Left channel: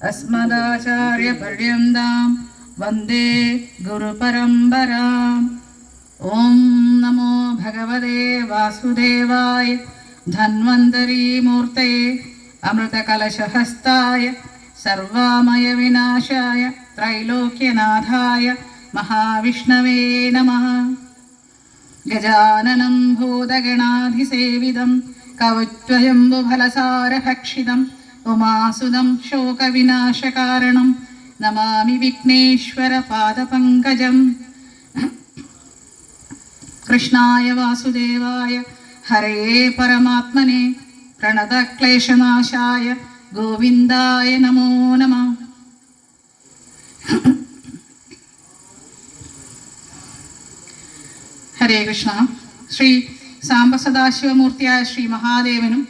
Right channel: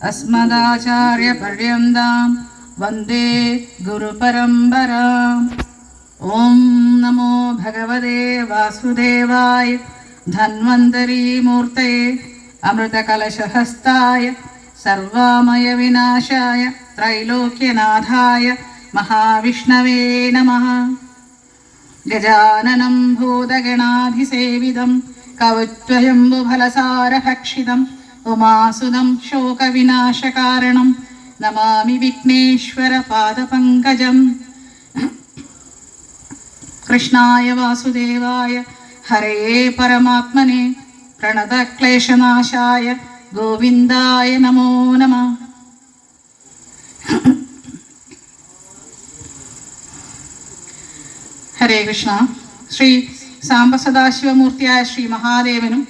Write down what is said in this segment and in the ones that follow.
अस्मदाचार्यपर्यन्तां वन्दे गुरुपरम्पराम्। ॐ नमो भगवते वासुदेवाय धन्वन्तरीमूर्तये अमृतकलशहस्ताय सर्वामयविनाशाय त्रैलोक्यनाथाय महाविष्णवे नमः। गजाननं भूतगणाधिसेवितं कवत्वयम्बुफलसारभक्षितम् उमासुदं शोकविनाशकारणं नमामि विघ्नेश्वरपादपङ्कजम्। कृष्णाय वासुदेवाय हरे परमात्मने प्रणतक्लेशनाशाय गोविन्दाय नमो नमः। ഹരേ കൃഷ്ണ. ശ്രീ സാംബസദാശിവമൂർത്തിയായ ശ്രീ മഹാദേവനും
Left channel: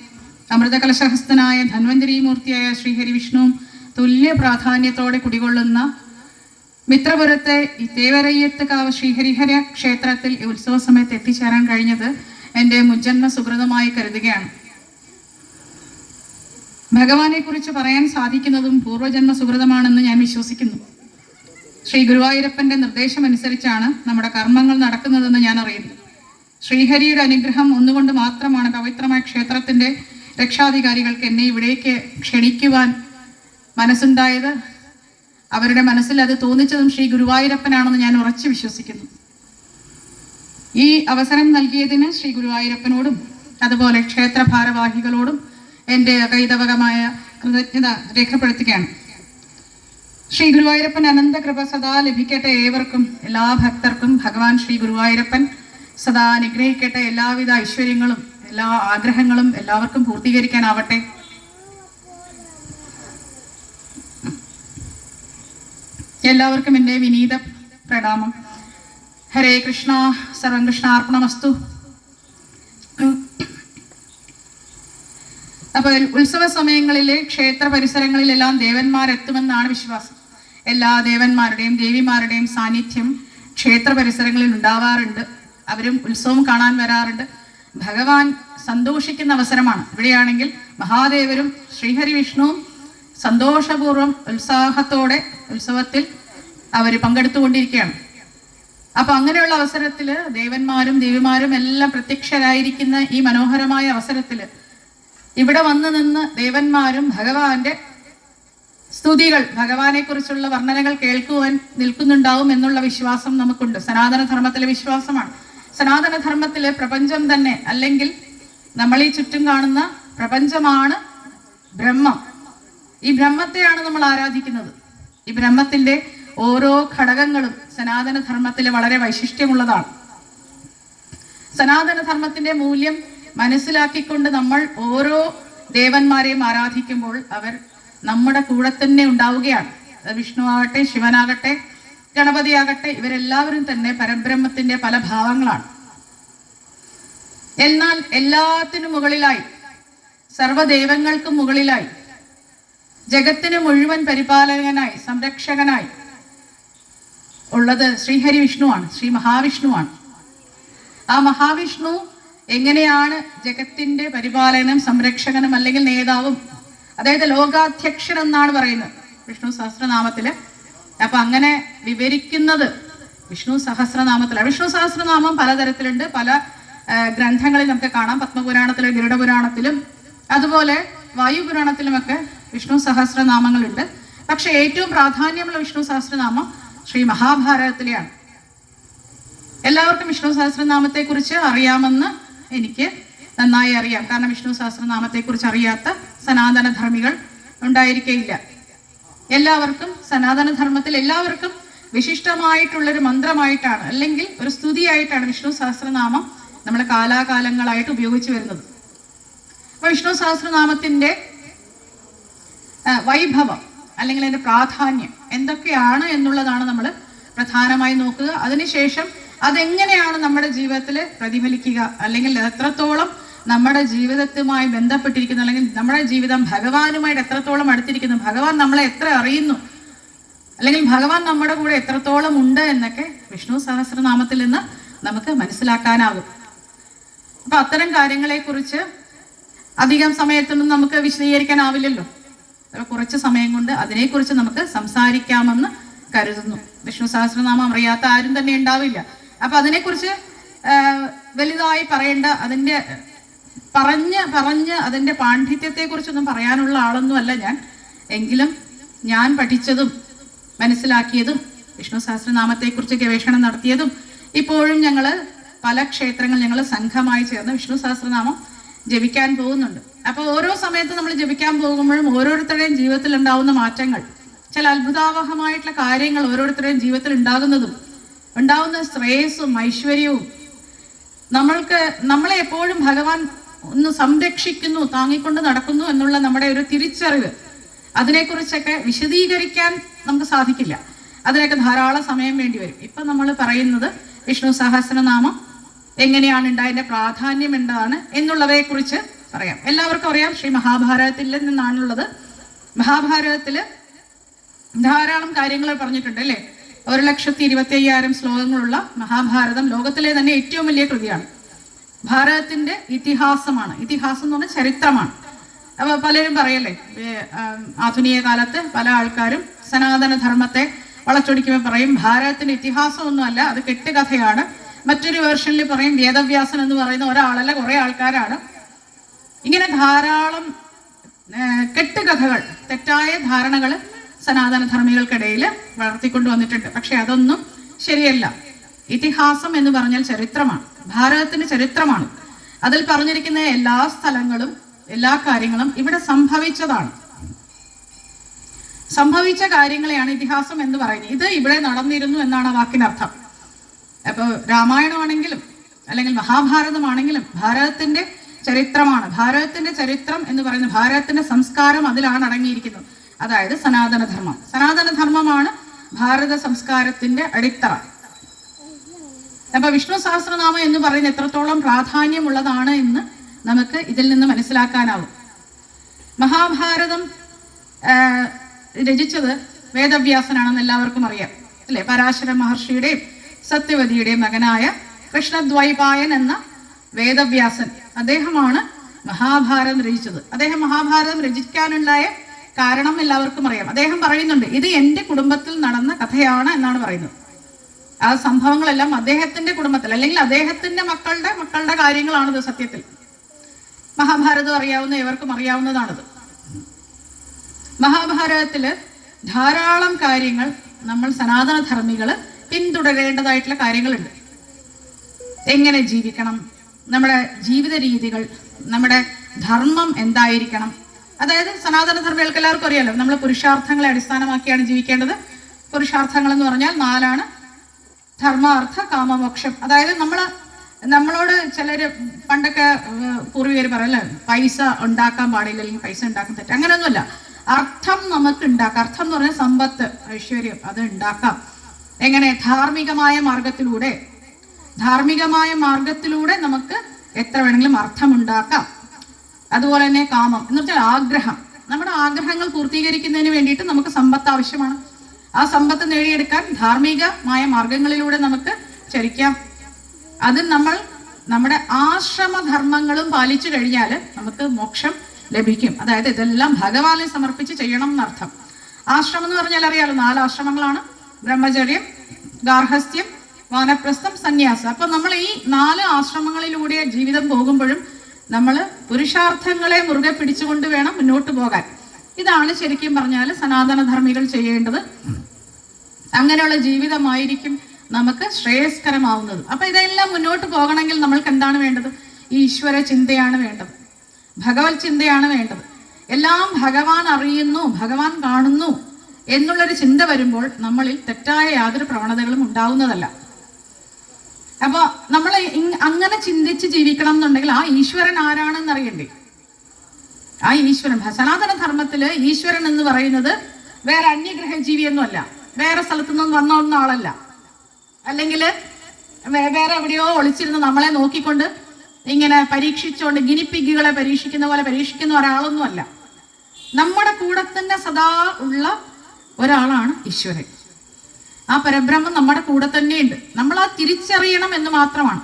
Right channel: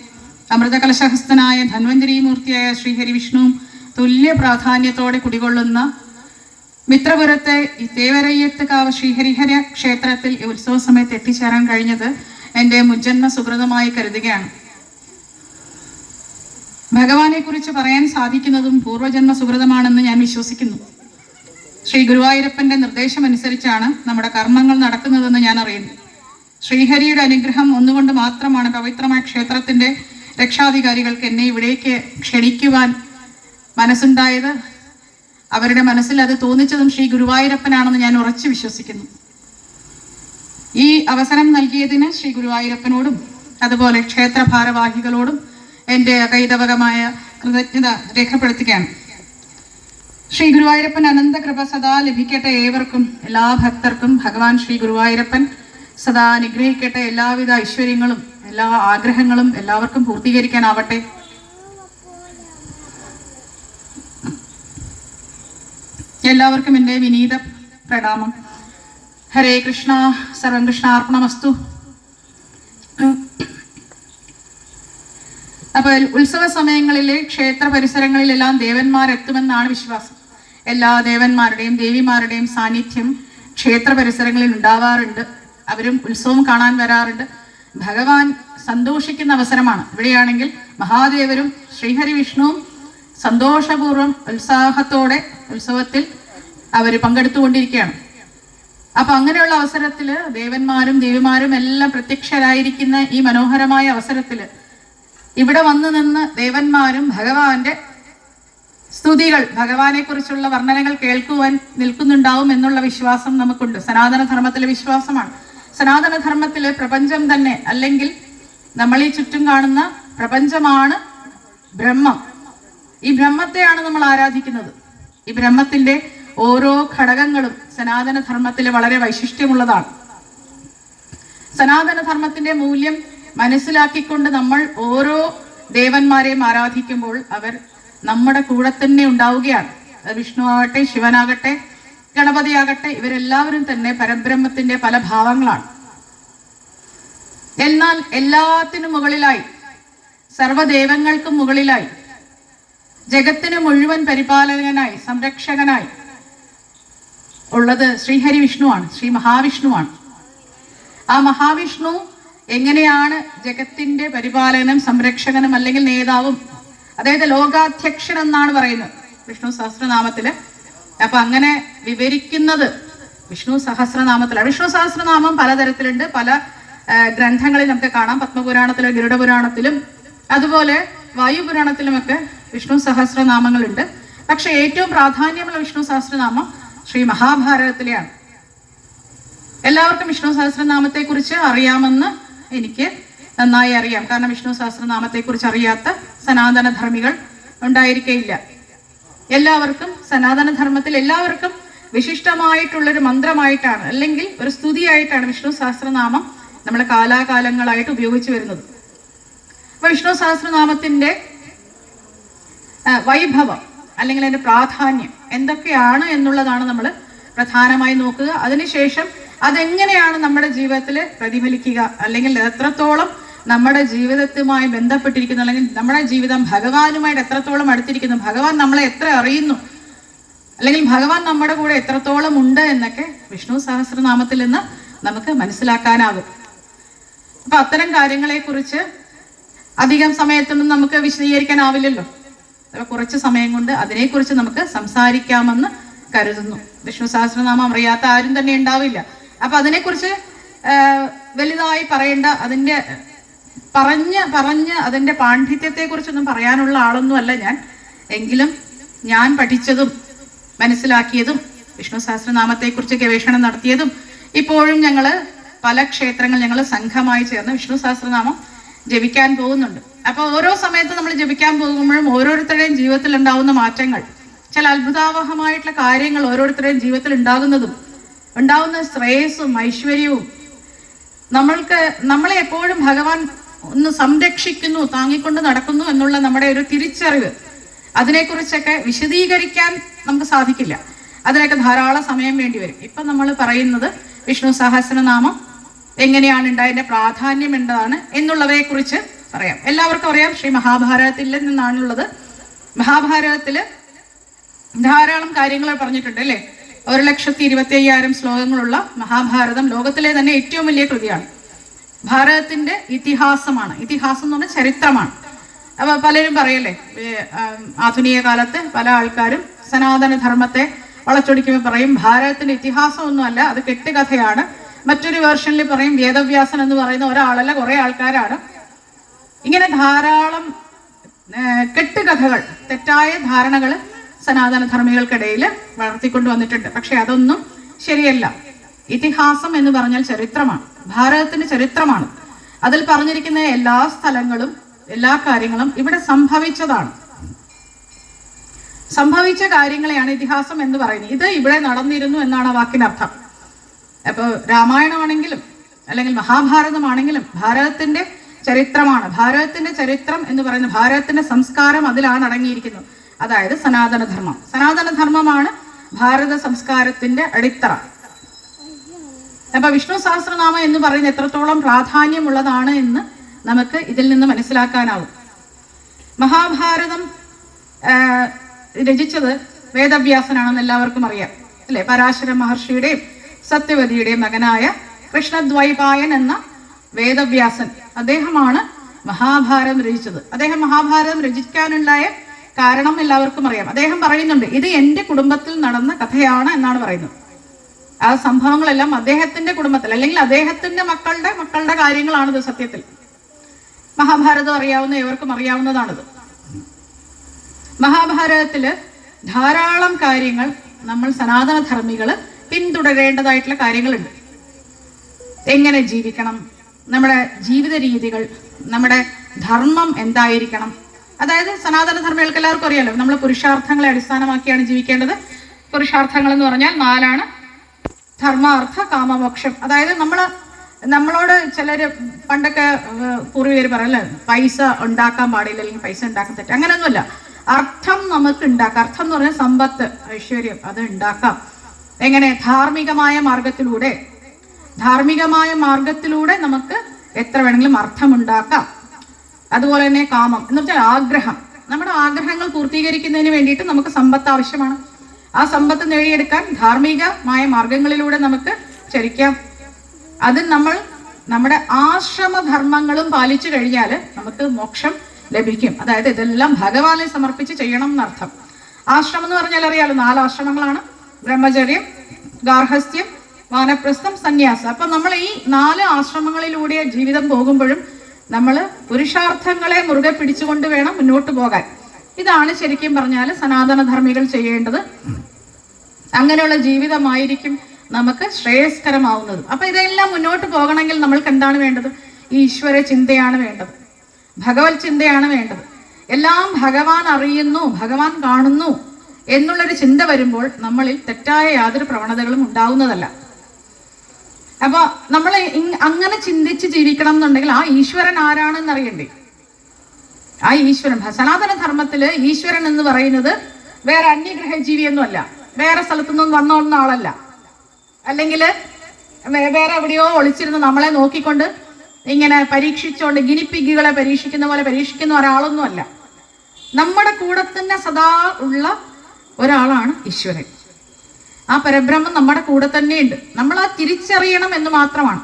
അമൃതകലശഹസ്തനായ ധന്വന്തരീമൂർത്തിയായ ശ്രീഹരി വിഷ്ണുവും തുല്യ പ്രാധാന്യത്തോടെ കുടികൊള്ളുന്ന മിത്രപുരത്തെ തേവരയ്യത്തുകാവ് ശ്രീഹരിഹര ക്ഷേത്രത്തിൽ ഉത്സവ സമയത്ത് എത്തിച്ചേരാൻ കഴിഞ്ഞത് എൻ്റെ മുജ്ജന്മ സുഹൃതമായി കരുതുകയാണ്. ഭഗവാനെ കുറിച്ച് പറയാൻ സാധിക്കുന്നതും പൂർവ്വജന്മ സുഹൃതമാണെന്ന് ഞാൻ വിശ്വസിക്കുന്നു. ശ്രീ ഗുരുവായൂരപ്പൻ്റെ നിർദ്ദേശമനുസരിച്ചാണ് നമ്മുടെ കർമ്മങ്ങൾ നടക്കുന്നതെന്ന് ഞാൻ അറിയുന്നു. ശ്രീഹരിയുടെ അനുഗ്രഹം ഒന്നുകൊണ്ട് മാത്രമാണ് പവിത്രമായ ക്ഷേത്രത്തിൻ്റെ രക്ഷാധികാരികൾക്ക് എന്നെ ഇവിടേക്ക് ക്ഷണിക്കുവാൻ മനസ്സുണ്ടായത്. അവരുടെ മനസ്സിൽ അത് തോന്നിച്ചതും ശ്രീ ഗുരുവായൂരപ്പനാണെന്ന് ഞാൻ ഉറച്ചു വിശ്വസിക്കുന്നു. ഈ അവസരം നൽകിയതിന് ശ്രീ ഗുരുവായൂരപ്പനോടും അതുപോലെ ക്ഷേത്ര ഭാരവാഹികളോടും എൻ്റെ അകൈതവകമായ കൃതജ്ഞത രേഖപ്പെടുത്തുകയാണ്. ശ്രീ ഗുരുവായൂരപ്പൻ അനന്തകൃപ സദാ ലഭിക്കട്ടെ ഏവർക്കും, എല്ലാ ഭക്തർക്കും. ഭഗവാൻ ശ്രീ ഗുരുവായൂരപ്പൻ സദാ അനുഗ്രഹിക്കട്ടെ. എല്ലാവിധ ഐശ്വര്യങ്ങളും എല്ലാ ആഗ്രഹങ്ങളും എല്ലാവർക്കും പൂർത്തീകരിക്കാനാവട്ടെ. എല്ലാവർക്കും എൻ്റെ വിനീത പ്രണാമം. ഹരേ കൃഷ്ണ. സർവം കൃഷ്ണാർപ്പണമസ്തു. അപ്പോൾ ഉത്സവ സമയങ്ങളിലെ ക്ഷേത്ര പരിസരങ്ങളിലെല്ലാം ദേവന്മാരെത്തുമെന്നാണ് വിശ്വാസം. എല്ലാ ദേവന്മാരുടെയും ദേവിമാരുടെയും സാന്നിധ്യം ക്ഷേത്ര പരിസരങ്ങളിൽ ഉണ്ടാവാറുണ്ട്. അവരും ഉത്സവം കാണാൻ വരാറുണ്ട്. ഭഗവാൻ സന്തോഷിക്കുന്ന അവസരമാണ്. ഇവിടെയാണെങ്കിൽ മഹാദേവരും ശ്രീഹരി വിഷ്ണുവും സന്തോഷപൂർവ്വം ഉത്സാഹത്തോടെ ഉത്സവത്തിൽ അവർ പങ്കെടുത്തുകൊണ്ടിരിക്കുകയാണ്. അപ്പം അങ്ങനെയുള്ള അവസരത്തിൽ ദേവന്മാരും ദേവിമാരും എല്ലാം പ്രത്യക്ഷരായിരിക്കുന്ന ഈ മനോഹരമായ അവസരത്തിൽ ഇവിടെ വന്നു നിന്ന് ദേവന്മാരും ഭഗവാന്റെ സ്തുതികൾ, ഭഗവാനെ കുറിച്ചുള്ള വർണ്ണനകൾ കേൾക്കുവാൻ നിൽക്കുന്നുണ്ടാവും എന്നുള്ള വിശ്വാസം നമുക്കുണ്ട്. സനാതനധർമ്മത്തിലെ വിശ്വാസമാണ്. സനാതനധർമ്മത്തിലെ പ്രപഞ്ചം തന്നെ, അല്ലെങ്കിൽ നമ്മൾ ഈ ചുറ്റും കാണുന്ന പ്രപഞ്ചമാണ് ബ്രഹ്മം. ഈ ബ്രഹ്മത്തെയാണ് നമ്മൾ ആരാധിക്കുന്നത്. ഈ ബ്രഹ്മത്തിന്റെ ഓരോ ഘടകങ്ങളും സനാതനധർമ്മത്തിൽ വളരെ വൈശിഷ്ട്യമുള്ളതാണ്. സനാതനധർമ്മത്തിന്റെ മൂല്യം മനസ്സിലാക്കിക്കൊണ്ട് നമ്മൾ ഓരോ ദേവന്മാരെയും ആരാധിക്കുമ്പോൾ അവർ നമ്മുടെ കൂടെ തന്നെ ഉണ്ടാവുകയാണ്. വിഷ്ണു ആകട്ടെ, ശിവനാകട്ടെ, ഗണപതിയാകട്ടെ, ഇവരെല്ലാവരും തന്നെ പരബ്രഹ്മത്തിന്റെ പല ഭാവങ്ങളാണ്. എന്നാൽ എല്ലാത്തിനും മുകളിലായി, സർവ്വദേവങ്ങൾക്കും മുകളിലായി, ജഗത്തിന് മുഴുവൻ പരിപാലകനായി, സംരക്ഷകനായി ഉള്ളത് ശ്രീഹരി വിഷ്ണുവാണ്, ശ്രീ മഹാവിഷ്ണുവാണ്. ആ മഹാവിഷ്ണു എങ്ങനെയാണ് ജഗത്തിന്റെ പരിപാലനം, സംരക്ഷകനും അല്ലെങ്കിൽ നേതാവും, അതായത് ലോകാധ്യക്ഷൻ എന്നാണ് പറയുന്നത് വിഷ്ണു സഹസ്രനാമത്തില്. അപ്പൊ അങ്ങനെ വിവരിക്കുന്നത് വിഷ്ണു സഹസ്രനാമത്തിലാണ്. വിഷ്ണു സഹസ്രനാമം പലതരത്തിലുണ്ട്. പല ഗ്രന്ഥങ്ങളിൽ നമുക്ക് കാണാം. പത്മപുരാണത്തിലും ഗരുഡപുരാണത്തിലും അതുപോലെ വായുപുരാണത്തിലുമൊക്കെ വിഷ്ണു സഹസ്രനാമങ്ങളുണ്ട്. പക്ഷെ ഏറ്റവും പ്രാധാന്യമുള്ള വിഷ്ണു സഹസ്രനാമം ശ്രീ മഹാഭാരതത്തിലെയാണ്. എല്ലാവർക്കും വിഷ്ണു സഹസ്രനാമത്തെ കുറിച്ച് അറിയാമെന്ന് എനിക്ക് നന്നായി അറിയാം. കാരണം വിഷ്ണു സഹസ്രനാമത്തെ കുറിച്ച് അറിയാത്ത സനാതനധർമ്മികൾ ഉണ്ടായിരിക്കയില്ല. എല്ലാവർക്കും സനാതനധർമ്മത്തിൽ എല്ലാവർക്കും വിശിഷ്ടമായിട്ടുള്ളൊരു മന്ത്രമായിട്ടാണ്, അല്ലെങ്കിൽ ഒരു സ്തുതിയായിട്ടാണ് വിഷ്ണു സഹസ്രനാമം നമ്മൾ കാലാകാലങ്ങളായിട്ട് ഉപയോഗിച്ചു വരുന്നത്. അപ്പൊ വിഷ്ണു സഹസ്രനാമത്തിന്റെ വൈഭവം അല്ലെങ്കിൽ അതിന്റെ പ്രാധാന്യം എന്തൊക്കെയാണ് എന്നുള്ളതാണ് നമ്മൾ പ്രധാനമായി നോക്കുക. അതിനുശേഷം അതെങ്ങനെയാണ് നമ്മുടെ ജീവിതത്തിൽ പ്രതിഫലിക്കുക, അല്ലെങ്കിൽ എത്രത്തോളം നമ്മുടെ ജീവിതത്തുമായി ബന്ധപ്പെട്ടിരിക്കുന്നു, അല്ലെങ്കിൽ നമ്മുടെ ജീവിതം ഭഗവാനുമായിട്ട് എത്രത്തോളം അടുത്തിരിക്കുന്നു, ഭഗവാൻ നമ്മളെ എത്ര അറിയുന്നു, അല്ലെങ്കിൽ ഭഗവാൻ നമ്മുടെ കൂടെ എത്രത്തോളം ഉണ്ട് എന്നൊക്കെ വിഷ്ണു സഹസ്രനാമത്തിൽ നിന്ന് നമുക്ക് മനസ്സിലാക്കാനാകും. അപ്പൊ അത്തരം കാര്യങ്ങളെ കുറിച്ച് അധികം സമയത്തൊന്നും നമുക്ക് വിശദീകരിക്കാനാവില്ലല്ലോ. അപ്പോൾ കുറച്ച് സമയം കൊണ്ട് അതിനെക്കുറിച്ച് നമുക്ക് സംസാരിക്കാമെന്ന് കരുതുന്നു. വിഷ്ണു സഹസ്രനാമം അറിയാത്ത ആരും തന്നെ ഉണ്ടാവില്ല. അപ്പൊ അതിനെക്കുറിച്ച് വലുതായി പറയേണ്ട, അതിൻ്റെ പറഞ്ഞ് അതിൻ്റെ പാണ്ഡിത്യത്തെക്കുറിച്ചൊന്നും പറയാനുള്ള ആളൊന്നുമല്ല ഞാൻ. എങ്കിലും ഞാൻ പഠിച്ചതും മനസ്സിലാക്കിയതും വിഷ്ണു സഹസ്രനാമത്തെക്കുറിച്ച് ഗവേഷണം നടത്തിയതും ഇപ്പോഴും ഞങ്ങൾ പല ക്ഷേത്രങ്ങൾ ഞങ്ങൾ സംഘമായി ചേർന്ന് വിഷ്ണു സഹസ്രനാമം ജപിക്കാൻ പോകുന്നുണ്ട്. അപ്പോൾ ഓരോ സമയത്ത് നമ്മൾ ജപിക്കാൻ പോകുമ്പോഴും ഓരോരുത്തരുടെയും ജീവിതത്തിൽ ഉണ്ടാകുന്ന മാറ്റങ്ങൾ, ചില അത്ഭുതാവഹമായിട്ടുള്ള കാര്യങ്ങൾ ഓരോരുത്തരുടെയും ജീവിതത്തിൽ ഉണ്ടാകുന്ന ശ്രേയസ്സും ഐശ്വര്യവും, നമ്മളെ എപ്പോഴും ഭഗവാൻ ഒന്ന് സംരക്ഷിക്കുന്നു, താങ്ങിക്കൊണ്ട് നടക്കുന്നു എന്നുള്ള നമ്മുടെ ഒരു തിരിച്ചറിവ്, അതിനെക്കുറിച്ചൊക്കെ വിശദീകരിക്കാൻ നമുക്ക് സാധിക്കില്ല. അതിനൊക്കെ ധാരാളം സമയം വേണ്ടി വരും. ഇപ്പം നമ്മൾ പറയുന്നത് വിഷ്ണു സഹസ്രനാമം എങ്ങനെയാണ് ഉണ്ടായതിൻ്റെ പ്രാധാന്യം എന്താണ് എന്നുള്ളതേക്കുറിച്ച് പറയാം. എല്ലാവർക്കും അറിയാം, ശ്രീ മഹാഭാരതത്തിൽ നിന്നാണുള്ളത്. മഹാഭാരതത്തിൽ ധാരാളം കാര്യങ്ങൾ പറഞ്ഞിട്ടുണ്ട് അല്ലേ. 1,25,000 ശ്ലോകങ്ങളുള്ള മഹാഭാരതം ലോകത്തിലെ തന്നെ ഏറ്റവും വലിയ കൃതിയാണ്. ഭാരതത്തിന്റെ ഇതിഹാസമാണ്. ഇതിഹാസം എന്ന് പറഞ്ഞാൽ ചരിത്രമാണ്. അപ്പൊ പലരും പറയല്ലേ, ആധുനിക കാലത്ത് പല ആൾക്കാരും സനാതന ധർമ്മത്തെ വളച്ചൊടിക്കുമ്പോൾ പറയും ഭാരതത്തിന്റെ ഇതിഹാസമൊന്നുമല്ല, അത് കെട്ടുകഥയാണ്. മറ്റൊരു വേർഷനിൽ പറയും വേദവ്യാസൻ എന്ന് പറയുന്ന ഒരാളല്ല, കുറെ ആൾക്കാരാണ്. ഇങ്ങനെ ധാരാളം കെട്ടുകഥകൾ, തെറ്റായ ധാരണകൾ സനാതന ധർമ്മികൾക്കിടയിൽ വളർത്തിക്കൊണ്ട് വന്നിട്ടുണ്ട്. പക്ഷെ അതൊന്നും ശരിയല്ല. ഇതിഹാസം എന്ന് പറഞ്ഞാൽ ചരിത്രമാണ്, ഭാരതത്തിന്റെ ചരിത്രമാണ്. അതിൽ പറഞ്ഞിരിക്കുന്ന എല്ലാ സ്ഥലങ്ങളും എല്ലാ കാര്യങ്ങളും ഇവിടെ സംഭവിച്ചതാണ്. സംഭവിച്ച കാര്യങ്ങളെയാണ് ഇതിഹാസം എന്ന് പറയുന്നത്. ഇത് ഇവിടെ നടന്നിരുന്നു എന്നാണ് ആ വാക്കിനർത്ഥം. അപ്പോൾ രാമായണമാണെങ്കിലും അല്ലെങ്കിൽ മഹാഭാരതമാണെങ്കിലും ഭാരതത്തിന്റെ ചരിത്രമാണ്. ഭാരതത്തിന്റെ ചരിത്രം എന്ന് പറയുന്നത് ഭാരതത്തിന്റെ സംസ്കാരം അതിലാണ് അടങ്ങിയിരിക്കുന്നത്. അതായത് സനാതനധർമ്മം. സനാതനധർമ്മമാണ് ഭാരത സംസ്കാരത്തിന്റെ അടിത്തറ. അപ്പൊ വിഷ്ണു സഹസ്രനാമം എന്ന് പറയുന്നത് എത്രത്തോളം പ്രാധാന്യമുള്ളതാണ് എന്ന് നമുക്ക് ഇതിൽ നിന്ന് മനസ്സിലാക്കാനാവും. മഹാഭാരതം രചിച്ചത് വേദവ്യാസനാണെന്ന് എല്ലാവർക്കും അറിയാം അല്ലെ. പരാശര മഹർഷിയുടെയും സത്യവതിയുടെയും മകനായ കൃഷ്ണദ്വൈപായൻ എന്ന വേദവ്യാസൻ, അദ്ദേഹമാണ് മഹാഭാരതം രചിച്ചത്. അദ്ദേഹം മഹാഭാരതം രചിക്കാനുണ്ടായ കാരണം എല്ലാവർക്കും അറിയാം. അദ്ദേഹം പറയുന്നുണ്ട്, ഇത് എൻ്റെ കുടുംബത്തിൽ നടന്ന കഥയാണ് എന്നാണ് പറയുന്നത്. ആ സംഭവങ്ങളെല്ലാം അദ്ദേഹത്തിന്റെ കുടുംബത്തിൽ അല്ലെങ്കിൽ അദ്ദേഹത്തിന്റെ മക്കളുടെ കാര്യങ്ങളാണിത്. സത്യത്തിൽ മഹാഭാരതം അറിയാവുന്ന ഇവർക്കും അറിയാവുന്നതാണിത്. മഹാഭാരതത്തില് ധാരാളം കാര്യങ്ങൾ നമ്മൾ സനാതന ധർമ്മികള് പിന്തുടരേണ്ടതായിട്ടുള്ള കാര്യങ്ങളുണ്ട്. എങ്ങനെ ജീവിക്കണം, നമ്മുടെ ജീവിത രീതികൾ, നമ്മുടെ ധർമ്മം എന്തായിരിക്കണം. അതായത് സനാതന ധർമ്മികൾക്ക് എല്ലാവർക്കും അറിയാലോ, നമ്മൾ പുരുഷാർത്ഥങ്ങളെ അടിസ്ഥാനമാക്കിയാണ് ജീവിക്കേണ്ടത്. പുരുഷാർത്ഥങ്ങൾ എന്ന് പറഞ്ഞാൽ 4 ധർമ്മ, അർത്ഥ, കാമ, മോക്ഷം. അതായത് നമ്മളോട് ചിലര് പണ്ടൊക്കെ പൂർവികർ പറയല്ലേ, പൈസ ഉണ്ടാക്കാൻ പാടില്ല അല്ലെങ്കിൽ പൈസ ഉണ്ടാക്കാൻ തെറ്റ്. അങ്ങനെയൊന്നുമല്ല. അർത്ഥം നമുക്ക് ഉണ്ടാക്കാം. അർത്ഥം എന്ന് പറഞ്ഞാൽ സമ്പത്ത്, ഐശ്വര്യം, അത് ഉണ്ടാക്കാം. എങ്ങനെ? ധാർമ്മികമായ മാർഗത്തിലൂടെ നമുക്ക് എത്ര വേണമെങ്കിലും അർത്ഥമുണ്ടാക്കാം. അതുപോലെ തന്നെ കാമം എന്ന് പറഞ്ഞാൽ ആഗ്രഹം. നമ്മുടെ ആഗ്രഹങ്ങൾ പൂർത്തീകരിക്കുന്നതിന് വേണ്ടിയിട്ട് നമുക്ക് സമ്പത്ത് ആവശ്യമാണ്. ആ സമ്പത്ത് നേടിയെടുക്കാൻ ധാർമ്മികമായ മാർഗങ്ങളിലൂടെ നമുക്ക് ചരിക്കാം. അത് നമ്മൾ നമ്മുടെ ആശ്രമധർമ്മങ്ങളും പാലിച്ചു കഴിഞ്ഞാൽ നമുക്ക് മോക്ഷം ലഭിക്കും. അതായത് ഇതെല്ലാം ഭഗവാനെ സമർപ്പിച്ച് ചെയ്യണം എന്നർത്ഥം. ആശ്രമം എന്ന് പറഞ്ഞാൽ അറിയാലോ, 4 ആശ്രമങ്ങളാണ്: ബ്രഹ്മചര്യം, ഗാർഹസ്ഥ്യം, വാനപ്രസ്ഥം, സന്യാസം. അപ്പൊ നമ്മൾ ഈ 4 ആശ്രമങ്ങളിലൂടെ ജീവിതം പോകുമ്പോഴും നമ്മൾ പുരുഷാർത്ഥങ്ങളെ മുറുകെ പിടിച്ചുകൊണ്ട് വേണം മുന്നോട്ട് പോകാൻ. ഇതാണ് ശരിക്കും പറഞ്ഞാൽ സനാതന ധർമ്മികൾ ചെയ്യേണ്ടത്. അങ്ങനെയുള്ള ജീവിതമായിരിക്കും നമുക്ക് ശ്രേയസ്കരമാവുന്നത്. അപ്പൊ ഇതെല്ലാം മുന്നോട്ട് പോകണമെങ്കിൽ നമ്മൾക്ക് എന്താണ് വേണ്ടത്? ഈശ്വര ചിന്തയാണ് വേണ്ടത്, ഭഗവത് ചിന്തയാണ് വേണ്ടത്. എല്ലാം ഭഗവാൻ അറിയുന്നു, ഭഗവാൻ കാണുന്നു എന്നുള്ളൊരു ചിന്ത വരുമ്പോൾ നമ്മളിൽ തെറ്റായ യാതൊരു പ്രവണതകളും ഉണ്ടാവുന്നതല്ല. അപ്പൊ നമ്മൾ അങ്ങനെ ചിന്തിച്ച് ജീവിക്കണം എന്നുണ്ടെങ്കിൽ ആ ഈശ്വരൻ ആരാണെന്ന് അറിയണ്ടേ? ആ ഈശ്വരൻ, സനാതന ധർമ്മത്തില് ഈശ്വരൻ എന്ന് പറയുന്നത് വേറെ അന്യഗ്രഹ ജീവിയൊന്നുമല്ല, വേറെ സ്ഥലത്തുനിന്നും വന്ന ആളല്ല, അല്ലെങ്കിൽ വേറെ എവിടെയോ ഒളിച്ചിരുന്ന് നമ്മളെ നോക്കിക്കൊണ്ട് ഇങ്ങനെ പരീക്ഷിച്ചുകൊണ്ട് ഗിനിപ്പിഗുകളെ പരീക്ഷിക്കുന്ന പോലെ പരീക്ഷിക്കുന്ന ഒരാളൊന്നുമല്ല. നമ്മുടെ കൂടെ തന്നെ സദാ ഉള്ള ഒരാളാണ് ഈശ്വരൻ. ആ പരബ്രഹ്മം നമ്മുടെ കൂടെ തന്നെയുണ്ട്. നമ്മൾ ആ തിരിച്ചറിയണം എന്ന് മാത്രമാണ്.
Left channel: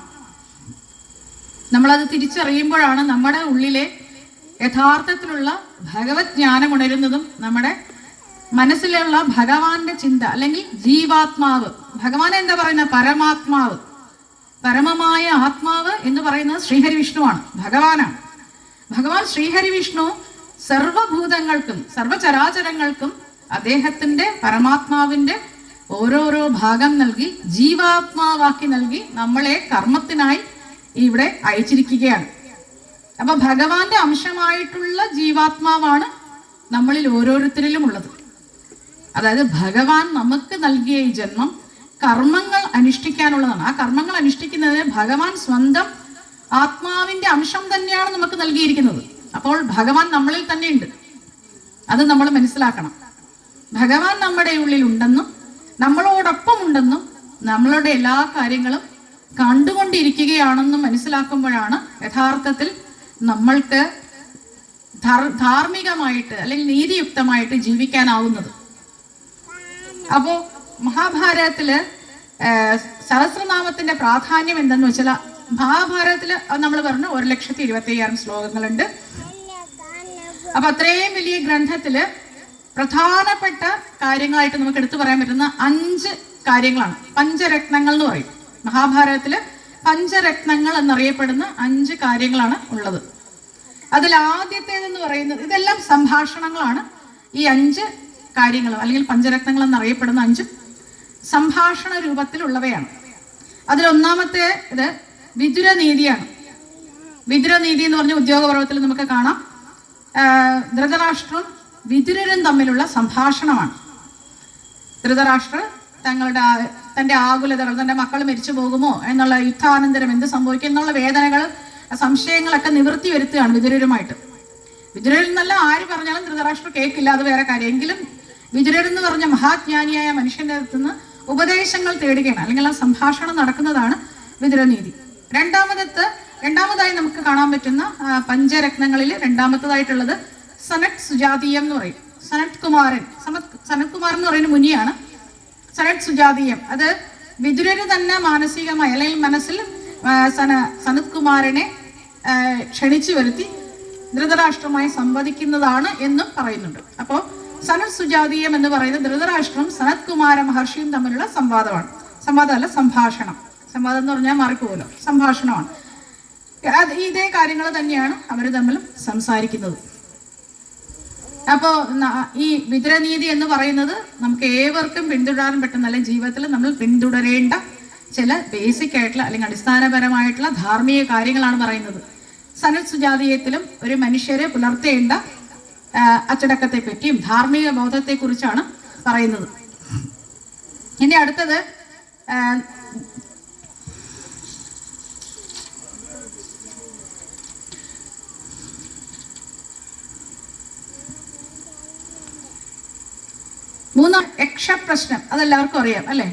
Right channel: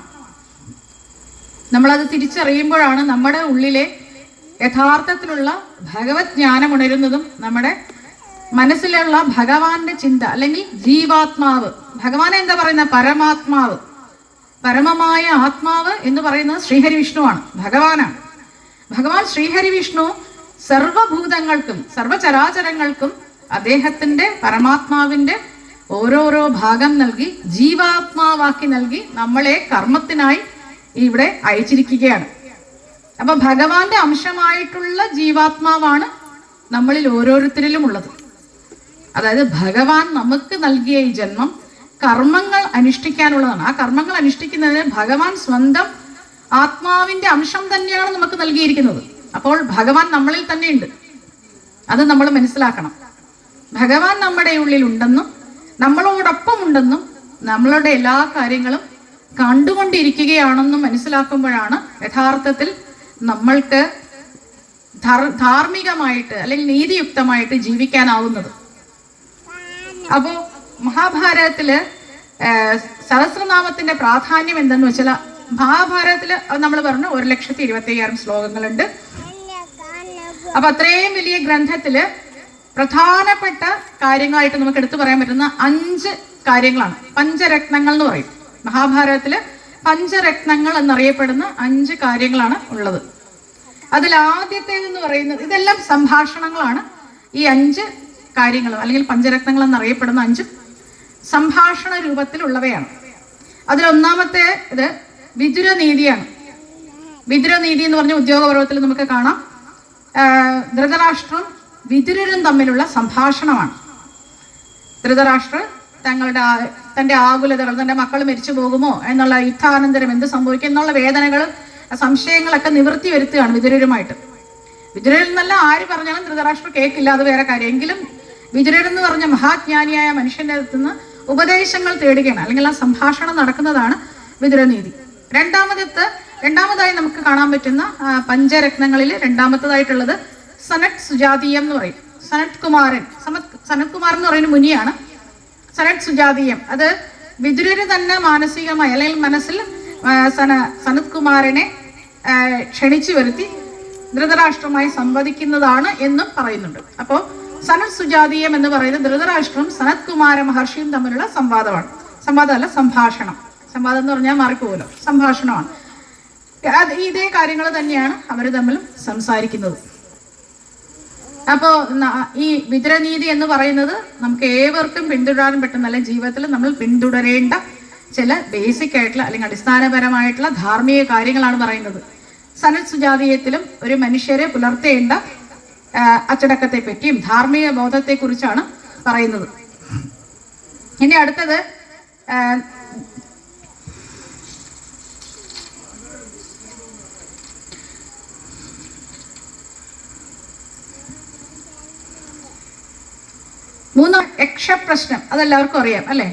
നമ്മളത് തിരിച്ചറിയുമ്പോഴാണ് നമ്മുടെ ഉള്ളിലെ യഥാർത്ഥത്തിലുള്ള ഭഗവത് ജ്ഞാനം ഉണരുന്നതും നമ്മുടെ മനസ്സിലുള്ള ഭഗവാന്റെ ചിന്ത അല്ലെങ്കിൽ ജീവാത്മാവ്, ഭഗവാൻ എന്താ പറയുന്ന പരമാത്മാവ്, പരമമായ ആത്മാവ് എന്ന് പറയുന്നത് ശ്രീഹരി വിഷ്ണുവാണ്, ഭഗവാനാണ്. ഭഗവാൻ ശ്രീഹരി വിഷ്ണു സർവഭൂതങ്ങൾക്കും സർവചരാചരങ്ങൾക്കും അദ്ദേഹത്തിന്റെ പരമാത്മാവിന്റെ ഓരോരോ ഭാഗം നൽകി ജീവാത്മാവാക്കി നൽകി നമ്മളെ കർമ്മത്തിനായി ഇവിടെ അയച്ചിരിക്കുകയാണ്. അപ്പൊ ഭഗവാന്റെ അംശമായിട്ടുള്ള ജീവാത്മാവാണ് നമ്മളിൽ ഓരോരുത്തരിലും ഉള്ളത്. അതായത് ഭഗവാൻ നമുക്ക് നൽകിയ ഈ ജന്മം കർമ്മങ്ങൾ അനുഷ്ഠിക്കാനുള്ളതാണ്. ആ കർമ്മങ്ങൾ അനുഷ്ഠിക്കുന്നതിന് ഭഗവാൻ സ്വന്തം ആത്മാവിന്റെ അംശം തന്നെയാണ് നമുക്ക് നൽകിയിരിക്കുന്നത്. അപ്പോൾ ഭഗവാൻ നമ്മളിൽ തന്നെയുണ്ട്, അത് നമ്മൾ മനസ്സിലാക്കണം. ഭഗവാൻ നമ്മുടെ ഉള്ളിൽ ഉണ്ടെന്നും നമ്മളോടൊപ്പം ഉണ്ടെന്നും നമ്മളുടെ എല്ലാ കാര്യങ്ങളും കണ്ടുകൊണ്ടിരിക്കുകയാണെന്നും മനസ്സിലാക്കുമ്പോഴാണ് യഥാർത്ഥത്തിൽ നമ്മൾക്ക് ധാർമ്മികമായിട്ട് അല്ലെങ്കിൽ നീതിയുക്തമായിട്ട് ജീവിക്കാനാവുന്നത്. അപ്പോ മഹാഭാരതത്തില് സഹസ്രനാമത്തിന്റെ പ്രാധാന്യം എന്തെന്ന് വെച്ചാൽ, മഹാഭാരതത്തില് നമ്മൾ പറഞ്ഞു 1,25,000 ശ്ലോകങ്ങളുണ്ട്. അപ്പൊ അത്രയും വലിയ ഗ്രന്ഥത്തില് പ്രധാനപ്പെട്ട കാര്യങ്ങളായിട്ട് നമുക്ക് എടുത്തു പറയാൻ പറ്റുന്ന 5 കാര്യങ്ങളാണ്. പഞ്ചരത്നങ്ങൾ എന്ന് പറയും. മഹാഭാരതത്തില് പഞ്ചരത്നങ്ങൾ എന്നറിയപ്പെടുന്ന 5 കാര്യങ്ങളാണ് ഉള്ളത്. അതിൽ ആദ്യത്തേതെന്ന് പറയുന്നത്, ഇതെല്ലാം സംഭാഷണങ്ങളാണ്. ഈ 5 കാര്യങ്ങൾ അല്ലെങ്കിൽ പഞ്ചരത്നങ്ങൾ എന്നറിയപ്പെടുന്ന 5 സംഭാഷണ രൂപത്തിലുള്ളവയാണ്. അതിലൊന്നാമത്തെ ഇത് വിദുരനീതിയാണ്. വിദുരനീതി എന്ന് പറഞ്ഞ ഉദ്യോഗപർവത്തിൽ നമുക്ക് കാണാം. ധൃതരാഷ്ട്രം വിദുരരും തമ്മിലുള്ള സംഭാഷണമാണ്. ധൃതരാഷ്ട്രർ തന്റെ ആകുലതകൾ, തന്റെ മക്കൾ മരിച്ചു പോകുമോ എന്നുള്ള, യുദ്ധാനന്തരം എന്ത് സംഭവിക്കും എന്നുള്ള വേദനകൾ, സംശയങ്ങളൊക്കെ നിവൃത്തി വരുത്തുകയാണ് വിദുരരുമായിട്ട്. വിദുരരിൽ നിന്നല്ല ആര് പറഞ്ഞാലും ധൃതരാഷ്ട്രം കേൾക്കില്ല, അത് വേറെ കാര്യം. എങ്കിലും വിദുരരെന്ന് പറഞ്ഞ മഹാജ്ഞാനിയായ മനുഷ്യന്റെ അടുത്ത് നിന്ന് ഉപദേശങ്ങൾ തേടുകയാണ്, അല്ലെങ്കിൽ ആ സംഭാഷണം നടക്കുന്നതാണ് വിദുരനീതി. രണ്ടാമതായി നമുക്ക് കാണാൻ പറ്റുന്ന പഞ്ചരത്നങ്ങളിൽ രണ്ടാമത്തേതായിട്ടുള്ളത് സനത് സുജാതീയം എന്ന് പറയും. സനത് കുമാരൻ എന്ന് പറയുന്ന മുനിയാണ്. സനത് സുജാതീയം അത് വിദുരര് തന്നെ മാനസികമായി അല്ലെങ്കിൽ മനസ്സിൽ സനത് കുമാരനെ ക്ഷണിച്ചു വരുത്തി ധൃതരാഷ്ട്രമായി സംവദിക്കുന്നതാണ് എന്നും പറയുന്നുണ്ട്. അപ്പോൾ സനത് സുജാതീയം എന്ന് പറയുന്നത് ധൃതരാഷ്ട്രം സനത് കുമാര മഹർഷിയും തമ്മിലുള്ള സംവാദമല്ല, സംഭാഷണം. സംവാദം എന്ന് പറഞ്ഞാൽ മാറിപ്പോകുമല്ലോ, സംഭാഷണമാണ്. ഇതേ കാര്യങ്ങൾ തന്നെയാണ് അവർ തമ്മിൽ സംസാരിക്കുന്നത്. അപ്പോൾ ഈ വിദുരനീതി എന്ന് പറയുന്നത് നമുക്ക് ഏവർക്കും പിന്തുടരാൻ പറ്റുന്ന, അല്ലെങ്കിൽ ജീവിതത്തിൽ നമ്മൾ പിന്തുടരേണ്ട ചില ബേസിക് ആയിട്ടുള്ള അല്ലെങ്കിൽ അടിസ്ഥാനപരമായിട്ടുള്ള ധാർമ്മിക കാര്യങ്ങളാണ് പറയുന്നത്. സനത് സുജാതീയത്തിലും ഒരു മനുഷ്യരെ പുലർത്തേണ്ട അച്ചടക്കത്തെ പറ്റിയും ധാർമ്മിക ബോധത്തെ കുറിച്ചാണ് പറയുന്നത്. ഇനി അടുത്തത് യക്ഷപ്രശ്നം. അതെല്ലാവർക്കും അറിയാം അല്ലെ?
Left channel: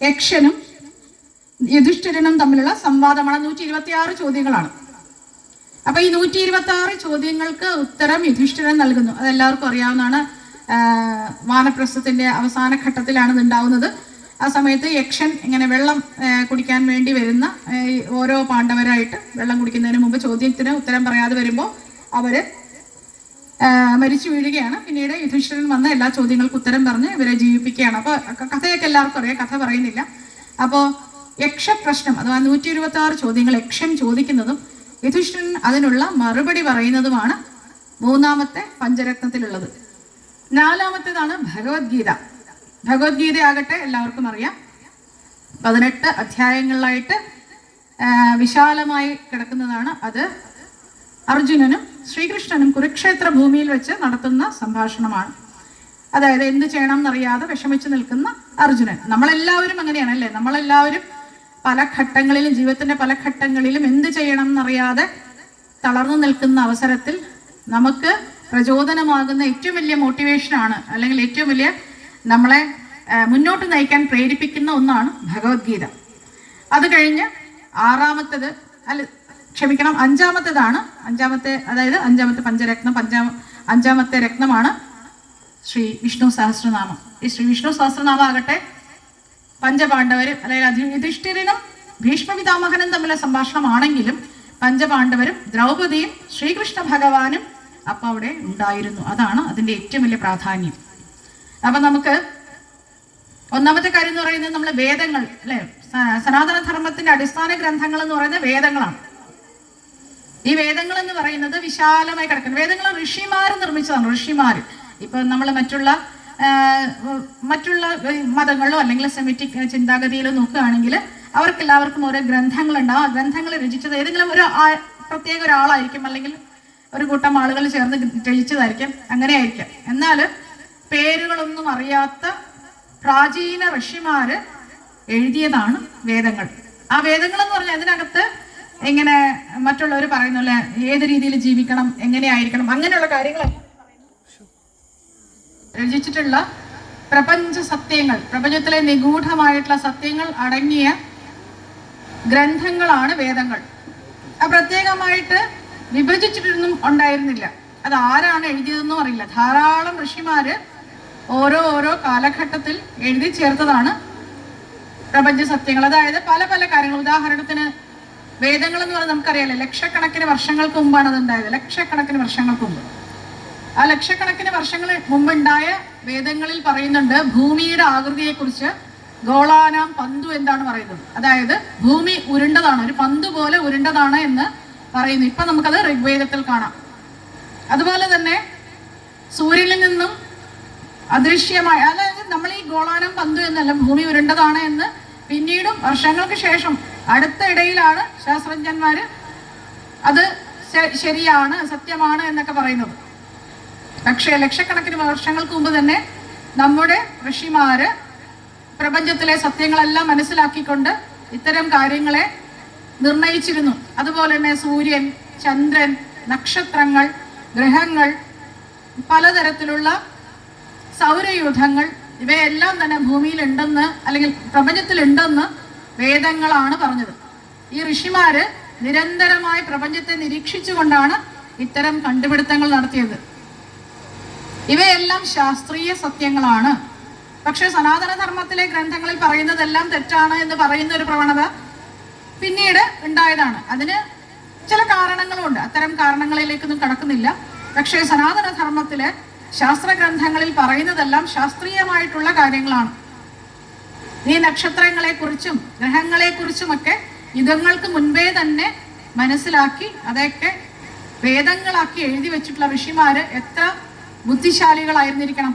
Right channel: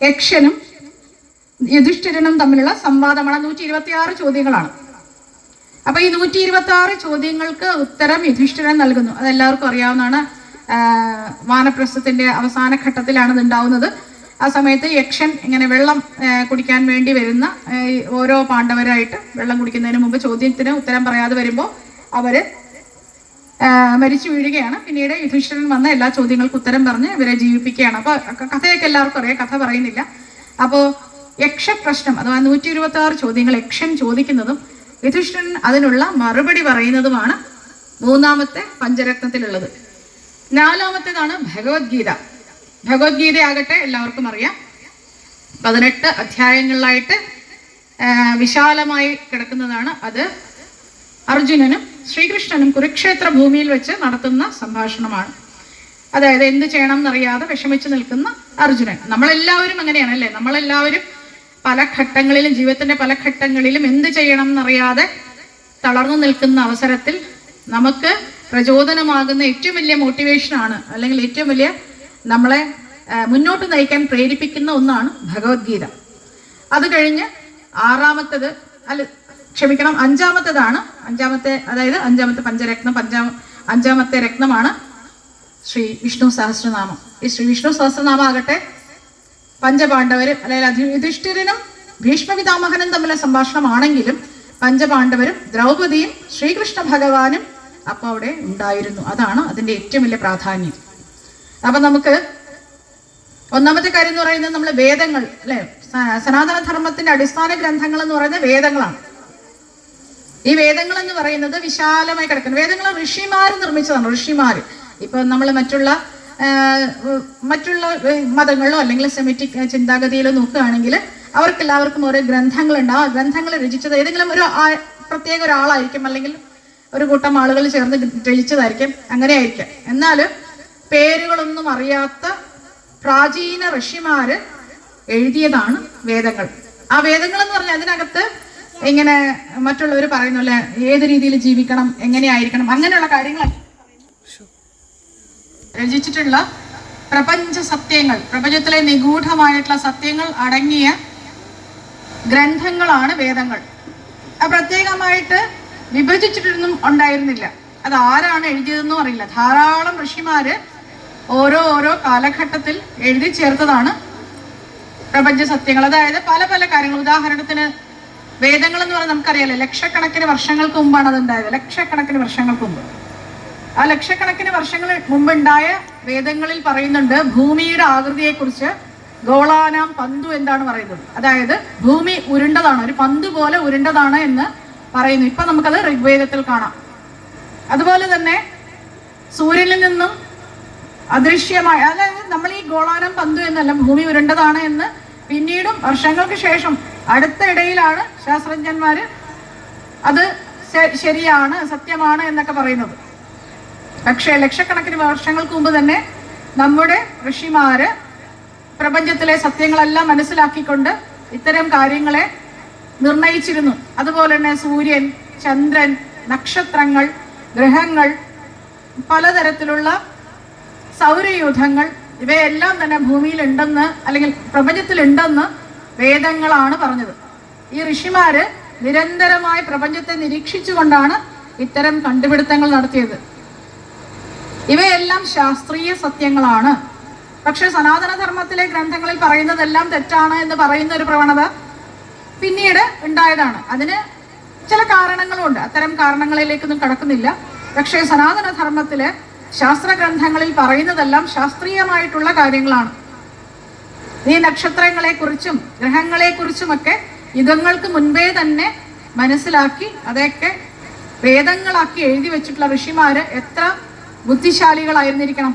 യക്ഷനും യുധിഷ്ഠിരനും തമ്മിലുള്ള സംവാദമാണ്. 126 ചോദ്യങ്ങളാണ്. അപ്പൊ ഈ 126 ചോദ്യങ്ങൾക്ക് ഉത്തരം യുധിഷ്ഠിരൻ നൽകുന്നു. അതെല്ലാവർക്കും അറിയാവുന്നതാണ്. വാനപ്രസ്ഥത്തിന്റെ അവസാന ഘട്ടത്തിലാണ് ഇത് ഉണ്ടാവുന്നത്. ആ സമയത്ത് യക്ഷൻ ഇങ്ങനെ വെള്ളം കുടിക്കാൻ വേണ്ടി വരുന്ന ഓരോ പാണ്ഡവരായിട്ട് വെള്ളം കുടിക്കുന്നതിന് മുമ്പ് ചോദ്യത്തിന് ഉത്തരം പറയാതെ വരുമ്പോൾ അവര് മരിച്ചു വീഴുകയാണ്. പിന്നീട് യുധിഷ്ഠിരൻ വന്ന് എല്ലാ ചോദ്യങ്ങൾക്കും ഉത്തരം പറഞ്ഞ് ഇവരെ ജീവിപ്പിക്കുകയാണ്. അപ്പൊ കഥയൊക്കെ എല്ലാവർക്കും അറിയാം, കഥ പറയുന്നില്ല. അപ്പോൾ യക്ഷപ്രശ്നം അഥവാ 126 ചോദ്യങ്ങൾ യക്ഷൻ ചോദിക്കുന്നതും യുധിഷ്ഠിരൻ അതിനുള്ള മറുപടി പറയുന്നതുമാണ് മൂന്നാമത്തെ പഞ്ചരത്നത്തിലുള്ളത്. നാലാമത്തേതാണ് ഭഗവത്ഗീത. ഭഗവത്ഗീതയാകട്ടെ എല്ലാവർക്കും അറിയാം, 18 അധ്യായങ്ങളിലായിട്ട് വിശാലമായി കിടക്കുന്നതാണ്. അത് അർജുനനും ശ്രീകൃഷ്ണനും കുരുക്ഷേത്ര ഭൂമിയിൽ വെച്ച് നടത്തുന്ന സംഭാഷണമാണ്. അതായത് എന്ത് ചെയ്യണം എന്നറിയാതെ വിഷമിച്ചു നിൽക്കുന്ന അർജുനൻ. നമ്മളെല്ലാവരും അങ്ങനെയാണ് അല്ലേ? നമ്മളെല്ലാവരും പല ഘട്ടങ്ങളിലും, ജീവിതത്തിന്റെ പല ഘട്ടങ്ങളിലും എന്ത് ചെയ്യണം എന്നറിയാതെ തളർന്നു നിൽക്കുന്ന അവസരത്തിൽ നമുക്ക് പ്രചോദനമാകുന്ന ഏറ്റവും വലിയ മോട്ടിവേഷനാണ്, അല്ലെങ്കിൽ ഏറ്റവും വലിയ നമ്മളെ മുന്നോട്ട് നയിക്കാൻ പ്രേരിപ്പിക്കുന്ന ഒന്നാണ് ഭഗവത്ഗീത. അത് കഴിഞ്ഞ് അഞ്ചാമത്തെ പഞ്ചരത്നം, അഞ്ചാമത്തെ രത്നമാണ് ശ്രീ വിഷ്ണു സഹസ്രനാമം. ഈ ശ്രീ വിഷ്ണു സഹസ്രനാമം ആകട്ടെ പഞ്ചപാണ്ഡവരും അല്ലെങ്കിൽ യുധിഷ്ഠിരനും ഭീഷ്മപിതാമഹനും തമ്മിലുള്ള സംഭാഷണമാണെങ്കിലും പഞ്ചപാണ്ഡവരും ദ്രൗപദിയും ശ്രീകൃഷ്ണ ഭഗവാനും അപ്പോൾ അവിടെ ഉണ്ടായിരുന്നു. അതാണ് അതിൻ്റെ ഏറ്റവും വലിയ പ്രാധാന്യം. അപ്പം നമുക്ക് ഒന്നാമത്തെ കാര്യം എന്ന് പറയുന്നത് നമ്മൾ വേദങ്ങൾ അല്ലെ, സനാതന ധർമ്മത്തിന്റെ അടിസ്ഥാന ഗ്രന്ഥങ്ങൾ എന്ന് പറയുന്നത് വേദങ്ങളാണ്. ഈ വേദങ്ങൾ എന്ന് പറയുന്നത് വിശാലമായി കിടക്കുന്നു. വേദങ്ങൾ ഋഷിമാർ നിർമ്മിച്ചതാണ്. ഋഷിമാർ ഇപ്പൊ നമ്മൾ മറ്റുള്ള മതങ്ങളിലോ അല്ലെങ്കിൽ സെമിറ്റിക് ചിന്താഗതിയിലോ നോക്കുകയാണെങ്കിൽ അവർക്കെല്ലാവർക്കും ഓരോ ഗ്രന്ഥങ്ങളുണ്ട്. ആ ഗ്രന്ഥങ്ങൾ രചിച്ചത് ഏതെങ്കിലും ഒരു പ്രത്യേക ഒരാളായിരിക്കും, അല്ലെങ്കിൽ ഒരു കൂട്ടം ആളുകൾ ചേർന്ന് രചിച്ചതായിരിക്കും, അങ്ങനെ ആയിരിക്കാം. എന്നാലും പേരുകളൊന്നും അറിയാത്ത പ്രാചീന ഋഷിമാര് എഴുതിയതാണ് വേദങ്ങൾ. ആ വേദങ്ങൾ എന്ന് പറഞ്ഞാൽ അതിനകത്ത് ഇങ്ങനെ മറ്റുള്ളവർ പറയുന്നില്ല ഏത് രീതിയിൽ ജീവിക്കണം, എങ്ങനെയായിരിക്കണം, അങ്ങനെയുള്ള കാര്യങ്ങൾ രചിച്ചിട്ടുള്ള പ്രപഞ്ച സത്യങ്ങൾ, പ്രപഞ്ചത്തിലെ നിഗൂഢമായിട്ടുള്ള സത്യങ്ങൾ അടങ്ങിയ ഗ്രന്ഥങ്ങളാണ് വേദങ്ങൾ. പ്രത്യേകമായിട്ട് വിഭജിച്ചിട്ടൊന്നും ഉണ്ടായിരുന്നില്ല. അത് ആരാണ് എഴുതിയതെന്നും അറിയില്ല. ധാരാളം ഋഷിമാര് ഓരോ കാലഘട്ടത്തിൽ എഴുതി ചേർത്തതാണ് പ്രപഞ്ച സത്യങ്ങൾ. അതായത് പല പല കാര്യങ്ങൾ. ഉദാഹരണത്തിന് വേദങ്ങൾ എന്ന് പറഞ്ഞാൽ നമുക്കറിയാലോ, ലക്ഷക്കണക്കിന് വർഷങ്ങൾക്ക് മുമ്പാണ് അത് ഉണ്ടായത്. ലക്ഷക്കണക്കിന് വർഷങ്ങൾക്ക് മുമ്പ്. ആ ലക്ഷക്കണക്കിന് വർഷങ്ങൾ മുമ്പുണ്ടായ വേദങ്ങളിൽ പറയുന്നുണ്ട് ഭൂമിയുടെ ആകൃതിയെക്കുറിച്ച്. ഗോളാനാം പന്തു എന്താണ് പറയുന്നത്, അതായത് ഭൂമി ഉരുണ്ടതാണ്, ഒരു പന്ത് പോലെ ഉരുണ്ടതാണ് എന്ന് പറയുന്നു. ഇപ്പൊ നമുക്കത് ഋഗ്വേദത്തിൽ കാണാം. അതുപോലെ തന്നെ സൂര്യനിൽ നിന്നും അദൃശ്യമായ, അതായത് നമ്മൾ ഈ ഗോളാനം പന്തു എന്നല്ല, ഭൂമി ഉരുണ്ടതാണ് എന്ന് പിന്നീടും വർഷങ്ങൾക്ക് ശേഷം അടുത്ത ഇടയിലാണ് ശാസ്ത്രജ്ഞന്മാര് അത് ശരിയാണ്, സത്യമാണ് എന്നൊക്കെ പറയുന്നത്. പക്ഷേ ലക്ഷക്കണക്കിന് വർഷങ്ങൾക്ക് മുമ്പ് തന്നെ നമ്മുടെ ഋഷിമാര് പ്രപഞ്ചത്തിലെ സത്യങ്ങളെല്ലാം മനസ്സിലാക്കിക്കൊണ്ട് ഇത്തരം കാര്യങ്ങളെ നിർണയിച്ചിരുന്നു. അതുപോലെ തന്നെ സൂര്യൻ, ചന്ദ്രൻ, നക്ഷത്രങ്ങൾ, ഗ്രഹങ്ങൾ, പലതരത്തിലുള്ള സൗരയൂഥങ്ങൾ, ഇവയെല്ലാം തന്നെ ഭൂമിയിലുണ്ടെന്ന് അല്ലെങ്കിൽ പ്രപഞ്ചത്തിലുണ്ടെന്ന് വേദങ്ങളാണ് പറഞ്ഞത്. ഈ ഋഷിമാര് നിരന്തരമായി പ്രപഞ്ചത്തെ നിരീക്ഷിച്ചുകൊണ്ടാണ് ഇത്തരം കണ്ടുപിടുത്തങ്ങൾ നടത്തിയത്. ഇവയെല്ലാം ശാസ്ത്രീയ സത്യങ്ങളാണ്. പക്ഷെ സനാതനധർമ്മത്തിലെ ഗ്രന്ഥങ്ങളിൽ പറയുന്നതെല്ലാം തെറ്റാണ് എന്ന് പറയുന്ന ഒരു പ്രവണത പിന്നീട് ഉണ്ടായതാണ്. അതിന് ചില കാരണങ്ങളുണ്ട്. അത്തരം കാരണങ്ങളിലേക്കൊന്നും കടക്കുന്നില്ല. പക്ഷേ സനാതനധർമ്മത്തിലെ ശാസ്ത്ര ഗ്രന്ഥങ്ങളിൽ പറയുന്നതെല്ലാം ശാസ്ത്രീയമായിട്ടുള്ള കാര്യങ്ങളാണ്. ഈ നക്ഷത്രങ്ങളെക്കുറിച്ചും ഗ്രഹങ്ങളെക്കുറിച്ചുമൊക്കെ യുഗങ്ങൾക്ക് മുൻപേ തന്നെ മനസ്സിലാക്കി അതൊക്കെ വേദങ്ങളാക്കി എഴുതി വെച്ചിട്ടുള്ള ഋഷിമാര് എത്ര ബുദ്ധിശാലികളായിരുന്നിരിക്കണം.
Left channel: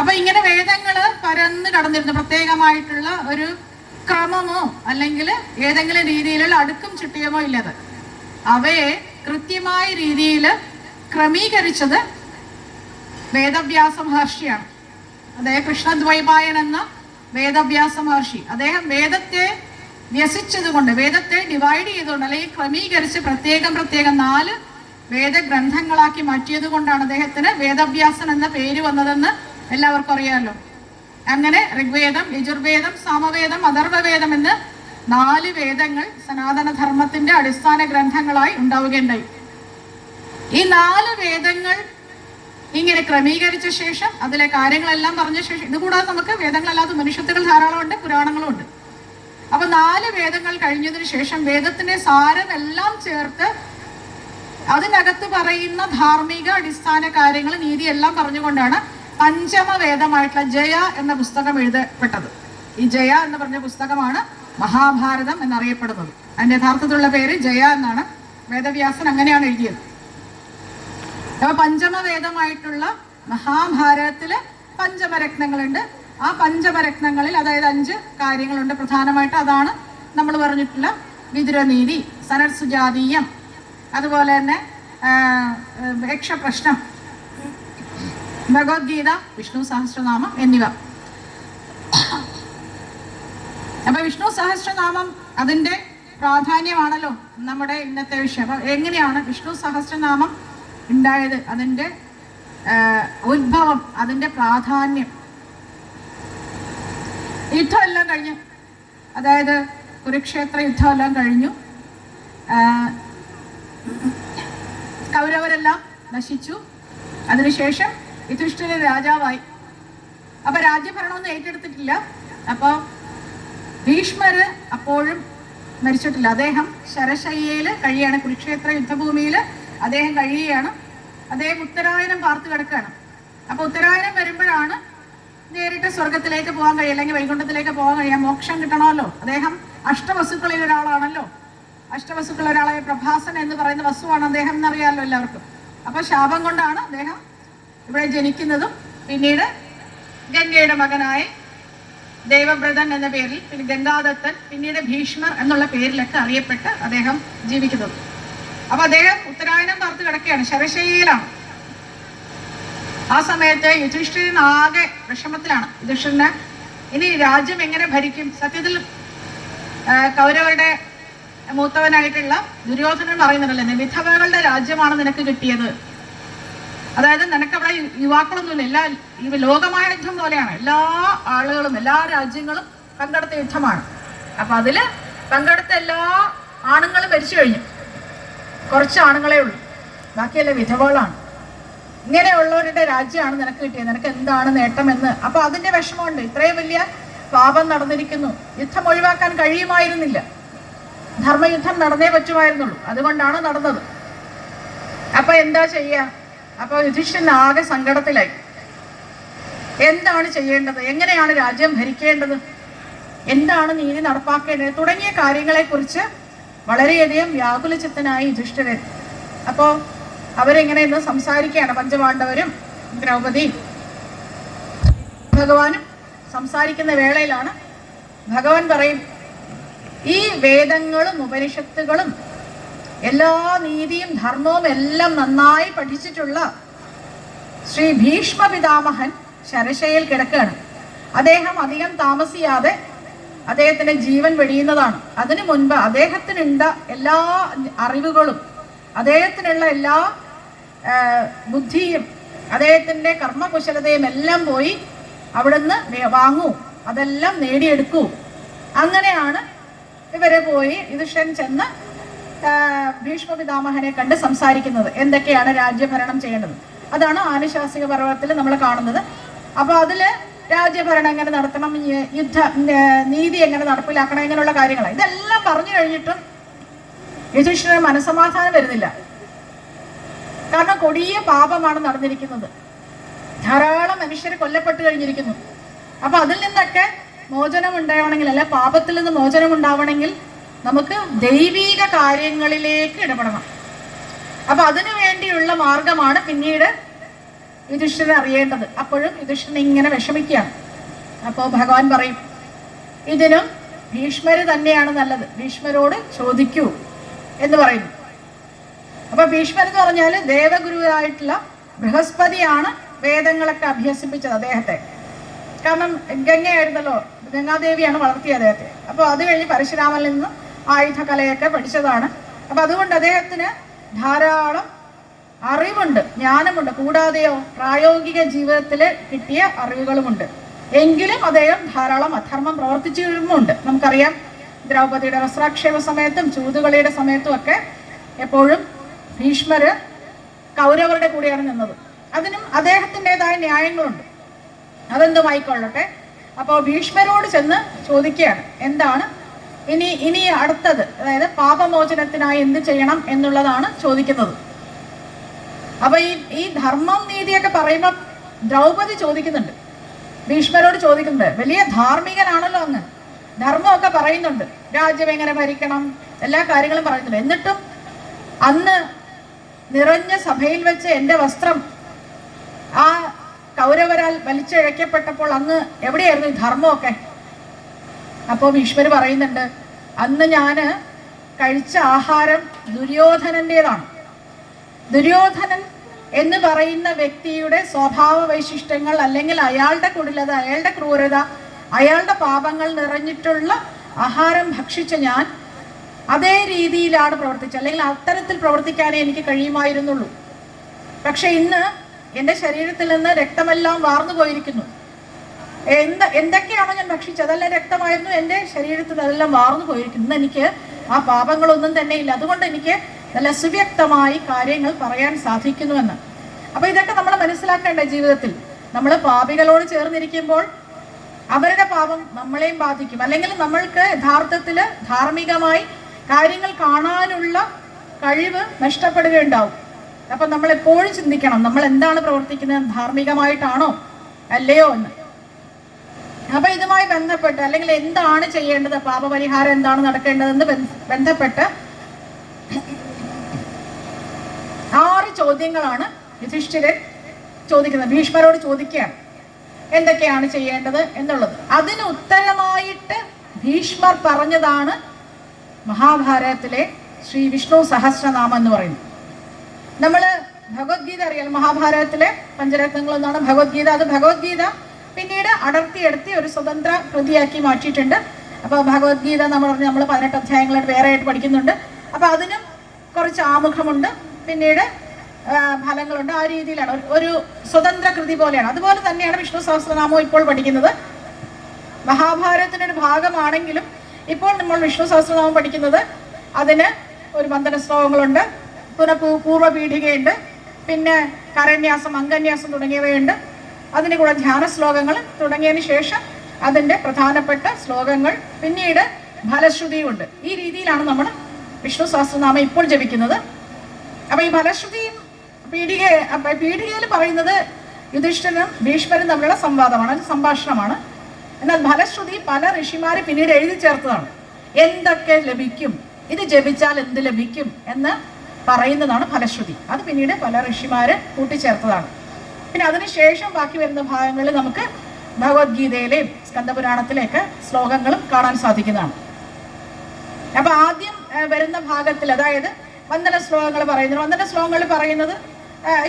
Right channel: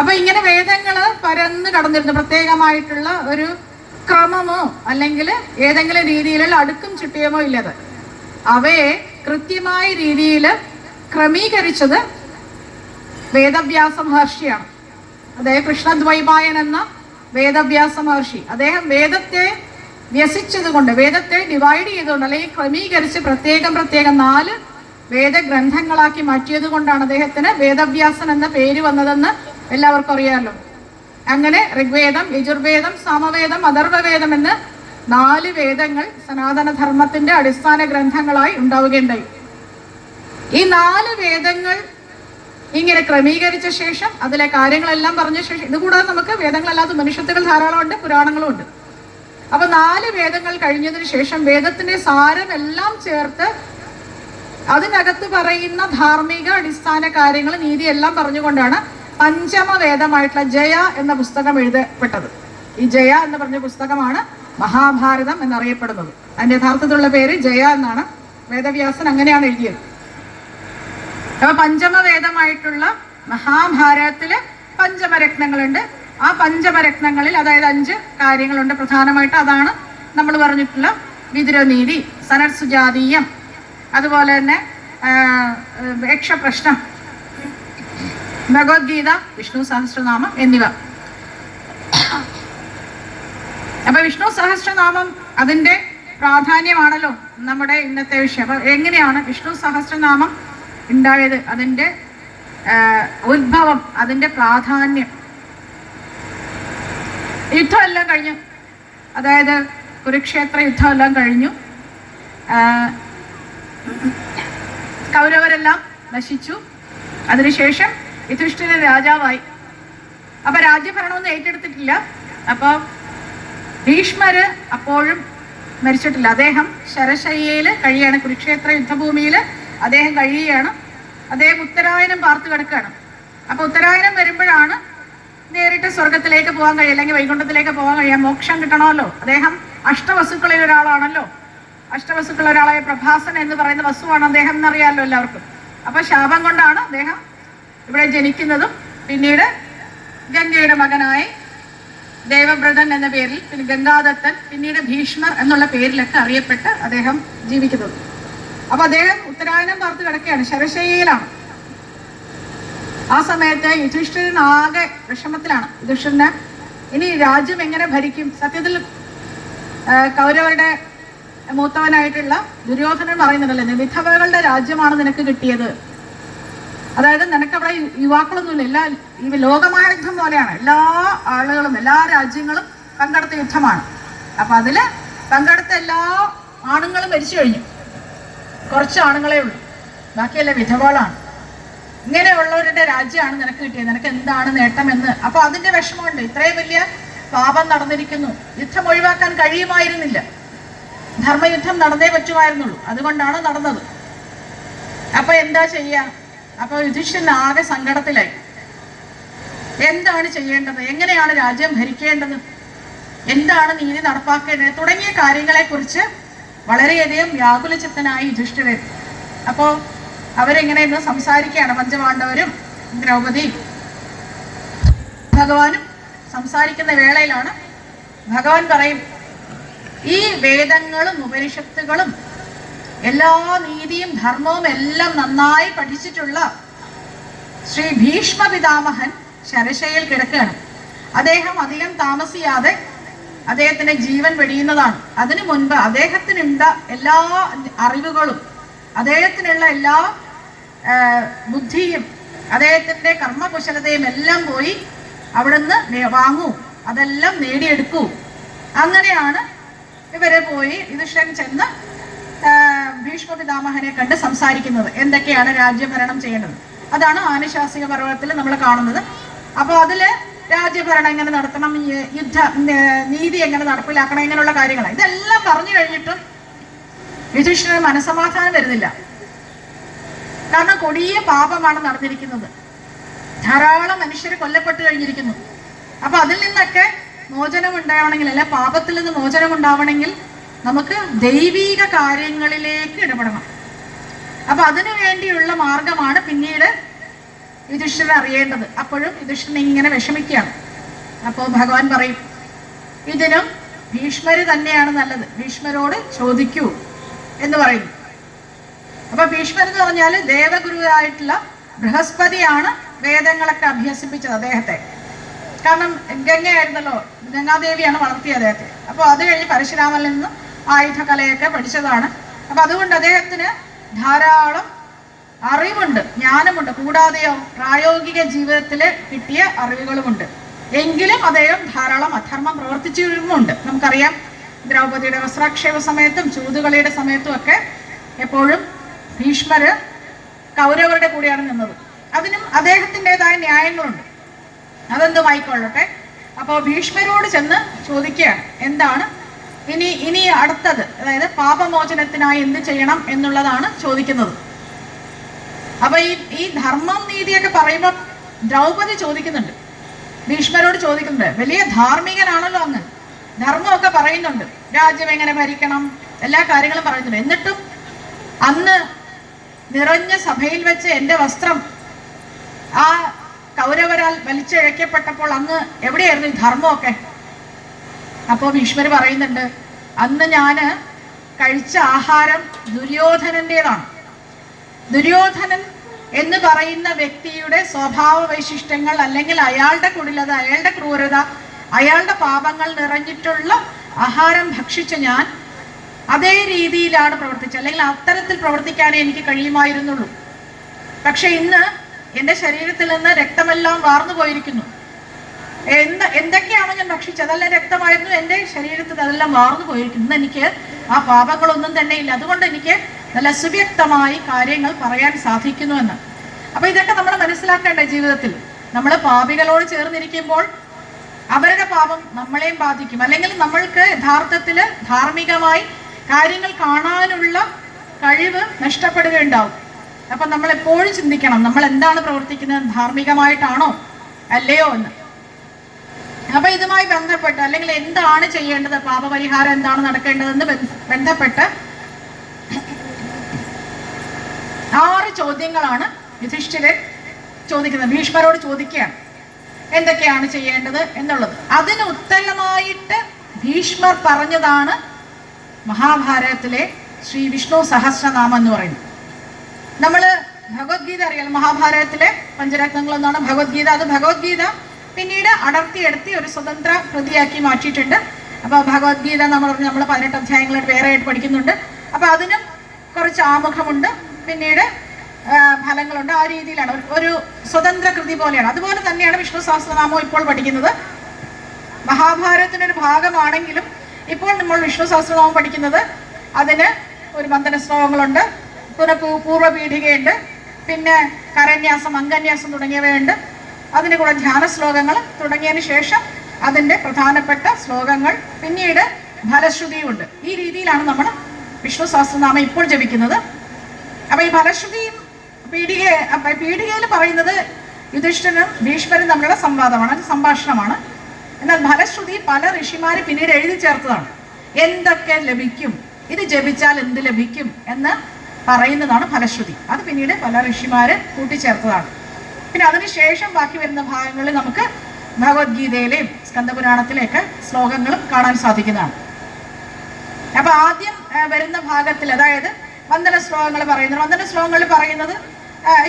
അപ്പൊ ഇങ്ങനെ വേദങ്ങള് പരന്ന് കടന്നിരുന്നു. പ്രത്യേകമായിട്ടുള്ള ഒരു ക്രമമോ അല്ലെങ്കിൽ ഏതെങ്കിലും രീതിയിലുള്ള അടുക്കും ചിട്ടിയമോ ഇല്ലത്. അവയെ കൃത്യമായ രീതിയിൽ ക്രമീകരിച്ചത് വേദവ്യാസ മഹർഷിയാണ്. അദ്ദേഹം കൃഷ്ണദ്വൈപായൻ എന്ന വേദവ്യാസ മഹർഷി. അദ്ദേഹം വേദത്തെ വ്യസിച്ചതുകൊണ്ട്, വേദത്തെ ഡിവൈഡ് ചെയ്തുകൊണ്ട് അല്ലെങ്കിൽ ക്രമീകരിച്ച് പ്രത്യേകം 4 വേദഗ്രന്ഥങ്ങളാക്കി മാറ്റിയത് കൊണ്ടാണ് അദ്ദേഹത്തിന് വേദവ്യാസൻ എന്ന പേര് വന്നതെന്ന് എല്ലാവർക്കും അറിയാമല്ലോ. അങ്ങനെ ഋഗ്വേദം, യജുർവേദം, സാമവേദം, അഥർവവേദം എന്ന് 4 വേദങ്ങൾ സനാതനധർമ്മത്തിന്റെ അടിസ്ഥാന ഗ്രന്ഥങ്ങളായി ഉണ്ടാവുകയുണ്ടായി. ഈ 4 വേദങ്ങൾ ഇങ്ങനെ ക്രമീകരിച്ച ശേഷം അതിലെ കാര്യങ്ങളെല്ലാം പറഞ്ഞ ശേഷം, ഇതുകൂടാതെ നമുക്ക് വേദങ്ങളല്ലാത്ത മനുഷ്യത്തുകൾ ധാരാളമുണ്ട്, പുരാണങ്ങളും ഉണ്ട്. അപ്പൊ 4 വേദങ്ങൾ കഴിഞ്ഞതിന് ശേഷം വേദത്തിന്റെ സാരമെല്ലാം ചേർത്ത് അതിനകത്ത് പറയുന്ന ധാർമ്മിക അടിസ്ഥാന കാര്യങ്ങൾ, നീതിയെല്ലാം പറഞ്ഞുകൊണ്ടാണ് പഞ്ചമ വേദമായിട്ടുള്ള ജയ എന്ന പുസ്തകം എഴുതപ്പെട്ടത്. ഈ ജയ എന്ന് പറഞ്ഞ പുസ്തകമാണ് മഹാഭാരതം എന്നറിയപ്പെടുന്നത്. അതിന്റെ യഥാർത്ഥത്തിലുള്ള പേര് ജയ എന്നാണ്. വേദവ്യാസൻ അങ്ങനെയാണ് എഴുതിയത്. അപ്പൊ പഞ്ചമവേദമായിട്ടുള്ള മഹാഭാരതത്തില് പഞ്ചമരത്നങ്ങളുണ്ട്. ആ പഞ്ചമരത്നങ്ങളിൽ അതായത് 5 കാര്യങ്ങളുണ്ട് പ്രധാനമായിട്ട്. അതാണ് നമ്മൾ പറഞ്ഞിട്ടുള്ള വിതുരനീതി, സനത്സുജാതീയം, അതുപോലെ തന്നെ യക്ഷപ്രശ്നം, ഭഗവത്ഗീത, വിഷ്ണു സഹസ്രനാമം എന്നിവ. അപ്പൊ വിഷ്ണു സഹസ്രനാമം അതിന്റെ പ്രാധാന്യമാണല്ലോ നമ്മുടെ ഇന്നത്തെ വിഷയം. അപ്പൊ എങ്ങനെയാണ് വിഷ്ണു സഹസ്രനാമം ഉണ്ടായത്, അതിന്റെ ഉത്ഭവം, അതിന്റെ പ്രാധാന്യം. യുദ്ധമെല്ലാം കഴിഞ്ഞു, അതായത് കുരുക്ഷേത്ര യുദ്ധമെല്ലാം കഴിഞ്ഞു. കൗരവരെല്ലാം നശിച്ചു. അതിനുശേഷം യുധിഷ്ഠിരൻ രാജാവായി. അപ്പൊ രാജ്യഭരണമൊന്നും ഏറ്റെടുത്തിട്ടില്ല. അപ്പൊ ഭീഷ്മര് അപ്പോഴും മരിച്ചിട്ടില്ല. അദ്ദേഹം ശരശയ്യയിൽ കഴിയാണ്, കുരുക്ഷേത്ര യുദ്ധഭൂമിയിൽ അദ്ദേഹം കഴിയുകയാണ്. അദ്ദേഹം ഉത്തരായനം പാർത്ത് കിടക്കുകയാണ്. അപ്പോൾ ഉത്തരായനം വരുമ്പോഴാണ് നേരിട്ട് സ്വർഗത്തിലേക്ക് പോകാൻ കഴിയും, അല്ലെങ്കിൽ വൈകുണ്ഠത്തിലേക്ക് പോകാൻ കഴിയാം. മോക്ഷം കിട്ടണമല്ലോ. അദ്ദേഹം അഷ്ടവസുക്കളിൽ ഒരാളാണല്ലോ. അഷ്ടവസുക്കളിൽ ഒരാളായ പ്രഭാസൻ എന്ന് പറയുന്ന വസുവാണ് അദ്ദേഹം എന്നറിയാമല്ലോ എല്ലാവർക്കും. അപ്പോൾ ശാപം കൊണ്ടാണ് അദ്ദേഹം ഇവിടെ ജനിക്കുന്നതും പിന്നീട് ഗംഗയുടെ മകനായി ദേവവ്രതൻ എന്ന പേരിൽ, പിന്നെ ഗംഗാദത്തൻ, പിന്നീട് ഭീഷ്മർ എന്നുള്ള പേരിലൊക്കെ അറിയപ്പെട്ട് അദ്ദേഹം ജീവിക്കുന്നത്. അപ്പൊ അദ്ദേഹം ഉത്തരായനം പാർത്ത് കിടക്കുകയാണ്, ശരശയ്യയിലാണ്. ആ സമയത്ത് യുധിഷ്ഠിരൻ ആകെ വിഷമത്തിലാണ്. യുധിഷ്ഠിരന് ഇനി രാജ്യം എങ്ങനെ ഭരിക്കും? സത്യത്തിൽ കൗരവരുടെ മൂത്തവനായിട്ടുള്ള ദുര്യോധനൻ പറയുന്നുണ്ടല്ലോ, വിധവകളുടെ രാജ്യമാണ് നിനക്ക് കിട്ടിയത്. അതായത് നിനക്കവിടെ യുവാക്കളൊന്നുമില്ല, ഈ ലോകമായ യുദ്ധം പോലെയാണ്. എല്ലാ ആളുകളും എല്ലാ രാജ്യങ്ങളും പങ്കെടുത്ത യുദ്ധമാണ്. അപ്പൊ അതില് പങ്കെടുത്ത എല്ലാ ആണുങ്ങളും മരിച്ചു കഴിഞ്ഞു. കുറച്ച് ആണുങ്ങളെ ഉള്ളൂ, ബാക്കിയല്ല വിധവകളാണ്. ഇങ്ങനെയുള്ളവരുടെ രാജ്യമാണ് നിനക്ക് കിട്ടിയത്, നിനക്ക് എന്താണ് നേട്ടമെന്ന്. അപ്പൊ അതിന്റെ വിഷമമുണ്ട്. ഇത്രയും വലിയ പാപം നടന്നിരിക്കുന്നു, യുദ്ധം ഒഴിവാക്കാൻ കഴിയുമായിരുന്നില്ല. ധർമ്മയുദ്ധം നടന്നേ പറ്റുമായിരുന്നുള്ളൂ, അതുകൊണ്ടാണ് നടന്നത്. അപ്പൊ എന്താ ചെയ്യാ? അപ്പോൾ യുധിഷ്ഠിരൻ ആകെ സങ്കടത്തിലായി. എന്താണ് ചെയ്യേണ്ടത്? എങ്ങനെയാണ് രാജ്യം ഭരിക്കേണ്ടത്? എന്താണ് നീതി നടപ്പാക്കേണ്ടത്? തുടങ്ങിയ കാര്യങ്ങളെക്കുറിച്ച് വളരെയധികം വ്യാകുലചിത്തനായി യുധിഷ്ഠിരൻ. അപ്പോൾ അവരെങ്ങനെയെന്ന് സംസാരിക്കുകയാണ്. പഞ്ചപാണ്ഡവരും ദ്രൗപദി ഭഗവാനും സംസാരിക്കുന്ന വേളയിലാണ് ഭഗവാൻ പറയും, ഈ വേദങ്ങളും ഉപനിഷത്തുകളും എല്ലാ നീതിയും ധർമ്മവും എല്ലാം നന്നായി പഠിച്ചിട്ടുള്ള ശ്രീ ഭീഷ്മ പിതാമഹൻ ശരശയ്യയിൽ കിടക്കുകയാണ്. അദ്ദേഹം അധികം താമസിയാതെ അദ്ദേഹത്തിന്റെ ജീവൻ വെടിയുന്നതാണ്. അതിനു മുൻപ് അദ്ദേഹത്തിനുള്ള എല്ലാ അറിവുകളും, അദ്ദേഹത്തിനുള്ള എല്ലാ ബുദ്ധിയും, അദ്ദേഹത്തിന്റെ കർമ്മകുശലതയും എല്ലാം പോയി അവിടുന്ന് വാങ്ങൂ, അതെല്ലാം നേടിയെടുക്കൂ. അങ്ങനെയാണ് ഇവരെ പോയി യുധിഷ്ഠിരൻ ചെന്ന് ഭീഷ്മ പിതാമഹനെ കണ്ട് സംസാരിക്കുന്നത്. എന്തൊക്കെയാണ് രാജ്യഭരണം ചെയ്യേണ്ടത്? അതാണ് ആനുശാസിക പർവ്വത്തിൽ നമ്മൾ കാണുന്നത്. അപ്പൊ അതില് രാജ്യഭരണം എങ്ങനെ നടത്തണം, നീതി എങ്ങനെ നടപ്പിലാക്കണം, ഇങ്ങനെയുള്ള കാര്യങ്ങൾ ഇതെല്ലാം പറഞ്ഞു കഴിഞ്ഞിട്ടും യുധിഷ്ഠിരന് മനസ്സമാധാനം വരുന്നില്ല. കാരണം കൊടിയ പാപമാണ് നടന്നിരിക്കുന്നത്, ധാരാളം മനുഷ്യർ കൊല്ലപ്പെട്ടു കഴിഞ്ഞിരിക്കുന്നു. അപ്പൊ അതിൽ നിന്നൊക്കെ മോചനം ഉണ്ടാവണമെങ്കിൽ, അല്ലെ പാപത്തിൽ നിന്ന് മോചനം ഉണ്ടാവണമെങ്കിൽ നമുക്ക് ദൈവീക കാര്യങ്ങളിലേക്ക് ഇടപെടണം. അപ്പൊ അതിനു വേണ്ടിയുള്ള മാർഗമാണ് പിന്നീട് യുധിഷ്ഠിരൻ അറിയേണ്ടത്. അപ്പോഴും യുധിഷ്ഠിരൻ ഇങ്ങനെ വിഷമിക്കുകയാണ്. അപ്പോൾ ഭഗവാൻ പറയും, ഇതിനും ഭീഷ്മര് തന്നെയാണ് നല്ലത്, ഭീഷ്മരോട് ചോദിക്കൂ എന്ന് പറയുന്നു. അപ്പൊ ഭീഷ്മർ എന്ന് പറഞ്ഞാൽ ദേവഗുരുവായിട്ടുള്ള ബൃഹസ്പതിയാണ് വേദങ്ങളൊക്കെ അഭ്യസിപ്പിച്ചത് അദ്ദേഹത്തെ. കാരണം ഗംഗയായിരുന്നല്ലോ, ഗംഗാദേവിയാണ് വളർത്തിയത് അദ്ദേഹത്തെ. അപ്പോൾ അത് കഴിഞ്ഞ് പരശുരാമനിൽ നിന്ന് ആയുധകലയൊക്കെ പഠിച്ചതാണ്. അപ്പൊ അതുകൊണ്ട് അദ്ദേഹത്തിന് ധാരാളം അറിവുണ്ട്, ജ്ഞാനമുണ്ട്. കൂടാതെയോ പ്രായോഗിക ജീവിതത്തിൽ കിട്ടിയ അറിവുകളുമുണ്ട്. എങ്കിലും അദ്ദേഹം ധാരാളം അധർമ്മം പ്രവർത്തിച്ചിരുന്നുണ്ട്. നമുക്കറിയാം, ദ്രൗപദിയുടെ വസ്ത്രാക്ഷേപ സമയത്തും ചൂതുകളിയുടെ സമയത്തും ഒക്കെ എപ്പോഴും ഭീഷ്മര് കൗരവരുടെ കൂടെയാണ് നിന്നത്. അതിനും അദ്ദേഹത്തിൻ്റെതായ ന്യായങ്ങളുണ്ട്, അതെന്തുമായിക്കൊള്ളട്ടെ. അപ്പോൾ ഭീഷ്മരോട് ചെന്ന് ചോദിക്കുകയാണ്, എന്താണ് ഇനി അടുത്തത്, അതായത് പാപമോചനത്തിനായി എന്ത് ചെയ്യണം എന്നുള്ളതാണ് ചോദിക്കുന്നത്. അപ്പൊ ഈ ധർമ്മം നീതിയൊക്കെ പറയുമ്പോൾ ദ്രൗപദി ചോദിക്കുന്നുണ്ട്, ഭീഷ്മരോട് ചോദിക്കുന്നുണ്ട്. വലിയ ധാർമ്മികനാണല്ലോ അങ്ങ്, ധർമ്മമൊക്കെ പറയുന്നുണ്ട്, രാജ്യം എങ്ങനെ ഭരിക്കണം, എല്ലാ കാര്യങ്ങളും പറയുന്നുണ്ട്. എന്നിട്ടും അന്ന് നിറഞ്ഞ സഭയിൽ വെച്ച് എൻ്റെ വസ്ത്രം ആ കൗരവരാൽ വലിച്ചിഴക്കപ്പെട്ടപ്പോൾ അങ്ങ് എവിടെയായിരുന്നു ഈ ധർമ്മമൊക്കെ? അപ്പോൾ ഭീഷ്മർ പറയുന്നുണ്ട്, അന്ന് ഞാൻ കഴിച്ച ആഹാരം ദുര്യോധനൻ്റെതാണ്. ദുര്യോധനൻ എന്ന് പറയുന്ന വ്യക്തിയുടെ സ്വഭാവ വൈശിഷ്ട്യങ്ങൾ, അല്ലെങ്കിൽ അയാളുടെ കുടിലത, അയാളുടെ ക്രൂരത, അയാളുടെ പാപങ്ങൾ നിറഞ്ഞിട്ടുള്ള ആഹാരം ഭക്ഷിച്ച ഞാൻ അതേ രീതിയിലാണ് പ്രവർത്തിച്ചത്, അല്ലെങ്കിൽ അത്തരത്തിൽ പ്രവർത്തിക്കാനേ എനിക്ക് കഴിയുമായിരുന്നുള്ളൂ. പക്ഷെ ഇന്ന് എൻ്റെ ശരീരത്തിൽ നിന്ന് രക്തമെല്ലാം വാർന്നു പോയിരിക്കുന്നു. എന്തൊക്കെയാണോ ഞാൻ ഭക്ഷിച്ചത് അതെല്ലാം രക്തമായിരുന്നു, എൻ്റെ ശരീരത്തിൽ അതെല്ലാം വാർന്നു പോയിരിക്കുന്നു. ഇന്ന് എനിക്ക് ആ പാപങ്ങളൊന്നും തന്നെ ഇല്ല. അതുകൊണ്ട് എനിക്ക് നല്ല സുവ്യക്തമായി കാര്യങ്ങൾ പറയാൻ സാധിക്കുന്നുവെന്ന്. അപ്പൊ ഇതൊക്കെ നമ്മൾ മനസ്സിലാക്കേണ്ട. ജീവിതത്തിൽ നമ്മൾ പാപികളോട് ചേർന്നിരിക്കുമ്പോൾ അവരുടെ പാപം നമ്മളെയും ബാധിക്കും. അല്ലെങ്കിൽ നമ്മൾക്ക് യഥാർത്ഥത്തിൽ ധാർമ്മികമായി കാര്യങ്ങൾ കാണാനുള്ള കഴിവ് നഷ്ടപ്പെടുകയുണ്ടാവും. അപ്പം നമ്മൾ എപ്പോഴും ചിന്തിക്കണം, നമ്മൾ എന്താണ് പ്രവർത്തിക്കുന്നത്, ധാർമ്മികമായിട്ടാണോ അല്ലയോ എന്ന്. അപ്പൊ ഇതുമായി ബന്ധപ്പെട്ട് അല്ലെങ്കിൽ എന്താണ് ചെയ്യേണ്ടത്, പാപപരിഹാരം എന്താണ് നടക്കേണ്ടതെന്ന് ബന്ധപ്പെട്ട് 6 ചോദ്യങ്ങളാണ് യുധിഷ്ഠിരൻ ചോദിക്കുന്നത്. ഭീഷ്മരോട് ചോദിക്കുകയാണ് എന്തൊക്കെയാണ് ചെയ്യേണ്ടത് എന്നുള്ളത്. അതിന് ഉത്തരമായിട്ട് ഭീഷ്മർ പറഞ്ഞതാണ് മഹാഭാരതത്തിലെ ശ്രീ വിഷ്ണു സഹസ്രനാമം എന്ന് പറയുന്നത്. നമ്മൾ ഭഗവത്ഗീത അറിയാം, മഹാഭാരതത്തിലെ പഞ്ചരത്നങ്ങളൊന്നാണ് ഭഗവത്ഗീത. അത് ഭഗവത്ഗീത പിന്നീട് അടർത്തിയെടുത്തി ഒരു സ്വതന്ത്ര കൃതിയാക്കി മാറ്റിയിട്ടുണ്ട്. അപ്പോൾ ഭഗവത്ഗീത നമ്മൾ 18 അധ്യായങ്ങളായിട്ട് വേറെ ആയിട്ട് പഠിക്കുന്നുണ്ട്. അപ്പോൾ അതിനും കുറച്ച് ആമുഖമുണ്ട്, പിന്നീട് ഫലങ്ങളുണ്ട്. ആ രീതിയിലാണ് ഒരു സ്വതന്ത്ര കൃതി പോലെയാണ്. അതുപോലെ തന്നെയാണ് വിഷ്ണു സഹസ്രനാമം ഇപ്പോൾ പഠിക്കുന്നത്. മഹാഭാരതത്തിൻ്റെ ഒരു ഭാഗമാണെങ്കിലും ഇപ്പോൾ നമ്മൾ വിഷ്ണു സഹസ്രനാമം പഠിക്കുന്നത് അതിന് ഒരു ബന്ധന ശ്ലോകങ്ങളുണ്ട്, പിന്നെ പൂർവ്വപീഠികയുണ്ട്, പിന്നെ കരന്യാസം, അംഗന്യാസം തുടങ്ങിയവയുണ്ട്. അതിന് കൂടെ ധ്യാന ശ്ലോകങ്ങൾ തുടങ്ങിയതിന് ശേഷം അതിൻ്റെ പ്രധാനപ്പെട്ട ശ്ലോകങ്ങൾ, പിന്നീട് ഫലശ്രുതിയുണ്ട്. ഈ രീതിയിലാണ് നമ്മൾ വിഷ്ണു സഹസ്രനാമം ഇപ്പോൾ ജപിക്കുന്നത്. അപ്പം ഈ ഫലശ്രുതിയും പീഠികയിൽ പറയുന്നത് യുധിഷ്ഠിരനും ഭീഷ്മരും തമ്മിലുള്ള സംവാദമാണ്, അത് സംഭാഷണമാണ്. എന്നാൽ ഫലശ്രുതി പല ഋഷിമാർ പിന്നീട് എഴുതി ചേർത്തതാണ്. എന്തൊക്കെ ലഭിക്കും, ഇത് ജപിച്ചാൽ എന്ത് ലഭിക്കും എന്ന് പറയുന്നതാണ് ഫലശ്രുതി. അത് പിന്നീട് പല ഋഷിമാർ കൂട്ടിച്ചേർത്തതാണ്. പിന്നെ അതിനുശേഷം ബാക്കി വരുന്ന ഭാഗങ്ങളിൽ നമുക്ക് ഭഗവത്ഗീതയിലെയും സ്കന്ദപുരാണത്തിലെയൊക്കെ ശ്ലോകങ്ങളും കാണാൻ സാധിക്കുന്നതാണ്. അപ്പൊ ആദ്യം വരുന്ന ഭാഗത്തിൽ, അതായത് വന്ദന ശ്ലോകങ്ങൾ പറയുന്നത്, വന്ദന ശ്ലോകങ്ങൾ പറയുന്നത്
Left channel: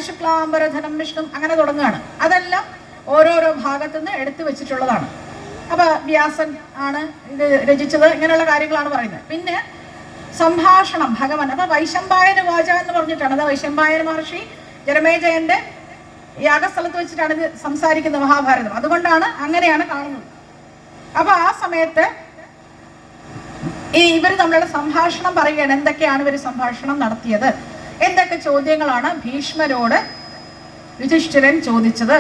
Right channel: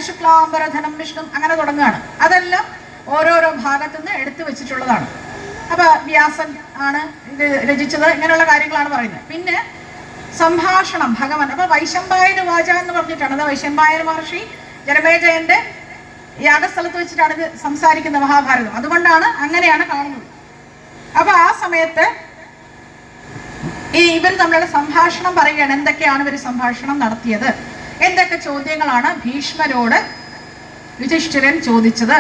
ശുക്ലാംബരധനം വിഷ്ണു അങ്ങനെ തുടങ്ങുകയാണ്. അതെല്ലാം ഓരോരോ ഭാഗത്തുനിന്ന് എടുത്തു വെച്ചിട്ടുള്ളതാണ്. അപ്പൊ വ്യാസൻ ആണ് ഇത് രചിച്ചത്, ഇങ്ങനെയുള്ള കാര്യങ്ങളാണ് പറയുന്നത്. പിന്നെ സംഭാഷണം ഭഗവാൻ. അപ്പൊ വൈശമ്പായന വാച എന്ന് പറഞ്ഞിട്ടാണ്. അത് വൈശമ്പായന മഹർഷി ജനമേജയന്റെ യാഗസ്ഥലത്ത് വെച്ചിട്ടാണ് ഇത് സംസാരിക്കുന്ന മഹാഭാരതം. അതുകൊണ്ടാണ് അങ്ങനെയാണ് കാണുന്നത്. അപ്പൊ ആ സമയത്ത് ഇവർ തമ്മിലുള്ള സംഭാഷണം പറയുകയാണ്. എന്തൊക്കെയാണ് ഇവർ സംഭാഷണം നടത്തിയത്, എന്തൊക്കെ ചോദ്യങ്ങളാണ് ഭീഷ്മരോട് യുധിഷ്ഠിരൻ ചോദിച്ചത്.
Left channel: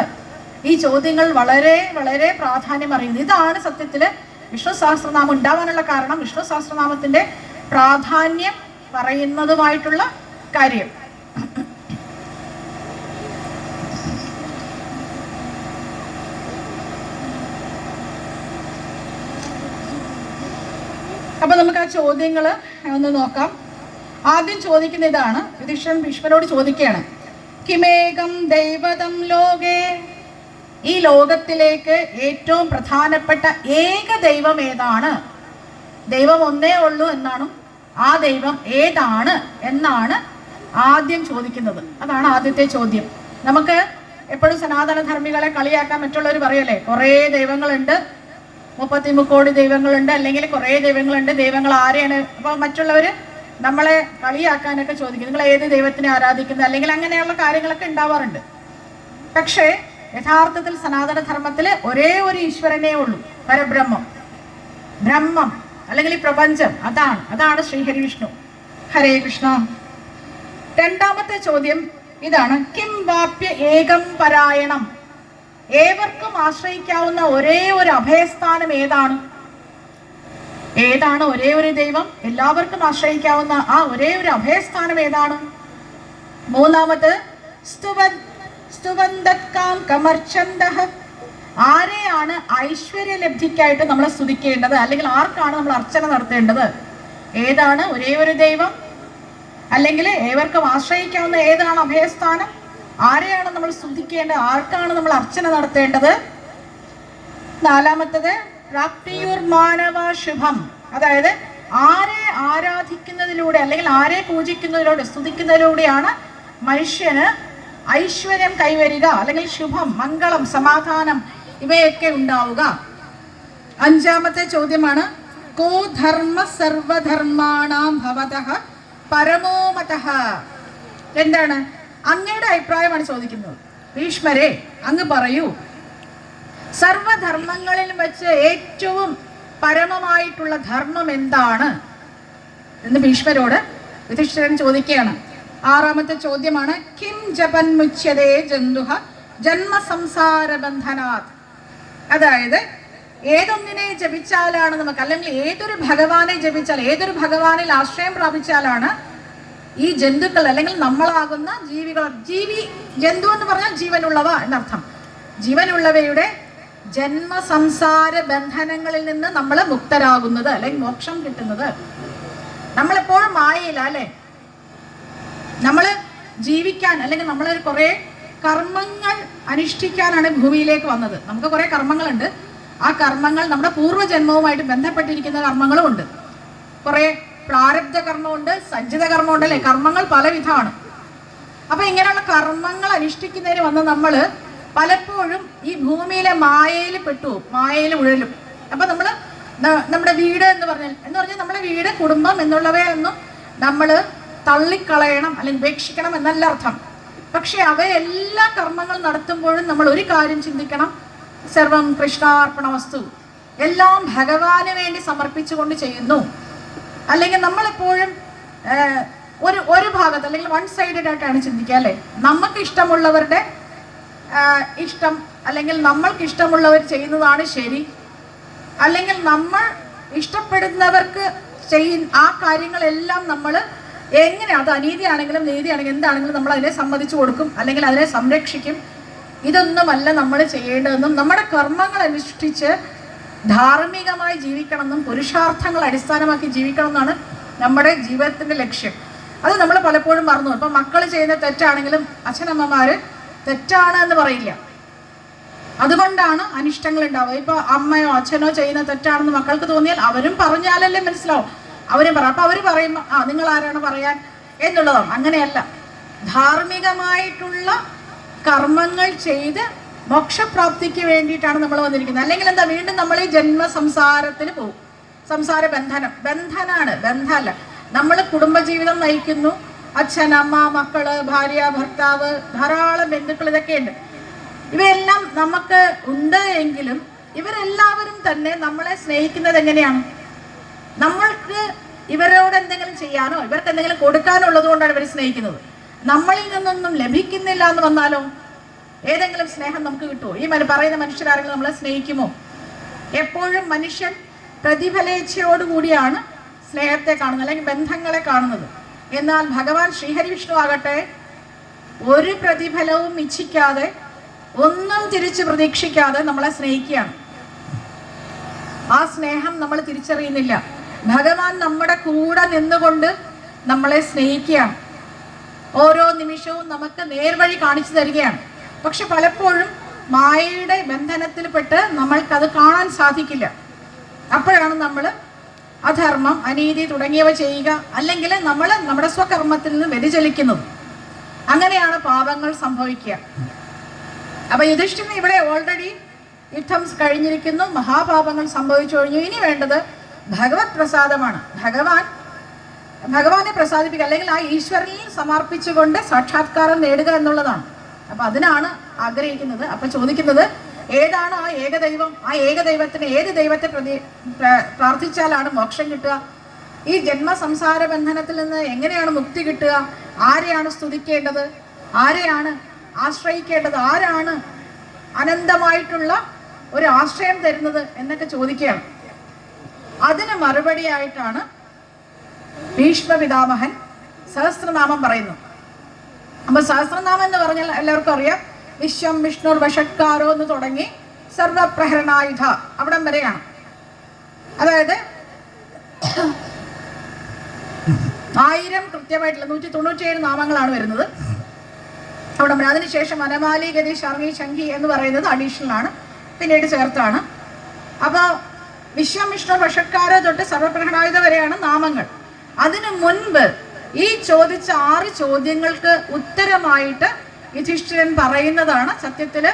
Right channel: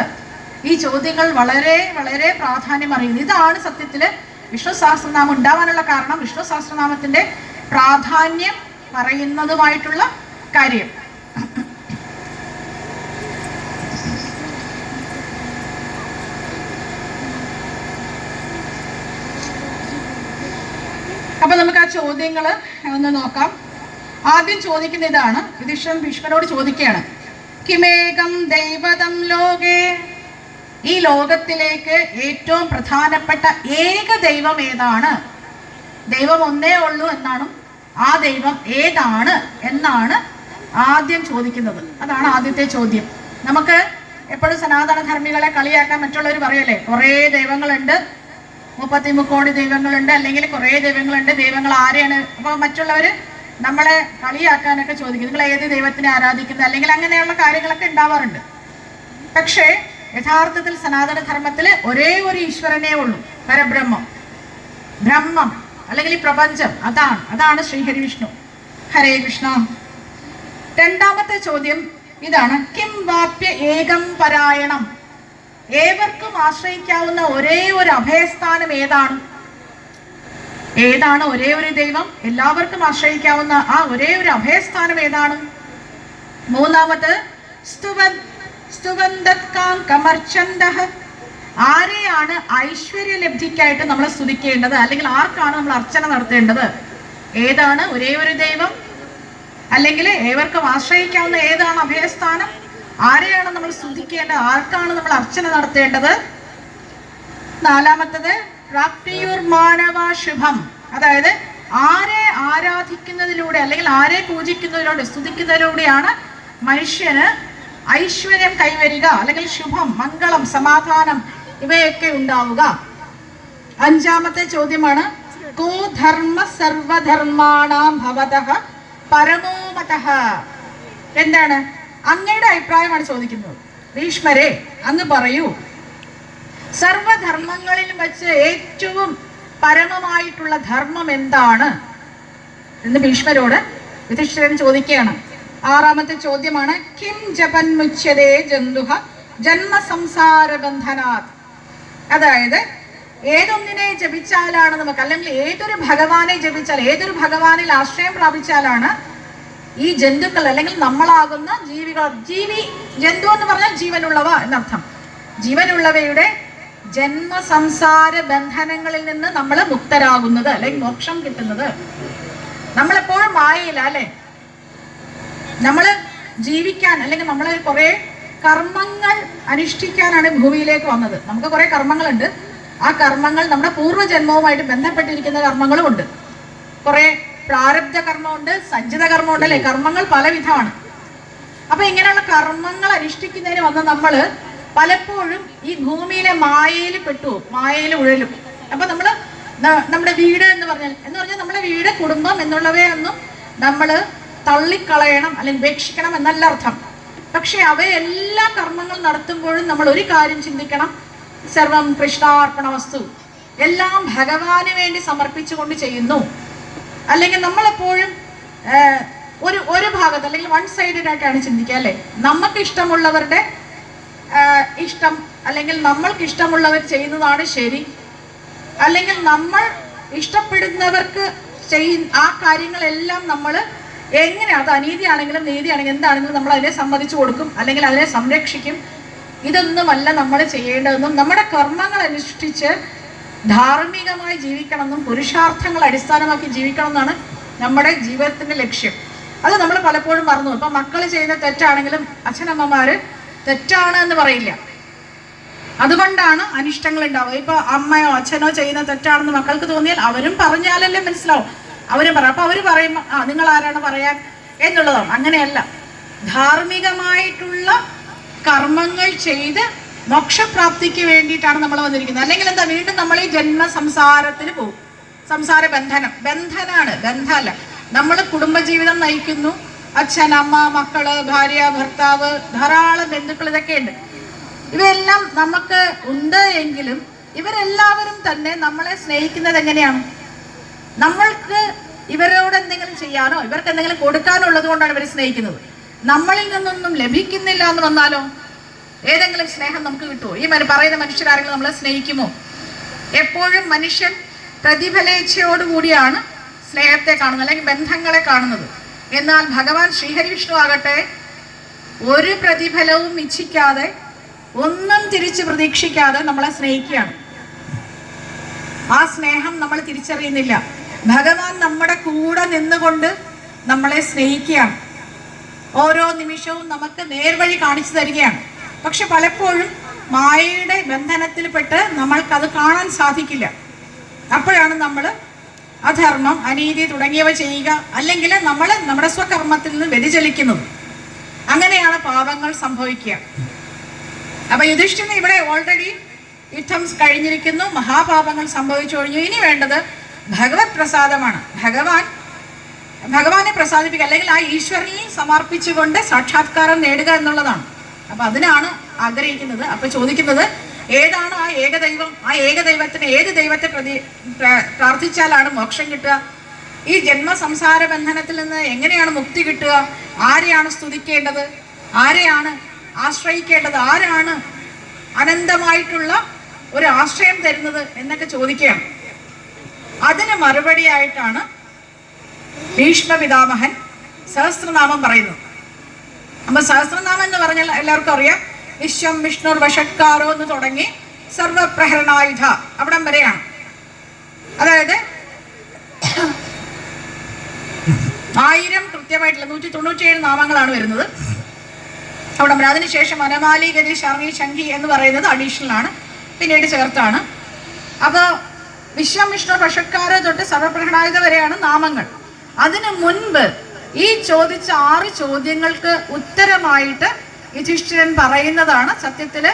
ഈ ചോദ്യങ്ങൾ വളരെ വളരെ പ്രാധാന്യം അറിയുന്നു. ഇതാണ് സത്യത്തിൽ വിഷ്ണു സഹസ്രനാമം ഉണ്ടാവാനുള്ള കാരണം, വിഷ്ണു സഹസ്രനാമത്തിന്റെ പ്രാധാന്യം പറയുന്നതുമായിട്ടുള്ള കാര്യം. അപ്പൊ നമുക്ക് ആ ചോദ്യങ്ങൾ ഒന്ന് നോക്കാം. ആദ്യം ചോദിക്കുന്ന ഇതാണ്. യുധിഷ്ഠിരൻ ഭീഷ്മരോട് ചോദിക്കുകയാണ്, കിമേകം ദൈവതം ലോകേ, ഈ ലോകത്തിലേക്ക് ഏറ്റവും പ്രധാനപ്പെട്ട ഏക ദൈവം ഏതാണ്? ദൈവം ഒന്നേ ഉള്ളൂ എന്നാണ്, ആ ദൈവം ഏതാണ് എന്നാണ് ആദ്യം ചോദിക്കുന്നത്. അതാണ് ആദ്യത്തെ ചോദ്യം. നമുക്ക് എപ്പോഴും സനാതന ധർമ്മികളെ കളിയാക്കാൻ മറ്റുള്ളവർ പറയല്ലേ, കുറേ ദൈവങ്ങളുണ്ട്, 33 കോടി ദൈവങ്ങളുണ്ട്, അല്ലെങ്കിൽ കുറേ ദൈവങ്ങളുണ്ട്, ദൈവങ്ങൾ ആരെയാണ്? അപ്പോൾ മറ്റുള്ളവർ നമ്മളെ കളിയാക്കാനൊക്കെ ചോദിക്കും, നിങ്ങൾ ഏത് ദൈവത്തിനെ ആരാധിക്കുന്നത്, അല്ലെങ്കിൽ അങ്ങനെയുള്ള കാര്യങ്ങളൊക്കെ ഉണ്ടാവാറുണ്ട്. പക്ഷേ യഥാർത്ഥത്തിൽ സനാതന ധർമ്മത്തിൽ ഒരേ ഒരു ഈശ്വരനേ ഉള്ളൂ, പരബ്രഹ്മം, ബ്രഹ്മം അല്ലെങ്കിൽ ഈ പ്രപഞ്ചം. അതാണ് ശ്രീഹരി വിഷ്ണു. ഹരേ കൃഷ്ണ. രണ്ടാമത്തെ ചോദ്യം ഇതാണ്, കിം വാപ്യ ഏകം പരായണം, ഏവർക്കും ആശ്രയിക്കാവുന്ന ഒരേ ഒരു അഭയസ്ഥാനം ഏതാണ്? ഏതാണ് ഒരേ ഒരു ദൈവം, എല്ലാവർക്കും ആശ്രയിക്കാവുന്ന ആ ഒരേ ഒരു അഭയസ്ഥാനം ഏതാണ്? മൂന്നാമത് ആരെയാണ് ഐശ്വര്യലബ്ധിക്കായിട്ട് നമ്മൾ സ്തുതിക്കേണ്ടത്, അല്ലെങ്കിൽ ആർക്കാണ് നമ്മൾ അർച്ചന നടത്തേണ്ടത്? ഏതാണ് ഒരേ ഒരു ദൈവം, അല്ലെങ്കിൽ ഏവർക്കും ആശ്രയിക്കാവുന്ന ഏതാണ് അഭയസ്ഥാനം, ആരെയാണ് നമ്മൾ സ്തുതിക്കേണ്ടത്, ആർക്കാണ് നമ്മൾ അർച്ചന നടത്തേണ്ടത്? നാലാമത്തത് പ്രാപ്തിയുർ മാനവ ശുഭം, അതായത് ആരെ ആരാധിക്കുന്നതിലൂടെ അല്ലെങ്കിൽ ആരെ പൂജിക്കുന്നതിലൂടെ സ്തുതിക്കുന്നതിലൂടെയാണ് മനുഷ്യന് ഐശ്വര്യം കൈവരിക, അല്ലെങ്കിൽ ശുഭം, മംഗളം, സമാധാനം ഇവയൊക്കെ ഉണ്ടാവുക. അഞ്ചാമത്തെ ചോദ്യമാണ്, കോ ധർമ്മ സർവധർമാണാം ഭവതഃ പരമോമതഃ, എന്താണ് അങ്ങയുടെ അഭിപ്രായമാണ് ചോദിക്കുന്നത്. ഭീഷ്മരെ അങ്ങ് പറയൂ, സർവധർമ്മങ്ങളിൽ വെച്ച് ഏറ്റവും പരമമായിട്ടുള്ള ധർമ്മം എന്താണ് എന്ന് ഭീഷ്മരോട് യുധിഷ്ഠിരൻ ചോദിക്കുകയാണ്. ആറാമത്തെ ചോദ്യമാണ്, കിം ജപൻ മുച്യതേ ജന്തുഹ ജന്മ സംസാര ബന്ധനാത്, അതായത് ഏതൊന്നിനെ ജപിച്ചാലാണ് നമുക്ക്, അല്ലെങ്കിൽ ഏതൊരു ഭഗവാനെ ജപിച്ചാൽ, ഏതൊരു ഭഗവാനിൽ ആശ്രയം പ്രാപിച്ചാലാണ് ഈ ജന്തുക്കൾ അല്ലെങ്കിൽ നമ്മളാകുന്ന ജീവികൾ, ജന്തു എന്ന് പറഞ്ഞാൽ ജീവനുള്ളവ എന്നർത്ഥം, ജീവനുള്ളവയുടെ ജന്മസംസാര ബന്ധനങ്ങളിൽ നിന്ന് നമ്മൾ മുക്തരാകുന്നത് അല്ലെങ്കിൽ മോക്ഷം കിട്ടുന്നത്. നമ്മളെപ്പോഴും മായയില്ല അല്ലെ, നമ്മൾ ജീവിക്കാൻ അല്ലെങ്കിൽ നമ്മൾ കുറെ കർമ്മങ്ങൾ അനുഷ്ഠിക്കാനാണ് ഭൂമിയിലേക്ക് വന്നത്. നമുക്ക് കുറെ കർമ്മങ്ങളുണ്ട്. ആ കർമ്മങ്ങൾ നമ്മുടെ പൂർവ്വജന്മവുമായിട്ട് ബന്ധപ്പെട്ടിരിക്കുന്ന കർമ്മങ്ങളും ഉണ്ട്. കുറെ പ്രാരബ്ധ കർമ്മമുണ്ട്, സഞ്ചിത കർമ്മമുണ്ട് അല്ലെ. കർമ്മങ്ങൾ പലവിധമാണ്. അപ്പൊ ഇങ്ങനെയുള്ള കർമ്മങ്ങൾ അനുഷ്ഠിക്കുന്നതിന് വന്ന് നമ്മൾ പലപ്പോഴും ഈ ഭൂമിയിലെ മായയിൽ പെട്ടു, മായയിൽ ഉഴലും. അപ്പൊ നമ്മള് നമ്മുടെ വീട് എന്ന് പറഞ്ഞാൽ നമ്മുടെ വീട്, കുടുംബം എന്നുള്ളവയൊന്നും നമ്മൾ തള്ളിക്കളയണം അല്ലെങ്കിൽ ഉപേക്ഷിക്കണം എന്നല്ല അർത്ഥം. പക്ഷെ അവയെല്ലാ കർമ്മങ്ങൾ നടത്തുമ്പോഴും നമ്മൾ ഒരു കാര്യം ചിന്തിക്കണം, സർവം കൃഷ്ണാർപ്പണ വസ്തു, എല്ലാം ഭഗവാന് വേണ്ടി സമർപ്പിച്ചുകൊണ്ട് ചെയ്യുന്നു. അല്ലെങ്കിൽ നമ്മളെപ്പോഴും ഒരു ഭാഗത്ത് അല്ലെങ്കിൽ വൺ സൈഡഡ് ആയിട്ടാണ് ചിന്തിക്കുക അല്ലെ. നമുക്ക് ഇഷ്ടമുള്ളവരുടെ ഇഷ്ടം അല്ലെങ്കിൽ നമ്മൾക്ക് ഇഷ്ടമുള്ളവർ ചെയ്യുന്നതാണ് ശരി, അല്ലെങ്കിൽ നമ്മൾ ഇഷ്ടപ്പെടുന്നവർക്ക് ആ കാര്യങ്ങളെല്ലാം നമ്മൾ എങ്ങനെ, അത് അനീതിയാണെങ്കിലും നീതിയാണെങ്കിലും എന്താണെങ്കിലും നമ്മൾ അതിനെ സമ്മതിച്ചു കൊടുക്കും അല്ലെങ്കിൽ അതിനെ സംരക്ഷിക്കും. ഇതൊന്നുമല്ല നമ്മൾ ചെയ്യേണ്ടതെന്നും നമ്മുടെ കർമ്മങ്ങൾ അനുഷ്ഠിച്ച് ധാർമ്മികമായി ജീവിക്കണമെന്നും പുരുഷാർത്ഥങ്ങൾ അടിസ്ഥാനമാക്കി ജീവിക്കണം എന്നാണ് നമ്മുടെ ജീവിതത്തിന്റെ ലക്ഷ്യം. അത് നമ്മൾ പലപ്പോഴും മറന്നു. ഇപ്പൊ മക്കൾ ചെയ്യുന്ന തെറ്റാണെങ്കിലും അച്ഛനമ്മമാര് തെറ്റാണ് എന്ന് പറയില്ല. അതുകൊണ്ടാണ് അനിഷ്ടങ്ങൾ ഉണ്ടാവുക. ഇപ്പൊ അമ്മയോ അച്ഛനോ ചെയ്യുന്ന തെറ്റാണെന്ന് മക്കൾക്ക് തോന്നിയാൽ അവരും പറഞ്ഞാലല്ലേ മനസ്സിലാവും. അവരും പറയാം. അപ്പൊ അവര് പറയുമ്പോ നിങ്ങൾ ആരാണ് പറയാൻ എന്നുള്ളതാണ്. അങ്ങനെയല്ല, ധാർമ്മികമായിട്ടുള്ള കർമ്മങ്ങൾ ചെയ്ത് മോക്ഷപ്രാപ്തിക്ക് വേണ്ടിയിട്ടാണ് നമ്മൾ വന്നിരിക്കുന്നത്. അല്ലെങ്കിൽ എന്താ, വീണ്ടും നമ്മൾ ഈ ജന്മ സംസാരത്തിന് പോകും. സംസാര ബന്ധനാണ്, ബന്ധമല്ല. നമ്മൾ കുടുംബജീവിതം നയിക്കുന്നു. അച്ഛൻ, അമ്മ, മക്കള്, ഭാര്യ, ഭർത്താവ്, ധാരാളം ബന്ധുക്കൾ, ഇതൊക്കെ ഉണ്ട്. ഇവയെല്ലാം നമുക്ക് ഉണ്ട് എങ്കിലും ഇവരെല്ലാവരും തന്നെ നമ്മളെ സ്നേഹിക്കുന്നത് എങ്ങനെയാണ്? നമ്മൾക്ക് ഇവരോട് എന്തെങ്കിലും ചെയ്യാനോ ഇവർക്ക് എന്തെങ്കിലും കൊടുക്കാനോ ഉള്ളത് കൊണ്ടാണ് ഇവർ സ്നേഹിക്കുന്നത്. നമ്മളിൽ നിന്നൊന്നും ലഭിക്കുന്നില്ല എന്ന് വന്നാലോ ഏതെങ്കിലും സ്നേഹം നമുക്ക് കിട്ടുമോ? ഈ പറയുന്ന മനുഷ്യരാരെങ്കിലും നമ്മളെ സ്നേഹിക്കുമോ? എപ്പോഴും മനുഷ്യൻ പ്രതിഫലേച്ഛയോടുകൂടിയാണ് സ്നേഹത്തെ കാണുന്നത് അല്ലെങ്കിൽ ബന്ധങ്ങളെ കാണുന്നത്. എന്നാൽ ഭഗവാൻ ശ്രീഹരി വിഷ്ണു ആകട്ടെ ഒരു പ്രതിഫലവും ഇച്ഛിക്കാതെ, ഒന്നും തിരിച്ച് പ്രതീക്ഷിക്കാതെ നമ്മളെ സ്നേഹിക്കുകയാണ്. ആ സ്നേഹം നമ്മൾ തിരിച്ചറിയുന്നില്ല. ഭഗവാൻ നമ്മുടെ കൂടെ നിന്നുകൊണ്ട് നമ്മളെ സ്നേഹിക്കുകയാണ്. ഓരോ നിമിഷവും നമുക്ക് നേർവഴി കാണിച്ചു തരികയാണ്. പക്ഷെ പലപ്പോഴും മായയുടെ ബന്ധനത്തിൽപ്പെട്ട് നമ്മൾക്കത് കാണാൻ സാധിക്കില്ല. അപ്പോഴാണ് നമ്മൾ അധർമ്മം, അനീതി തുടങ്ങിയവ ചെയ്യുക, അല്ലെങ്കിൽ നമ്മൾ നമ്മുടെ സ്വകർമ്മത്തിൽ നിന്ന് വ്യതിചലിക്കുന്നത്. അങ്ങനെയാണ് പാപങ്ങൾ സംഭവിക്കുക. അപ്പൊ യുധിഷ്ഠിരന് ഇവിടെ ഓൾറെഡി യുദ്ധം കഴിഞ്ഞിരിക്കുന്നു, മഹാപാപങ്ങൾ സംഭവിച്ചു കഴിഞ്ഞു. ഇനി വേണ്ടത് ഭഗവത് പ്രസാദമാണ്. ഭഗവാനെ പ്രസാദിപ്പിക്കുക, അല്ലെങ്കിൽ ആ ഈശ്വരനിൽ സമർപ്പിച്ചുകൊണ്ട് സാക്ഷാത്കാരം നേടുക എന്നുള്ളതാണ്. അപ്പൊ അതിനാണ് ആഗ്രഹിക്കുന്നത്. അപ്പൊ ചോദിക്കുന്നത്, ഏതാണ് ആ ഏകദൈവം? ആ ഏകദൈവത്തിന് ഏത് ദൈവത്തെ പ്രാർത്ഥിച്ചാലാണ് മോക്ഷം കിട്ടുക? ഈ ജന്മ സംസാര ബന്ധനത്തിൽ നിന്ന് എങ്ങനെയാണ് മുക്തി കിട്ടുക? ആരെയാണ് സ്തുതിക്കേണ്ടത്? ആരെയാണ് ആശ്രയിക്കേണ്ടത്? ആരാണ് അനന്തമായിട്ടുള്ള ഒരു ആശ്രയം തരുന്നത് എന്നൊക്കെ ചോദിക്കുകയാണ്. അതിന് മറുപടിയായിട്ടാണ് ഭീഷ്മ പിതാമഹൻ സഹസ്രനാമം പറയുന്നത്. അപ്പൊ സഹസ്രനാമം എന്ന് പറഞ്ഞാൽ എല്ലാവർക്കും അറിയാം. വിശ്വം വിഷ്ണുർ വഷട്കാരോ എന്ന് തുടങ്ങി സർവപ്രഹരണായുധ അവിടം വരെയാണ്. അതായത് 1000 കൃത്യമായിട്ടുള്ള 197 നാമങ്ങളാണ് വരുന്നത് അവിടെ. അതിനുശേഷം അനമാലി, ഗതി, ശർണി, ശംഖി എന്ന് പറയുന്നത് അഡീഷണൽ ആണ്, പിന്നീട് ചേർത്താണ്. അപ്പോൾ വിശ്വം വിഷ്ണു വഷട്കാരോ തൊട്ട് സർവപ്രഹരണായുധ വരെയാണ് നാമങ്ങൾ. അതിനു മുൻപ് ഈ ചോദിച്ച 6 ചോദ്യങ്ങൾക്ക് ഉത്തരമായിട്ട് യുധിഷ്ഠിരൻ പറയുന്നതാണ് സത്യത്തില്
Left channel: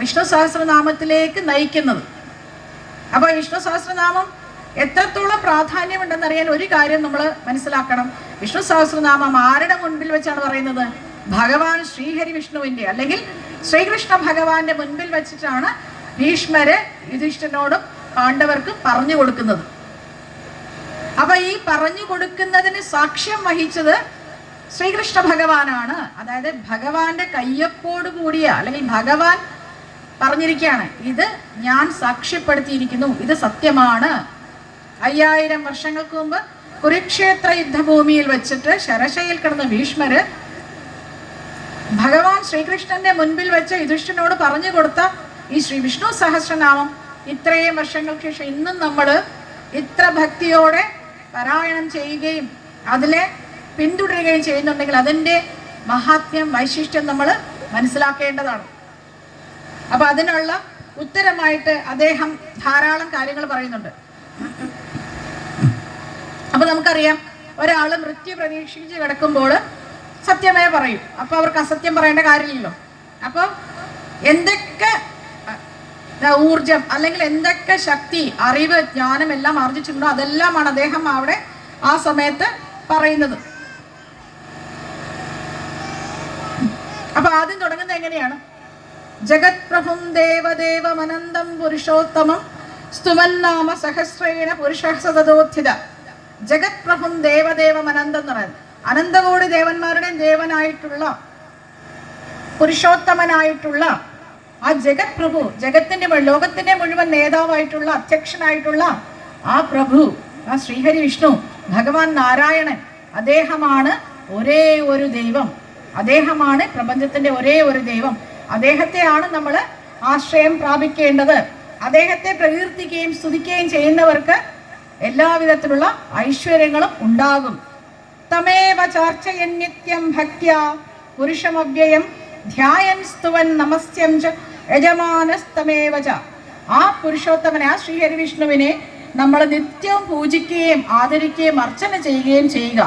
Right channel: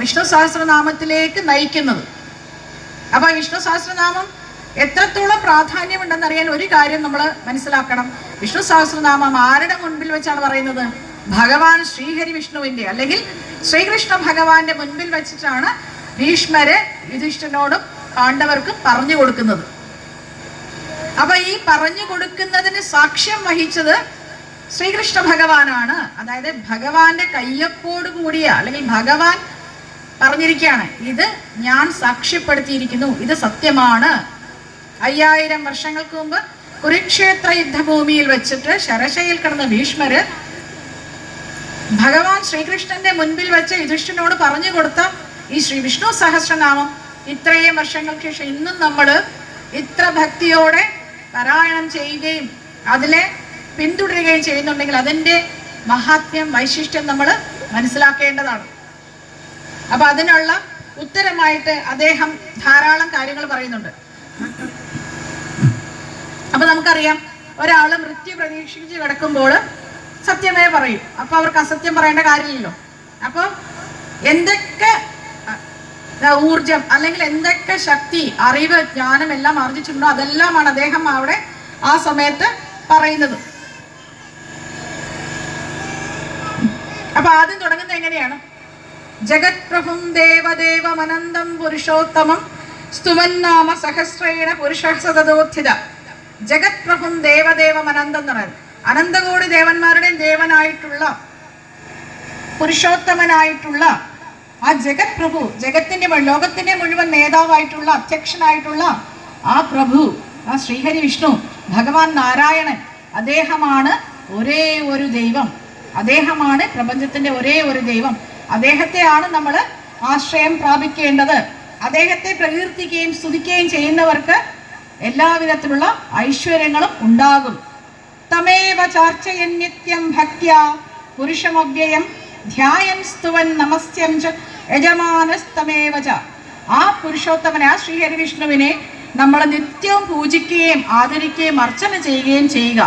വിഷ്ണു സഹസ്രനാമത്തിലേക്ക് നയിക്കുന്നത്. അപ്പൊ വിഷ്ണു സഹസ്രനാമം എത്രത്തോളം പ്രാധാന്യമുണ്ടെന്നറിയാൻ ഒരു കാര്യം നമ്മൾ മനസ്സിലാക്കണം. വിഷ്ണു സഹസ്രനാമം ആരുടെ മുൻപിൽ വെച്ചാണ് പറയുന്നത്? ഭഗവാൻ ശ്രീഹരി വിഷ്ണുവിന്റെ അല്ലെങ്കിൽ ശ്രീകൃഷ്ണ ഭഗവാന്റെ മുൻപിൽ വെച്ചിട്ടാണ് ഭീഷ്മരെ യുധിഷ്ഠിരനോടും പാണ്ഡവർക്കും പറഞ്ഞു കൊടുക്കുന്നത്. അപ്പൊ ഈ പറഞ്ഞു കൊടുക്കുന്നതിന് സാക്ഷ്യം വഹിച്ചത് ശ്രീകൃഷ്ണ ഭഗവാനാണ്. അതായത് ഭഗവാന്റെ കയ്യൊപ്പോട് കൂടിയ അല്ലെങ്കിൽ ഭഗവാൻ പറഞ്ഞിരിക്കുകയാണ്, ഇത് ഞാൻ സാക്ഷ്യപ്പെടുത്തിയിരിക്കുന്നു, ഇത് സത്യമാണ്. 5000 വർഷങ്ങൾക്ക് മുമ്പ് കുരുക്ഷേത്ര യുദ്ധഭൂമിയിൽ വെച്ചിട്ട് ശരശയിൽ കിടന്ന ഭീഷ്മര് ഭഗവാൻ ശ്രീകൃഷ്ണന്റെ മുൻപിൽ വെച്ച് യുധിഷ്ഠിരനോട് പറഞ്ഞു കൊടുത്ത ഈ ശ്രീ വിഷ്ണു സഹസ്രനാമം ഇത്രയും വർഷങ്ങൾക്ക് ശേഷം ഇന്നും നമ്മൾ ഇത്ര ഭക്തിയോടെ പാരായണം ചെയ്യുകയും അതിലെ പിന്തുടരുകയും ചെയ്യുന്നുണ്ടെങ്കിൽ അതിൻ്റെ മഹാത്മ്യം, വൈശിഷ്ട്യം നമ്മൾ മനസ്സിലാക്കേണ്ടതാണ്. അപ്പൊ അതിനുള്ള ഉത്തരമായിട്ട് അദ്ദേഹം ധാരാളം കാര്യങ്ങൾ പറയുന്നുണ്ട്. അപ്പൊ നമുക്കറിയാം, ഒരാൾ മൃത്യു പ്രതീക്ഷിച്ച് കിടക്കുമ്പോൾ സത്യമേ പറയും. അപ്പൊ അവർക്ക് അസത്യം പറയേണ്ട കാര്യമില്ലല്ലോ. അപ്പൊ എന്തൊക്കെ ഊർജം അല്ലെങ്കിൽ എന്തൊക്കെ ശക്തി, അറിവ്, ജ്ഞാനം എല്ലാം ആർജിച്ചിട്ടുണ്ടോ അതെല്ലാമാണ് അദ്ദേഹം അവിടെ ആ സമയത്ത് പറയുന്നത്. അപ്പൊ ആദ്യം തുടങ്ങുന്നത് എങ്ങനെയാണ്? ജഗത് പ്രഭും ദേവദേവമനന്തം പുരുഷോത്തമം സ്തുമന്നാമ സഹസ്രേണ പുരുഷ സതതോത്ഥിത. ജഗത് പ്രഭും ദേവദേവമനന്തം എന്ന് പറയുന്നത് അനന്തകോടി ദേവന്മാരുടെയും ദേവനായിട്ടുള്ള പുരുഷോത്തമനായിട്ടുള്ള ആ ജഗത് പ്രഭു, ജഗത്തിന്റെ ലോകത്തിന്റെ മുഴുവൻ നേതാവായിട്ടുള്ള അധ്യക്ഷനായിട്ടുള്ള ആ പ്രഭു, ആ ശ്രീഹരി വിഷ്ണു ഭഗവാൻ നാരായണൻ, അദ്ദേഹമാണ് ഒരേ ഒരു ദൈവം. അദ്ദേഹമാണ് പ്രപഞ്ചത്തിന്റെ ഒരേ ഒരു ദൈവം. അദ്ദേഹത്തെയാണ് നമ്മൾ ആശ്രയം പ്രാപിക്കേണ്ടത്. അദ്ദേഹത്തെ പ്രകീർത്തിക്കുകയും സ്തുതിക്കുകയും ചെയ്യുന്നവർക്ക് എല്ലാവിധത്തിലുള്ള ഐശ്വര്യങ്ങളും ഉണ്ടാകും. തമേവ ചാർച്ചയൻ നിത്യം ഭക്ത്യ പുരുഷമവ്യയം ധ്യായൻ സ്തുവൻ നമസ്യം ച യജമാനസ്തമേവ ച. ആ പുരുഷോത്തമനെ, ആ ശ്രീഹരി വിഷ്ണുവിനെ നമ്മൾ നിത്യവും പൂജിക്കുകയും ആദരിക്കുകയും അർച്ചന ചെയ്യുകയും ചെയ്യുക.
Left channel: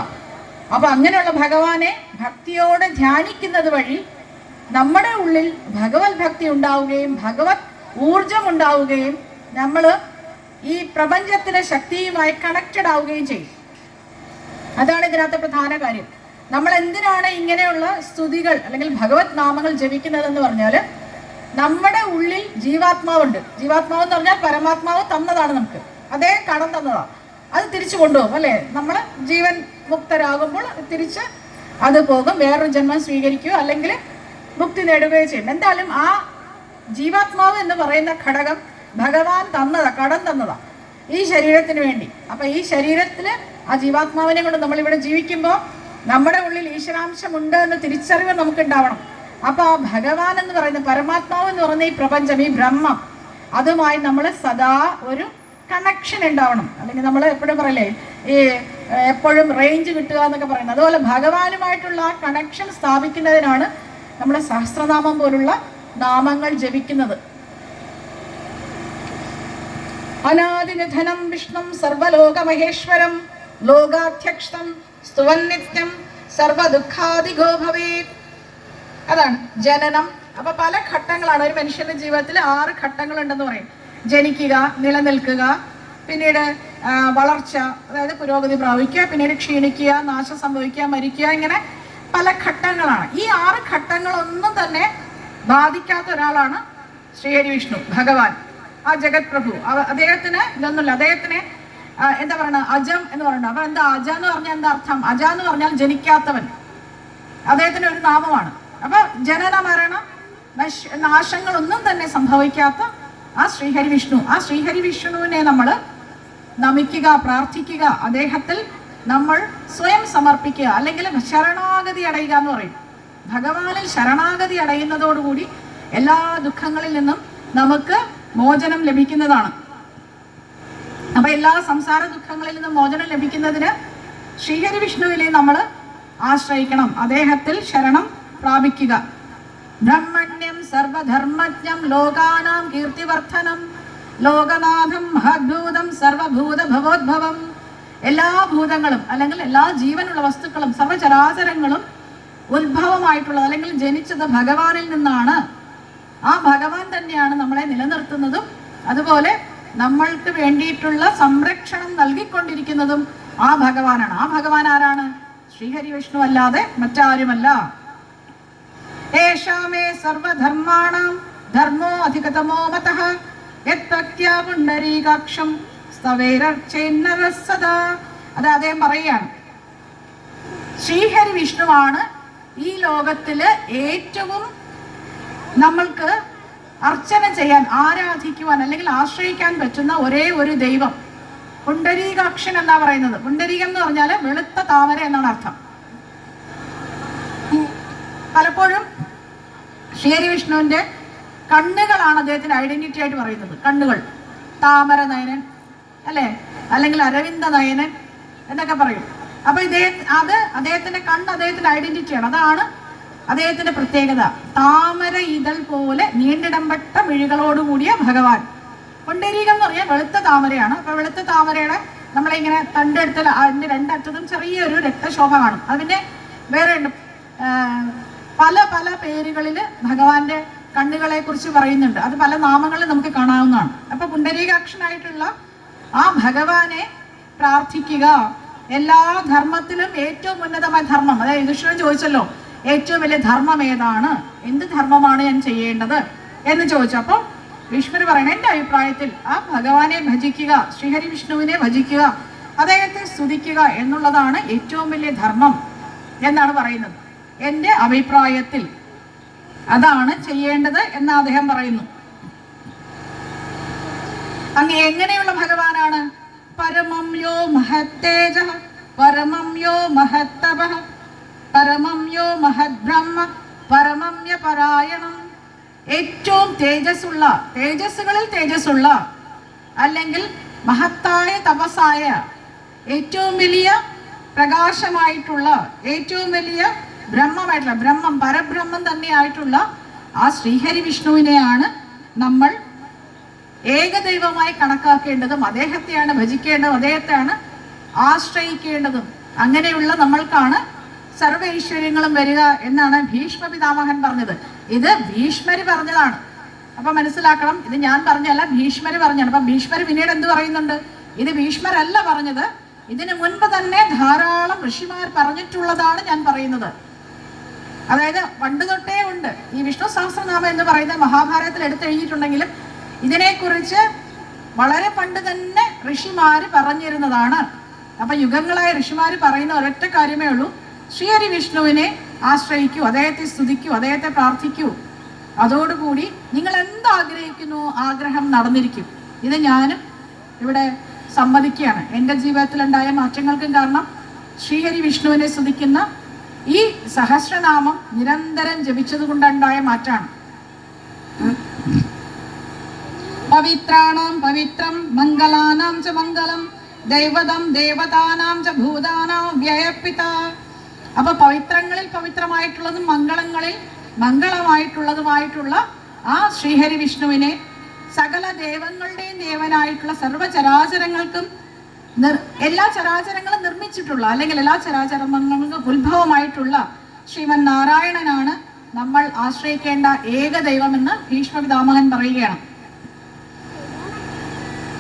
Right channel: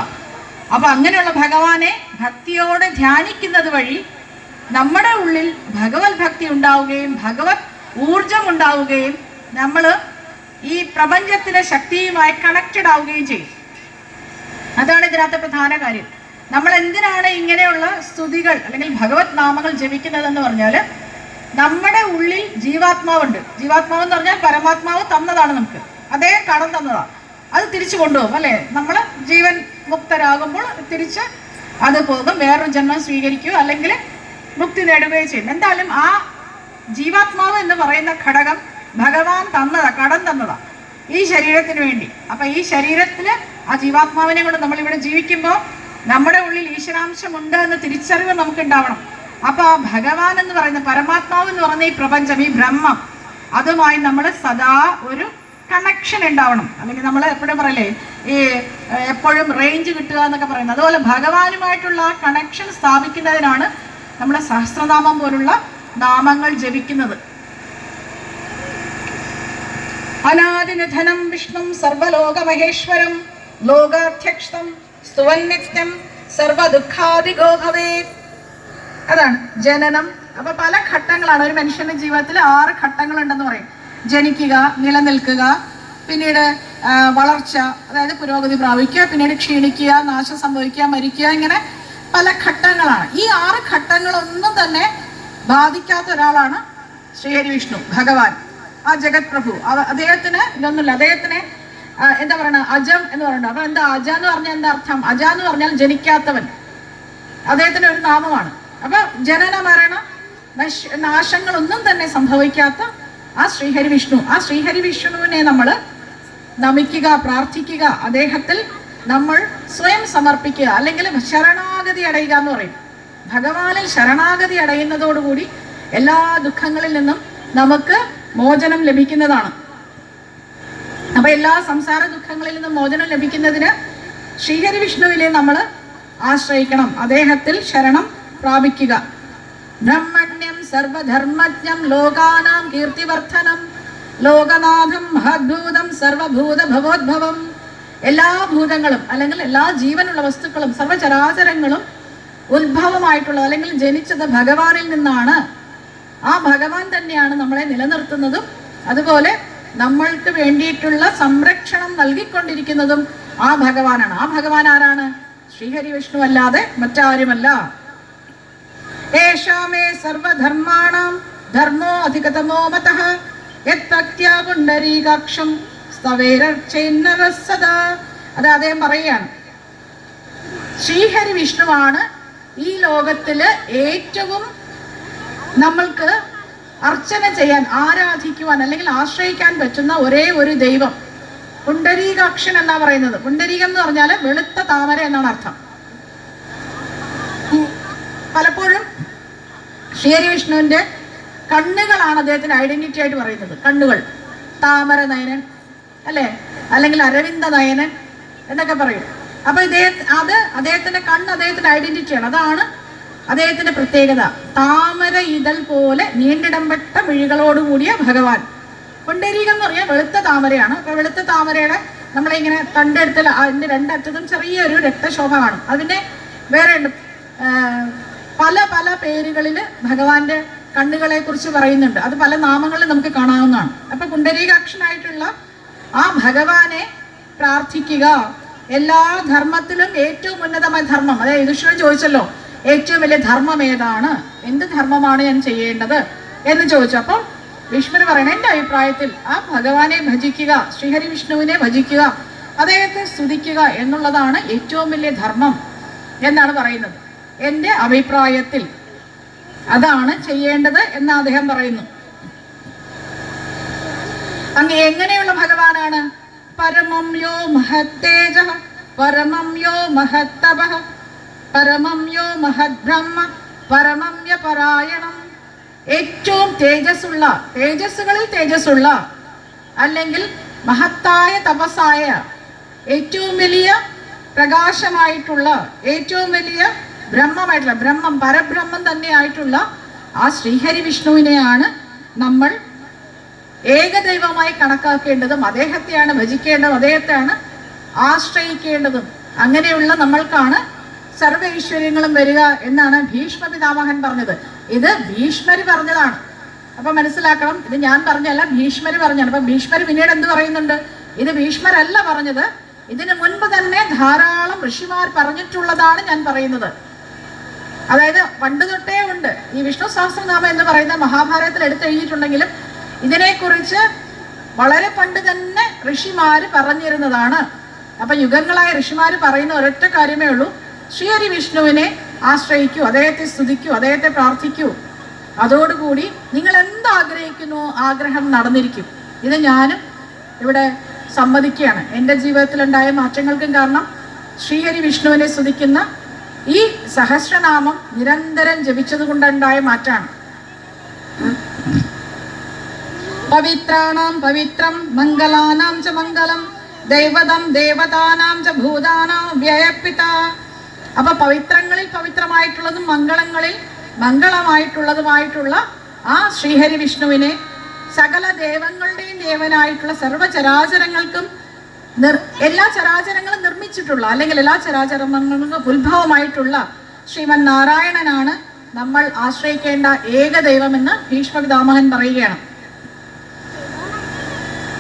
അപ്പൊ അങ്ങനെയുള്ള ഭഗവാനെ ഭക്തിയോടെ ധ്യാനിക്കുന്നത് വഴി നമ്മുടെ ഉള്ളിൽ ഭഗവത് ഭക്തി ഉണ്ടാവുകയും ഭഗവത് ഊർജം ഉണ്ടാവുകയും നമ്മൾ ഈ പ്രപഞ്ചത്തിലെ ശക്തിയുമായി കണക്റ്റഡ് ആവുകയും ചെയ്യും. അതാണ് ഇതിനകത്തെ പ്രധാന കാര്യം. നമ്മൾ എന്തിനാണ് ഇങ്ങനെയുള്ള സ്തുതികൾ അല്ലെങ്കിൽ ഭഗവത് നാമങ്ങൾ ജപിക്കുന്നതെന്ന് പറഞ്ഞാൽ, നമ്മുടെ ഉള്ളിൽ ജീവാത്മാവുണ്ട്. ജീവാത്മാവ് എന്ന് പറഞ്ഞാൽ പരമാത്മാവ് തന്നതാണ് നമുക്ക്, അദ്ദേഹം കടം തന്നതാണ്. അത് തിരിച്ചു കൊണ്ടുപോകും അല്ലേ? നമ്മൾ ജീവൻ മുക്തരാകുമ്പോൾ തിരിച്ച് അത് പോകും, വേറൊരു ജന്മം സ്വീകരിക്കുകയോ അല്ലെങ്കിൽ മുക്തി നേടുകയോ ചെയ്യും. എന്തായാലും ആ ജീവാത്മാവ് എന്ന് പറയുന്ന ഘടകം ഭഗവാൻ തന്നതാ, കടം തന്നതാ ഈ ശരീരത്തിന് വേണ്ടി. അപ്പൊ ഈ ശരീരത്തില് ആ ജീവാത്മാവിനെ കൊണ്ട് നമ്മളിവിടെ ജീവിക്കുമ്പോൾ നമ്മുടെ ഉള്ളിൽ ഈശ്വരാംശം ഉണ്ട് എന്ന് തിരിച്ചറിവ് നമുക്ക് ഉണ്ടാവണം. അപ്പൊ ആ ഭഗവാൻ എന്ന് പറയുന്ന പരമാത്മാവ് എന്ന് പറയുന്ന ഈ പ്രപഞ്ചം, ഈ ബ്രഹ്മം, അതുമായി നമ്മൾ സദാ ഒരു കണക്ഷൻ ഉണ്ടാവണം. അല്ലെങ്കിൽ നമ്മൾ എപ്പോഴും പറയല്ലേ, ഈ എപ്പോഴും റേഞ്ച് കിട്ടുക എന്നൊക്കെ പറയുന്നത്. അതുപോലെ ഭഗവാനുമായിട്ടുള്ള ആ കണക്ഷൻ സ്ഥാപിക്കുന്നതിനാണ് നമ്മൾ സഹസ്രനാമം പോലുള്ള നാമങ്ങൾ ജപിക്കുന്നത്. അനാദിനിധനം വിഷ്ണും സർവലോകമഹേശ്വരം ലോകാധ്യക്ഷം സ്തുവൻ നിത്യം സർവദുഃഖാദിഗോ ഭവേത്. അതാണ് ജനനം. അപ്പൊ പല ഘട്ടങ്ങളാണ് ഒരു മനുഷ്യന്റെ ജീവിതത്തിൽ. 6 ഘട്ടങ്ങളുണ്ടെന്ന് പറയും. ജനിക്കുക, നിലനിൽക്കുക, പിന്നീട് വളർച്ച, അതായത് പുരോഗതി പ്രാപിക്കുക, പിന്നീട് ക്ഷീണിക്കുക, നാശം സംഭവിക്കുക, മരിക്കുക, ഇങ്ങനെ പല ഘട്ടങ്ങളാണ്. ഈ 6 ഘട്ടങ്ങളൊന്നും തന്നെ ബാധിക്കാത്ത ഒരാളാണ് ശ്രീഹരി വിഷ്ണു ഭഗവാൻ, ആ ജഗത് പ്രഭു. അദ്ദേഹത്തിന് ഇതൊന്നുമില്ല. അദ്ദേഹത്തിന് എന്താ പറയണ, അജം എന്ന് പറയുന്നത്. അപ്പൊ എന്താ അജ എന്ന് പറഞ്ഞാൽ എന്താ അർത്ഥം? അജ എന്ന് പറഞ്ഞാൽ ജനിക്കാത്തവൻ. അദ്ദേഹത്തിന് ഒരു നാമമാണ്. അപ്പൊ ജനന മരണ നാശങ്ങളൊന്നും തന്നെ സംഭവിക്കാത്ത ആ ശ്രീഹരി വിഷ്ണു, ആ ശ്രീഹരി വിഷ്ണുവിനെ നമ്മൾ നമിക്കുക, പ്രാർത്ഥിക്കുക, അദ്ദേഹത്തിൽ നമ്മൾ സ്വയം സമർപ്പിക്കുക, അല്ലെങ്കിൽ ശരണാഗതി അടയുക എന്ന് പറയും. ഭഗവാനിൽ ശരണാഗതി അടയുന്നതോടുകൂടി എല്ലാ ദുഃഖങ്ങളിൽ നിന്നും നമുക്ക് മോചനം ലഭിക്കുന്നതാണ്. അപ്പൊ എല്ലാ സംസാര ദുഃഖങ്ങളിൽ നിന്നും മോചനം ലഭിക്കുന്നതിന് ശ്രീഹരി വിഷ്ണുവിനെ നമ്മൾ ആശ്രയിക്കണം, അദ്ദേഹത്തിൽ ശരണം പ്രാപിക്കുക. ബ്രഹ്മണ്യം സർവധർമ്മജ്ഞം ലോകാനാം കീർത്തിവർദ്ധനം ലോകനാഥം മഹദ്ഭൂതം സർവഭൂത ഭവോദ്ഭവം. എല്ലാ ഭൂതങ്ങളും അല്ലെങ്കിൽ എല്ലാ ജീവനുള്ള വസ്തുക്കളും സർവചരാചരങ്ങളും ഉത്ഭവമായിട്ടുള്ളത് അല്ലെങ്കിൽ ജനിച്ചത് ഭഗവാനിൽ നിന്നാണ്. ആ ഭഗവാൻ തന്നെയാണ് നമ്മളെ നിലനിർത്തുന്നതും അതുപോലെ നമ്മൾക്ക് വേണ്ടിയിട്ടുള്ള സംരക്ഷണം നൽകിക്കൊണ്ടിരിക്കുന്നതും ആ ഭഗവാനാണ്. ആ ഭഗവാൻ ആരാണ്? ശ്രീഹരി വിഷ്ണു അല്ലാതെ മറ്റാരുമല്ല. ഏഷാമേ സർവധർമാണാം ധർമ്മോ അധികതമോ മതഃ യത്ഭക്ത്യാ പുണ്ഡരീകാക്ഷം സ്തവേരർച്ചൈന്നരഃ സദാ. അത് അദ്ദേഹം പറയുകയാണ്, ശ്രീഹരി വിഷ്ണുവാണ് ഈ ലോകത്തില് ഏറ്റവും നമ്മൾക്ക് അർച്ചന ചെയ്യാൻ, ആരാധിക്കുവാൻ അല്ലെങ്കിൽ ആശ്രയിക്കാൻ പറ്റുന്ന ഒരേ ഒരു ദൈവം പുണ്ടരീകാക്ഷൻ എന്നാ പറയുന്നത്. പുണ്ടരീകം എന്ന് പറഞ്ഞാൽ വെളുത്ത താമര എന്നാണ് അർത്ഥം. പലപ്പോഴും ശ്രീഹരി വിഷ്ണുവിന്റെ കണ്ണുകളാണ് അദ്ദേഹത്തിന്റെ ഐഡന്റിറ്റി ആയിട്ട് പറയുന്നത്. കണ്ണുകൾ, താമര നയനൻ അല്ലേ, അല്ലെങ്കിൽ അരവിന്ദ നയനൻ എന്നൊക്കെ പറയും. അപ്പൊ അദ്ദേഹത്തിന്റെ കണ്ണ് അദ്ദേഹത്തിന്റെ ഐഡന്റിറ്റിയാണ്. അതാണ് അദ്ദേഹത്തിന്റെ പ്രത്യേകത. താമര ഇതൾ പോലെ നീണ്ടിടംപെട്ട മിഴികളോടുകൂടിയ ഭഗവാൻ. പുണ്ടരീകം എന്ന് പറഞ്ഞാൽ വെളുത്ത താമരയാണ്. അപ്പൊ വെളുത്ത താമരയുടെ നമ്മളിങ്ങനെ തണ്ടെടുത്താൽ അതിന്റെ രണ്ടറ്റത്തും ചെറിയൊരു രക്തശോഭ കാണും. അതിന്റെ വേറെ ഉണ്ട്, പല പല പേരുകളിൽ ഭഗവാന്റെ കണ്ണുകളെ കുറിച്ച് പറയുന്നുണ്ട്. അത് പല നാമങ്ങളിൽ നമുക്ക് കാണാവുന്നതാണ്. അപ്പൊ പുണ്ടരീകാക്ഷനായിട്ടുള്ള ആ ഭഗവാനെ പ്രാർത്ഥിക്കുക. എല്ലാ ധർമ്മത്തിലും ഏറ്റവും ഉന്നതമായ ധർമ്മം, അതായത് യുധിഷ്ഠിരൻ ചോദിച്ചല്ലോ ഏറ്റവും വലിയ ധർമ്മം ഏതാണ്, എന്ത് ധർമ്മമാണ് ഞാൻ ചെയ്യേണ്ടത് എന്ന് ചോദിച്ചു. അപ്പോൾ ഭീഷ്മർ പറയണ എൻ്റെ അഭിപ്രായത്തിൽ ആ ഭഗവാനെ ഭജിക്കുക, ശ്രീഹരി വിഷ്ണുവിനെ ഭജിക്കുക, അദ്ദേഹത്തെ സ്തുതിക്കുക എന്നുള്ളതാണ് ഏറ്റവും വലിയ ധർമ്മം എന്നാണ് പറയുന്നത്. എൻ്റെ അഭിപ്രായത്തിൽ അതാണ് ചെയ്യേണ്ടത് എന്ന് അദ്ദേഹം പറയുന്നു. അങ്ങ് എങ്ങനെയുള്ള ഭഗവാനാണ്? പരമം യോ മഹത്തേജ, പരമം യോ മഹത്തപ, പരമം യോ മഹദ്ബ്രഹ്മ, പരമമ്യ പരായണം. ഏറ്റവും തേജസ്സുള്ള, തേജസ്സുകളിൽ തേജസ്സുള്ള, അല്ലെങ്കിൽ മഹത്തായ തപസ്സായ, ഏറ്റവും വലിയ പ്രകാശമായിട്ടുള്ള, ഏറ്റവും വലിയ ബ്രഹ്മമായിട്ടുള്ള, ബ്രഹ്മം പരബ്രഹ്മം തന്നെയായിട്ടുള്ള ആ ശ്രീഹരി വിഷ്ണുവിനെയാണ് നമ്മൾ ഏകദൈവമായി കണക്കാക്കേണ്ടതും അദ്ദേഹത്തെയാണ് ഭജിക്കേണ്ടതും അദ്ദേഹത്തെയാണ് ആശ്രയിക്കേണ്ടതും. അങ്ങനെയുള്ള നമ്മൾക്കാണ് സർവ്വ ഐശ്വര്യങ്ങളും വരിക എന്നാണ് ഭീഷ്മ പിതാമഹൻ പറഞ്ഞത്. ഇത് ഭീഷ്മര് പറഞ്ഞതാണ്. അപ്പൊ മനസ്സിലാക്കണം, ഇത് ഞാൻ പറഞ്ഞല്ല, ഭീഷ്മര് പറഞ്ഞാണ്. അപ്പൊ ഭീഷ്മര് പിന്നീട് എന്ത് പറയുന്നുണ്ട്? ഇത് ഭീഷ്മരല്ല പറഞ്ഞത്, ഇതിനു മുൻപ് തന്നെ ധാരാളം ഋഷിമാർ പറഞ്ഞിട്ടുള്ളതാണ് ഞാൻ പറയുന്നത്. അതായത് പണ്ട് തൊട്ടേ ഉണ്ട്. ഈ വിഷ്ണു സഹസ്രനാമം എന്ന് പറയുന്ന മഹാഭാരതത്തിൽ എടുത്തെഴുതിയിട്ടുണ്ടെങ്കിലും ഇതിനെക്കുറിച്ച് വളരെ പണ്ട് തന്നെ ഋഷിമാര് പറഞ്ഞിരുന്നതാണ്. അപ്പൊ യുഗങ്ങളായ ഋഷിമാര് പറയുന്ന ഒരൊറ്റ കാര്യമേ ഉള്ളൂ, ശ്രീഹരി വിഷ്ണുവിനെ ആശ്രയിക്കൂ, അദ്ദേഹത്തെ സ്തുതിക്കൂ, അദ്ദേഹത്തെ പ്രാർത്ഥിക്കൂ. അതോടുകൂടി നിങ്ങൾ എന്താഗ്രഹിക്കുന്നു ആഗ്രഹം നടന്നിരിക്കും. ഇത് ഞാനും ഇവിടെ സമ്മതിക്കുകയാണ്. എൻ്റെ ജീവിതത്തിലുണ്ടായ മാറ്റങ്ങൾക്കും കാരണം ശ്രീഹരി വിഷ്ണുവിനെ സ്തുതിക്കുന്ന ഈ സഹസ്രനാമം നിരന്തരം ജപിച്ചത് കൊണ്ടുണ്ടായ മാറ്റാണ്. പവിത്രാണാം പവിത്രം മംഗളാനാം ച മംഗളം ദൈവതം ദേവതാനാം ച ഭൂതാനാം വ്യയപിത. അപ്പൊ പവിത്രങ്ങളിൽ പവിത്രമായിട്ടുള്ളതും മംഗളങ്ങളിൽ മംഗളമായിട്ടുള്ളതുമായിട്ടുള്ള ആ ശ്രീഹരി വിഷ്ണുവിനെ സകല ദേവങ്ങളുടെയും ദേവനായിട്ടുള്ള സർവ്വചരാചരങ്ങൾക്കും എല്ലാ ചരാചരങ്ങളും നിർമ്മിച്ചിട്ടുള്ള, അല്ലെങ്കിൽ എല്ലാ ചരാചരങ്ങൾക്കും ഉത്ഭവമായിട്ടുള്ള ശ്രീമൻ നാരായണനാണ് നമ്മൾ ആശ്രയിക്കേണ്ട ഏക ദൈവമെന്ന് ഭീഷ്മ പിതാമഹൻ പറയുകയാണ്.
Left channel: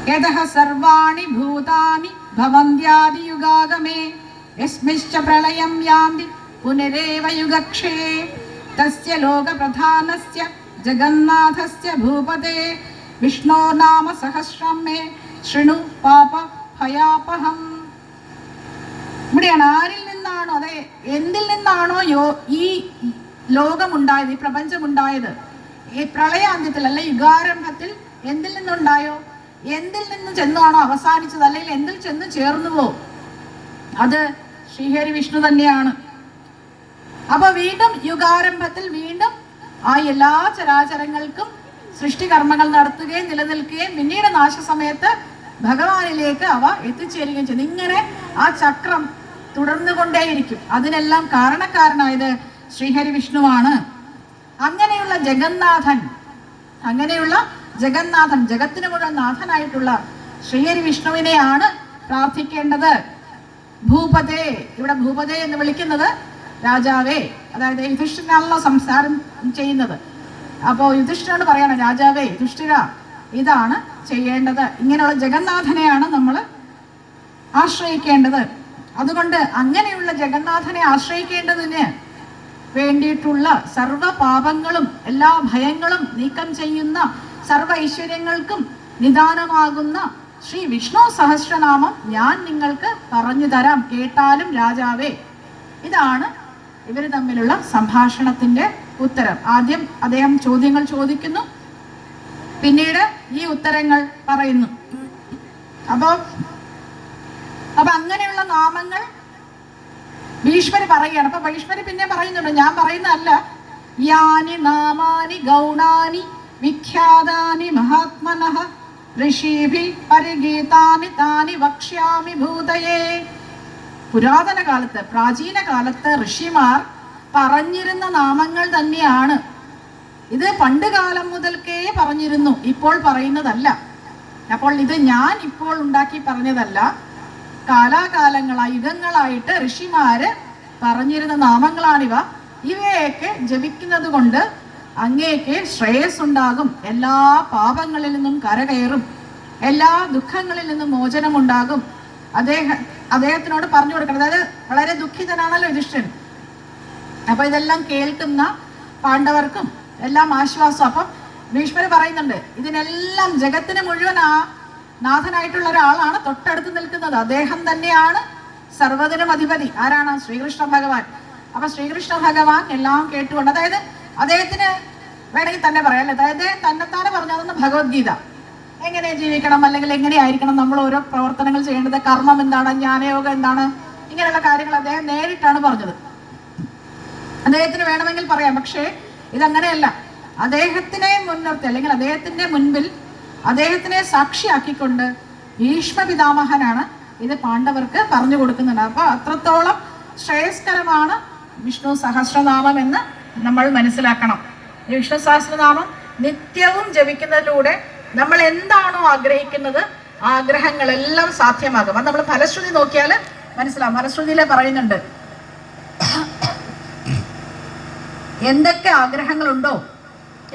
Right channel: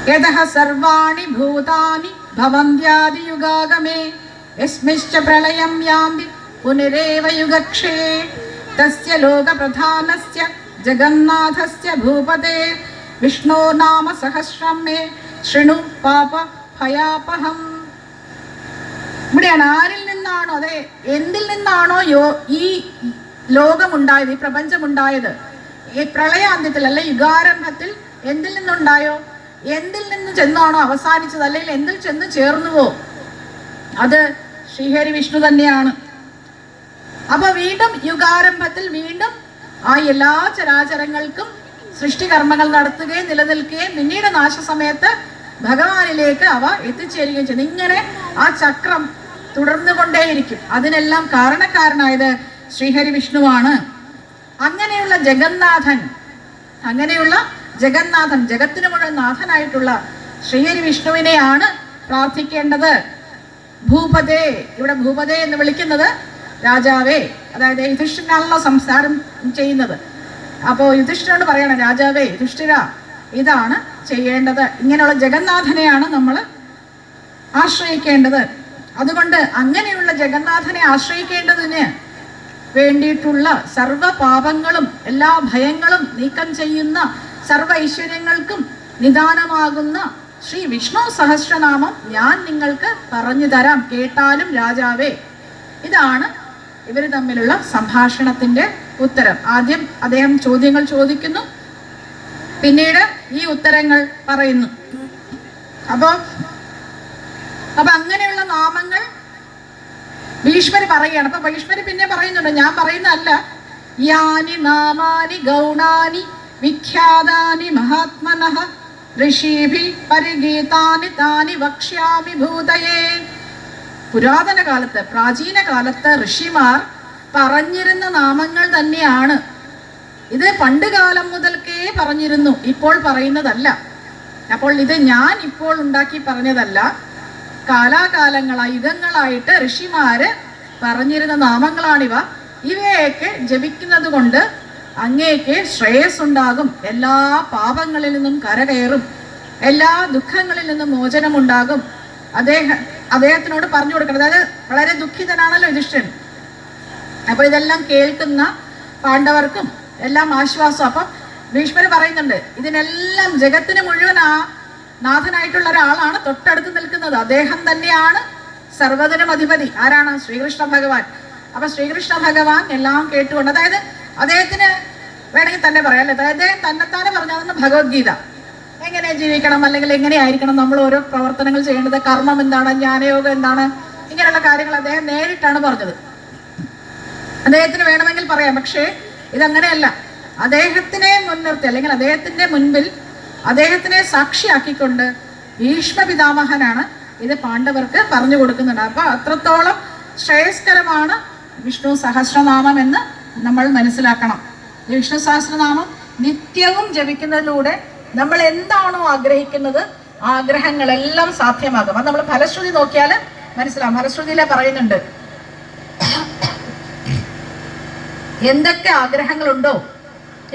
യതഃ സർവാണി ഭൂതാനി ഭവന്ത്യാദിയുഗാഗമേ യസ്മിശ്ച പ്രളയം യാന്തി പുനരേവ യുഗക്ഷേ തസ്യ ലോകപ്രധാനസ്യ ജഗന്നാഥസ്യ ഭൂപതേ വിഷ്ണോ നാമ സഹസ്രം മേ ശൃണു പാപ ഭയാപഹം. ഇവിടെയാണ് ആരിൽ നിന്നാണോ, അതെ എന്തിൽ നിന്നാണോ ഈ ലോകമുണ്ടായത്, ഈ പ്രപഞ്ചമുണ്ടായത്, ഈ പ്രളയാന്ത്യത്തിൽ അല്ലെ യുഗാരംഭത്തിൽ എന്തിൽ നിന്നുണ്ടായോ, എന്തിൽ നിന്ന് ചെന്നാണോ അവസാനിച്ചത്, അല്ലെങ്കിൽ എന്തിൽ ചെന്ന് ചേർന്നുവോ അത് ശ്രീഹരി വിഷ്ണു തന്നെയാണ്. അപ്പൊ വീണ്ടും യുഗാരംഭത്തിൽ വീണ്ടും ആ എല്ലാ ചരാചരങ്ങൾക്കും സൃഷ്ടികർമ്മങ്ങൾ നടത്തുകയും നിലനിൽക്കുകയും പിന്നീട് നാശസമയത്ത് ഭഗവാനിലേക്ക് അവ എത്തിച്ചേരുകയും ചെയ്യുന്നു. ഇങ്ങനെ ആ ചക്രം തുടർന്നുകൊണ്ടേയിരിക്കും. അതിനെല്ലാം കാരണക്കാരനായത് ശ്രീഹരി വിഷ്ണുവാണ്. അങ്ങനെയുള്ള ജഗന്നാഥൻ, ജഗത്തിന് മുഴുവൻ നാഥനായിട്ടുള്ള ശ്രീഹരി വിഷ്ണുവിനെയാണ് പ്രാർത്ഥിക്കേണ്ടത്. ഭൂപതേ, ഇവിടെ ഭൂപതേ എന്ന് വിളിക്കുന്നത് രാജാവേ, അതായത് യുധിഷ്ഠിരനാണല്ലോ സംസാരം ചെയ്യുന്നത്. അപ്പോൾ യുധിഷ്ഠിരനോട് പറയണം, രാജാവേ യുധിഷ്ഠിര ഇതാണ് ചെയ്യേണ്ടത്, ഇങ്ങനെയുള്ള ജഗന്നാഥനെയാണ് നമ്മൾ ആശ്രയിക്കേണ്ടത്. അതുകൊണ്ട് അങ്ങനെയുള്ള ജഗന്നാഥനെ ആശ്രയിക്കേണ്ടതിന് വേണ്ടിയിട്ടുള്ള സർവ്വ പാപങ്ങളും എല്ലാ ഭയങ്ങളും നീക്കം ചെയ്യുന്ന സർവ്വ ഐശ്വര്യങ്ങൾക്കും നിദാനമാകുന്ന ശ്രീ വിഷ്ണു സഹസ്രനാമം ഞാൻ നിങ്ങൾക്ക് പറഞ്ഞു തരാം, കേട്ടാലും രാജാവേ. ഇതാണ് ഇവർ തമ്മിലുള്ള സംഭാഷണത്തിന്റെ ഉത്തരം. ആദ്യം അദ്ദേഹം ചോദ്യങ്ങൾ ചോദിക്കുന്നു, പിന്നീട് ഈ ഉത്തരങ്ങൾ പറയുന്നു. അപ്പൊ അങ്ങനെയുള്ള നാമങ്ങൾ ഭീഷ്മര് പറയുകയാണ്. അപ്പൊ ഭീഷ്മര് പിന്നെ പറയുന്നുണ്ട്, ഞാൻ പറയുന്നതല്ല, യാനി നാമാനി ഗൗണാനി വിഖ്യാതാനി മഹാത്മനഃ ഋഷീഭി പരിഗീതാനി താനി വക്ഷ്യാമി ഭൂതയേ. പുരാതന കാലത്ത്, പ്രാചീന കാലത്ത് ഋഷിമാർ പറഞ്ഞിരുന്ന നാമങ്ങൾ തന്നെയാണ് ഇത്. പണ്ട് കാലം മുതൽക്കേ പറഞ്ഞിരുന്നു, ഇപ്പോൾ പറയുന്നതല്ല. അപ്പോൾ ഇത് ഞാൻ ഇപ്പോൾ ഉണ്ടാക്കി പറഞ്ഞതല്ല, കാലാകാലങ്ങളായി യുഗങ്ങളായിട്ട് ഋഷിമാര് പറഞ്ഞിരുന്ന നാമങ്ങളാണിവ. ഇവയൊക്കെ ജപിക്കുന്നത് കൊണ്ട് അങ്ങേക്ക് ശ്രേയസ് ഉണ്ടാകും, എല്ലാ പാപങ്ങളിൽ നിന്നും കരകയറും, എല്ലാ ദുഃഖങ്ങളിൽ നിന്നും മോചനമുണ്ടാകും. അദ്ദേഹത്തിനോട് പറഞ്ഞു കൊടുക്കണം. അതായത് വളരെ ദുഃഖിതനാണല്ലോ യുധിഷ്ഠിരൻ. അപ്പൊ ഇതെല്ലാം കേൾക്കുന്ന പാണ്ഡവർക്കും എല്ലാം ആശ്വാസം. അപ്പം ഭീഷ്മര് പറയുന്നുണ്ട്, ഇതിനെല്ലാം ജഗത്തിന് മുഴുവൻ നാഥനായിട്ടുള്ള ഒരാളാണ് തൊട്ടടുത്ത് നിൽക്കുന്നത്. അദ്ദേഹം തന്നെയാണ് സർവ്വതിനും അധിപതി. ആരാണ്? ശ്രീകൃഷ്ണ ഭഗവാൻ. അപ്പൊ ശ്രീകൃഷ്ണ ഭഗവാൻ എല്ലാം കേട്ടുകൊണ്ട്, അതായത് അദ്ദേഹത്തിന് വേണമെങ്കിൽ തന്നെ പറയാം അല്ലേ, അതായത് തന്നെത്താനെ പറഞ്ഞതെന്ന് ഭഗവത്ഗീത എങ്ങനെ ജീവിക്കണം, അല്ലെങ്കിൽ എങ്ങനെയായിരിക്കണം നമ്മൾ ഓരോ പ്രവർത്തനങ്ങൾ ചെയ്യേണ്ടത്, കർമ്മം എന്താണ്, ജ്ഞാനയോഗം എന്താണ്, ഇങ്ങനെയുള്ള കാര്യങ്ങൾ അദ്ദേഹം നേരിട്ടാണ് പറഞ്ഞത്. അദ്ദേഹത്തിന് വേണമെങ്കിൽ പറയാം, പക്ഷേ ഇതങ്ങനെയല്ല. അദ്ദേഹത്തിനെ മുൻനിർത്തി, അല്ലെങ്കിൽ അദ്ദേഹത്തിന്റെ മുൻപിൽ അദ്ദേഹത്തിനെ സാക്ഷിയാക്കിക്കൊണ്ട് ഭീഷ്മ പിതാമഹനാണ് ഇത് പാണ്ഡവർക്ക് പറഞ്ഞു കൊടുക്കുന്നുണ്ട്. അപ്പൊ അത്രത്തോളം ശ്രേയസ്കരമാണ് വിഷ്ണു സഹസ്രനാമം എന്ന് നമ്മൾ മനസ്സിലാക്കണം. ഈ വിഷ്ണു സഹസ്രനാമം നിത്യവും ജപിക്കുന്നതിലൂടെ നമ്മൾ എന്താണോ ആഗ്രഹിക്കുന്നത് ആഗ്രഹങ്ങളെല്ലാം സാധ്യമാകും. അത് നമ്മൾ ഫലശ്രുതി നോക്കിയാൽ മനസ്സിലാവും. ഫലശ്രുതിയിലെ പറയുന്നുണ്ട്, എന്തൊക്കെ ആഗ്രഹങ്ങളുണ്ടോ,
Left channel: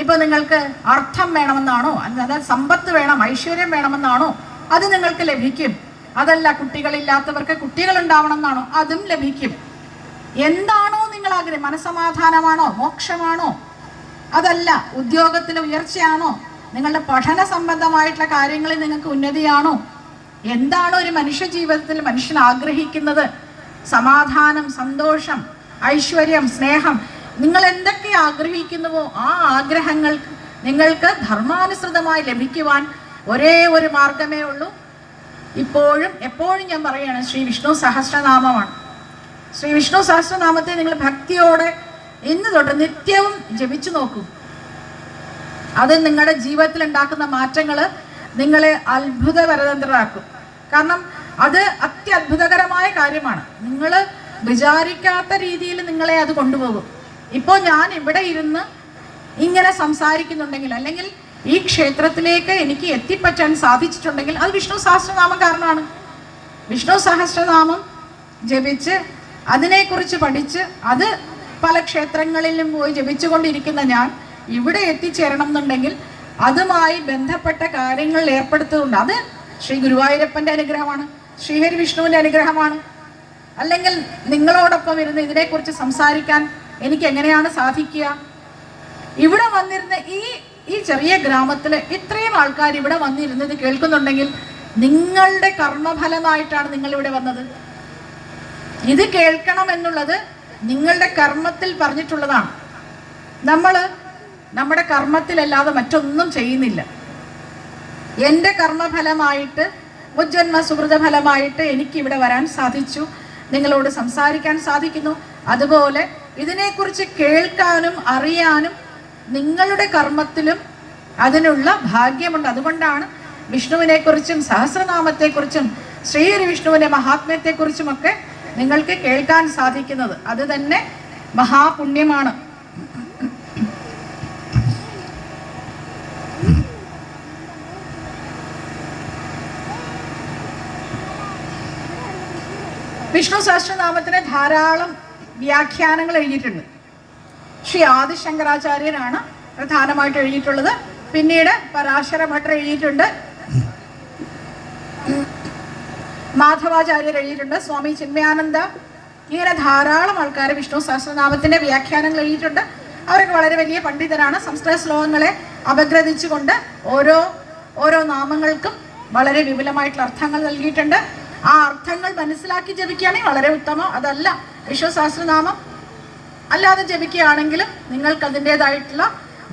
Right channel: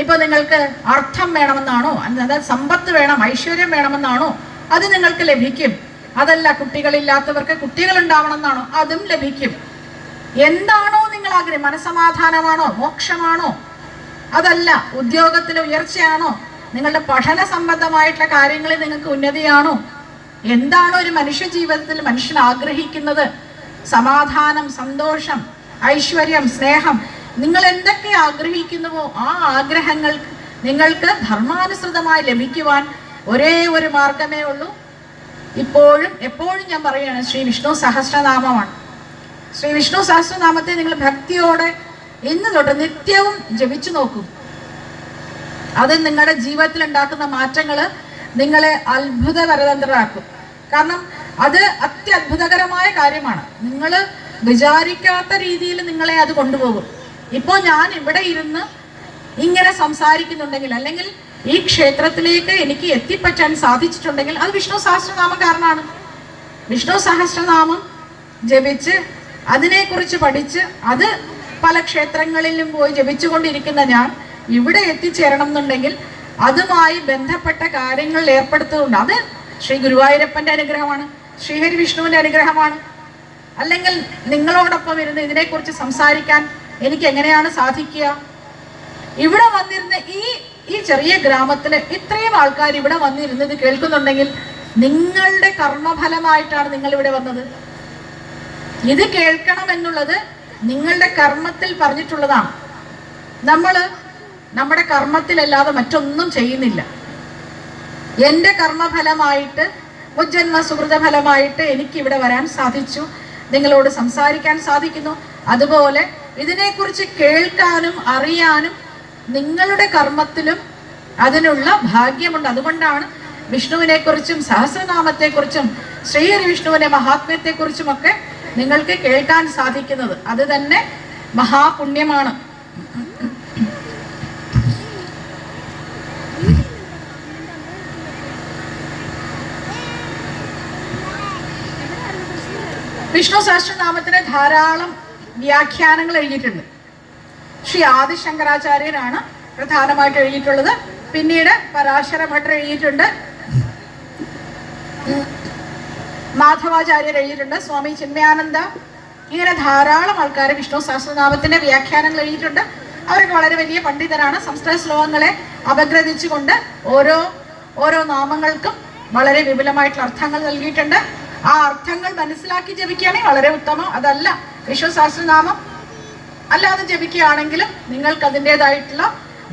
ഇപ്പൊ നിങ്ങൾക്ക് അർത്ഥം വേണമെന്നാണോ, അതായത് സമ്പത്ത് വേണം, ഐശ്വര്യം വേണമെന്നാണോ, അത് നിങ്ങൾക്ക് ലഭിക്കും. അതല്ല, കുട്ടികളില്ലാത്തവർക്ക് കുട്ടികൾ ഉണ്ടാവണമെന്നാണോ, അതും ലഭിക്കും. എന്താണോ നിങ്ങൾ ആഗ്രഹം, മനസ്സമാധാനമാണോ, മോക്ഷമാണോ, അതല്ല ഉദ്യോഗത്തിലെ ഉയർച്ചയാണോ, നിങ്ങളുടെ പഠന സംബന്ധമായിട്ടുള്ള കാര്യങ്ങളിൽ നിങ്ങൾക്ക് ഉന്നതിയാണോ, എന്താണോ ഒരു മനുഷ്യ ജീവിതത്തിൽ മനുഷ്യൻ ആഗ്രഹിക്കുന്നത്, സമാധാനം, സന്തോഷം, ഐശ്വര്യം, സ്നേഹം, നിങ്ങൾ എന്തൊക്കെ ആഗ്രഹിക്കുന്നുവോ ആ ആഗ്രഹങ്ങൾ നിങ്ങൾക്ക് ധർമാനുസൃതമായി ലഭിക്കുവാൻ ഒരേ ഒരു മാർഗമേ ഉള്ളൂ. ഇപ്പോഴും എപ്പോഴും ഞാൻ പറയുകയാണ്, ശ്രീ വിഷ്ണു സഹസ്രനാമമാണ്. ശ്രീ വിഷ്ണു സഹസ്രനാമത്തെ നിങ്ങൾ ഭക്തിയോടെ ഇന്ന് തൊട്ട് നിത്യവും ജപിച്ചു നോക്കൂ. അത് നിങ്ങളുടെ ജീവിതത്തിൽ ഉണ്ടാക്കുന്ന മാറ്റങ്ങൾ നിങ്ങളെ അത്ഭുതപരതന്ത്രരാക്കും. കാരണം അത് അത്യത്ഭുതകരമായ കാര്യമാണ്. നിങ്ങൾ വിചാരിക്കാത്ത രീതിയിൽ നിങ്ങളെ അത് കൊണ്ടുപോകും. ഇപ്പോൾ ഞാൻ ഇവിടെ ഇരുന്ന് ഇങ്ങനെ സംസാരിക്കുന്നുണ്ടെങ്കിൽ, അല്ലെങ്കിൽ ഈ ക്ഷേത്രത്തിലേക്ക് എനിക്ക് എത്തിപ്പറ്റാൻ സാധിച്ചിട്ടുണ്ടെങ്കിൽ അത് വിഷ്ണു സഹസ്രനാമം കാരണമാണ്. വിഷ്ണു സഹസ്രനാമം ജപിച്ച് അതിനെക്കുറിച്ച് പഠിച്ച് അത് പല ക്ഷേത്രങ്ങളിലും പോയി ജപിച്ചുകൊണ്ടിരിക്കുന്ന ഞാൻ ഇവിടെ എത്തിച്ചേരണം എന്നുണ്ടെങ്കിൽ അതുമായി ബന്ധപ്പെട്ട കാര്യങ്ങളിൽ ഏർപ്പെടുത്തുന്നുണ്ട്. അത് ശ്രീ ഗുരുവായൂരപ്പൻ്റെ അനുഗ്രഹമാണ്, ശ്രീഹരി വിഷ്ണുവിൻ്റെ അനുഗ്രഹമാണ്. അല്ലെങ്കിൽ നിങ്ങളോടൊപ്പം ഇരുന്ന് ഇതിനെക്കുറിച്ച് സംസാരിക്കാൻ എനിക്ക് എങ്ങനെയാണ് സാധിക്കുക? ഇവിടെ വന്നിരുന്ന ഈ ചെറിയ ഗ്രാമത്തിലെ ഇത്രയും ആൾക്കാർ ഇവിടെ വന്നിരുന്നത് കേൾക്കുന്നുണ്ടെങ്കിൽ നിങ്ങളുടെ കർമ്മഫലമായിട്ടാണ് നിങ്ങൾ ഇവിടെ വന്നത്. ഇത് കേൾക്കണം എന്നുള്ളത് നിങ്ങളുടെ കർമ്മത്തിൽ പറഞ്ഞിട്ടുള്ളതാണ്. നമ്മൾ നമ്മുടെ കർമ്മത്തിലല്ലാതെ മറ്റൊന്നും ചെയ്യുന്നില്ല. എൻ്റെ കർമ്മഫലമായിട്ട്, മുജ്ജന്മ സുഹൃത ഫലമായിട്ട് എനിക്കിവിടെ വരാൻ സാധിച്ചു, നിങ്ങളോട് സംസാരിക്കാൻ സാധിക്കുന്നു. അതുപോലെ ഇതിനെക്കുറിച്ച് കേൾക്കാനും അറിയാനും നിങ്ങളുടെ കർമ്മത്തിലും അതിനുള്ള ഭാഗ്യമുണ്ട്. അതുകൊണ്ടാണ് വിഷ്ണുവിനെക്കുറിച്ചും സഹസ്രനാമത്തെക്കുറിച്ചും ശ്രീഹരി വിഷ്ണുവിൻ്റെ മഹാത്മ്യത്തെക്കുറിച്ചുമൊക്കെ നിങ്ങൾക്ക് കേൾക്കാൻ സാധിക്കുന്നത്. അത് തന്നെ മഹാപുണ്യമാണ്. വിഷ്ണു സഹസ്രനാമത്തിന് ധാരാളം വ്യാഖ്യാനങ്ങൾ എഴുതിയിട്ടുണ്ട്. ശ്രീ ആദിശങ്കരാചാര്യനാണ് പ്രധാനമായിട്ട് എഴുതിയിട്ടുള്ളത്. പിന്നീട് പരാശര ഭട്ടർ എഴുതിയിട്ടുണ്ട്, മാധവാചാര്യർ എഴുതിയിട്ടുണ്ട്, സ്വാമി ചിന്മയാനന്ദ, ഇങ്ങനെ ധാരാളം ആൾക്കാർ വിഷ്ണു സഹസ്രനാമത്തിന്റെ വ്യാഖ്യാനങ്ങൾ എഴുതിയിട്ടുണ്ട്. അവരൊക്കെ വളരെ വലിയ പണ്ഡിതരാണ്. സംസ്കൃത ശ്ലോകങ്ങളെ അപഗ്രഥിച്ചുകൊണ്ട് ഓരോ നാമങ്ങൾക്കും വളരെ വിപുലമായിട്ടുള്ള അർത്ഥങ്ങൾ നൽകിയിട്ടുണ്ട്. ആ അർത്ഥങ്ങൾ മനസ്സിലാക്കി ജപിക്കുകയാണെങ്കിൽ വളരെ ഉത്തമം. അതല്ല, വിഷ്ണു സഹസ്രനാമം അല്ലാതെ ജപിക്കുകയാണെങ്കിലും നിങ്ങൾക്ക് അതിൻ്റെതായിട്ടുള്ള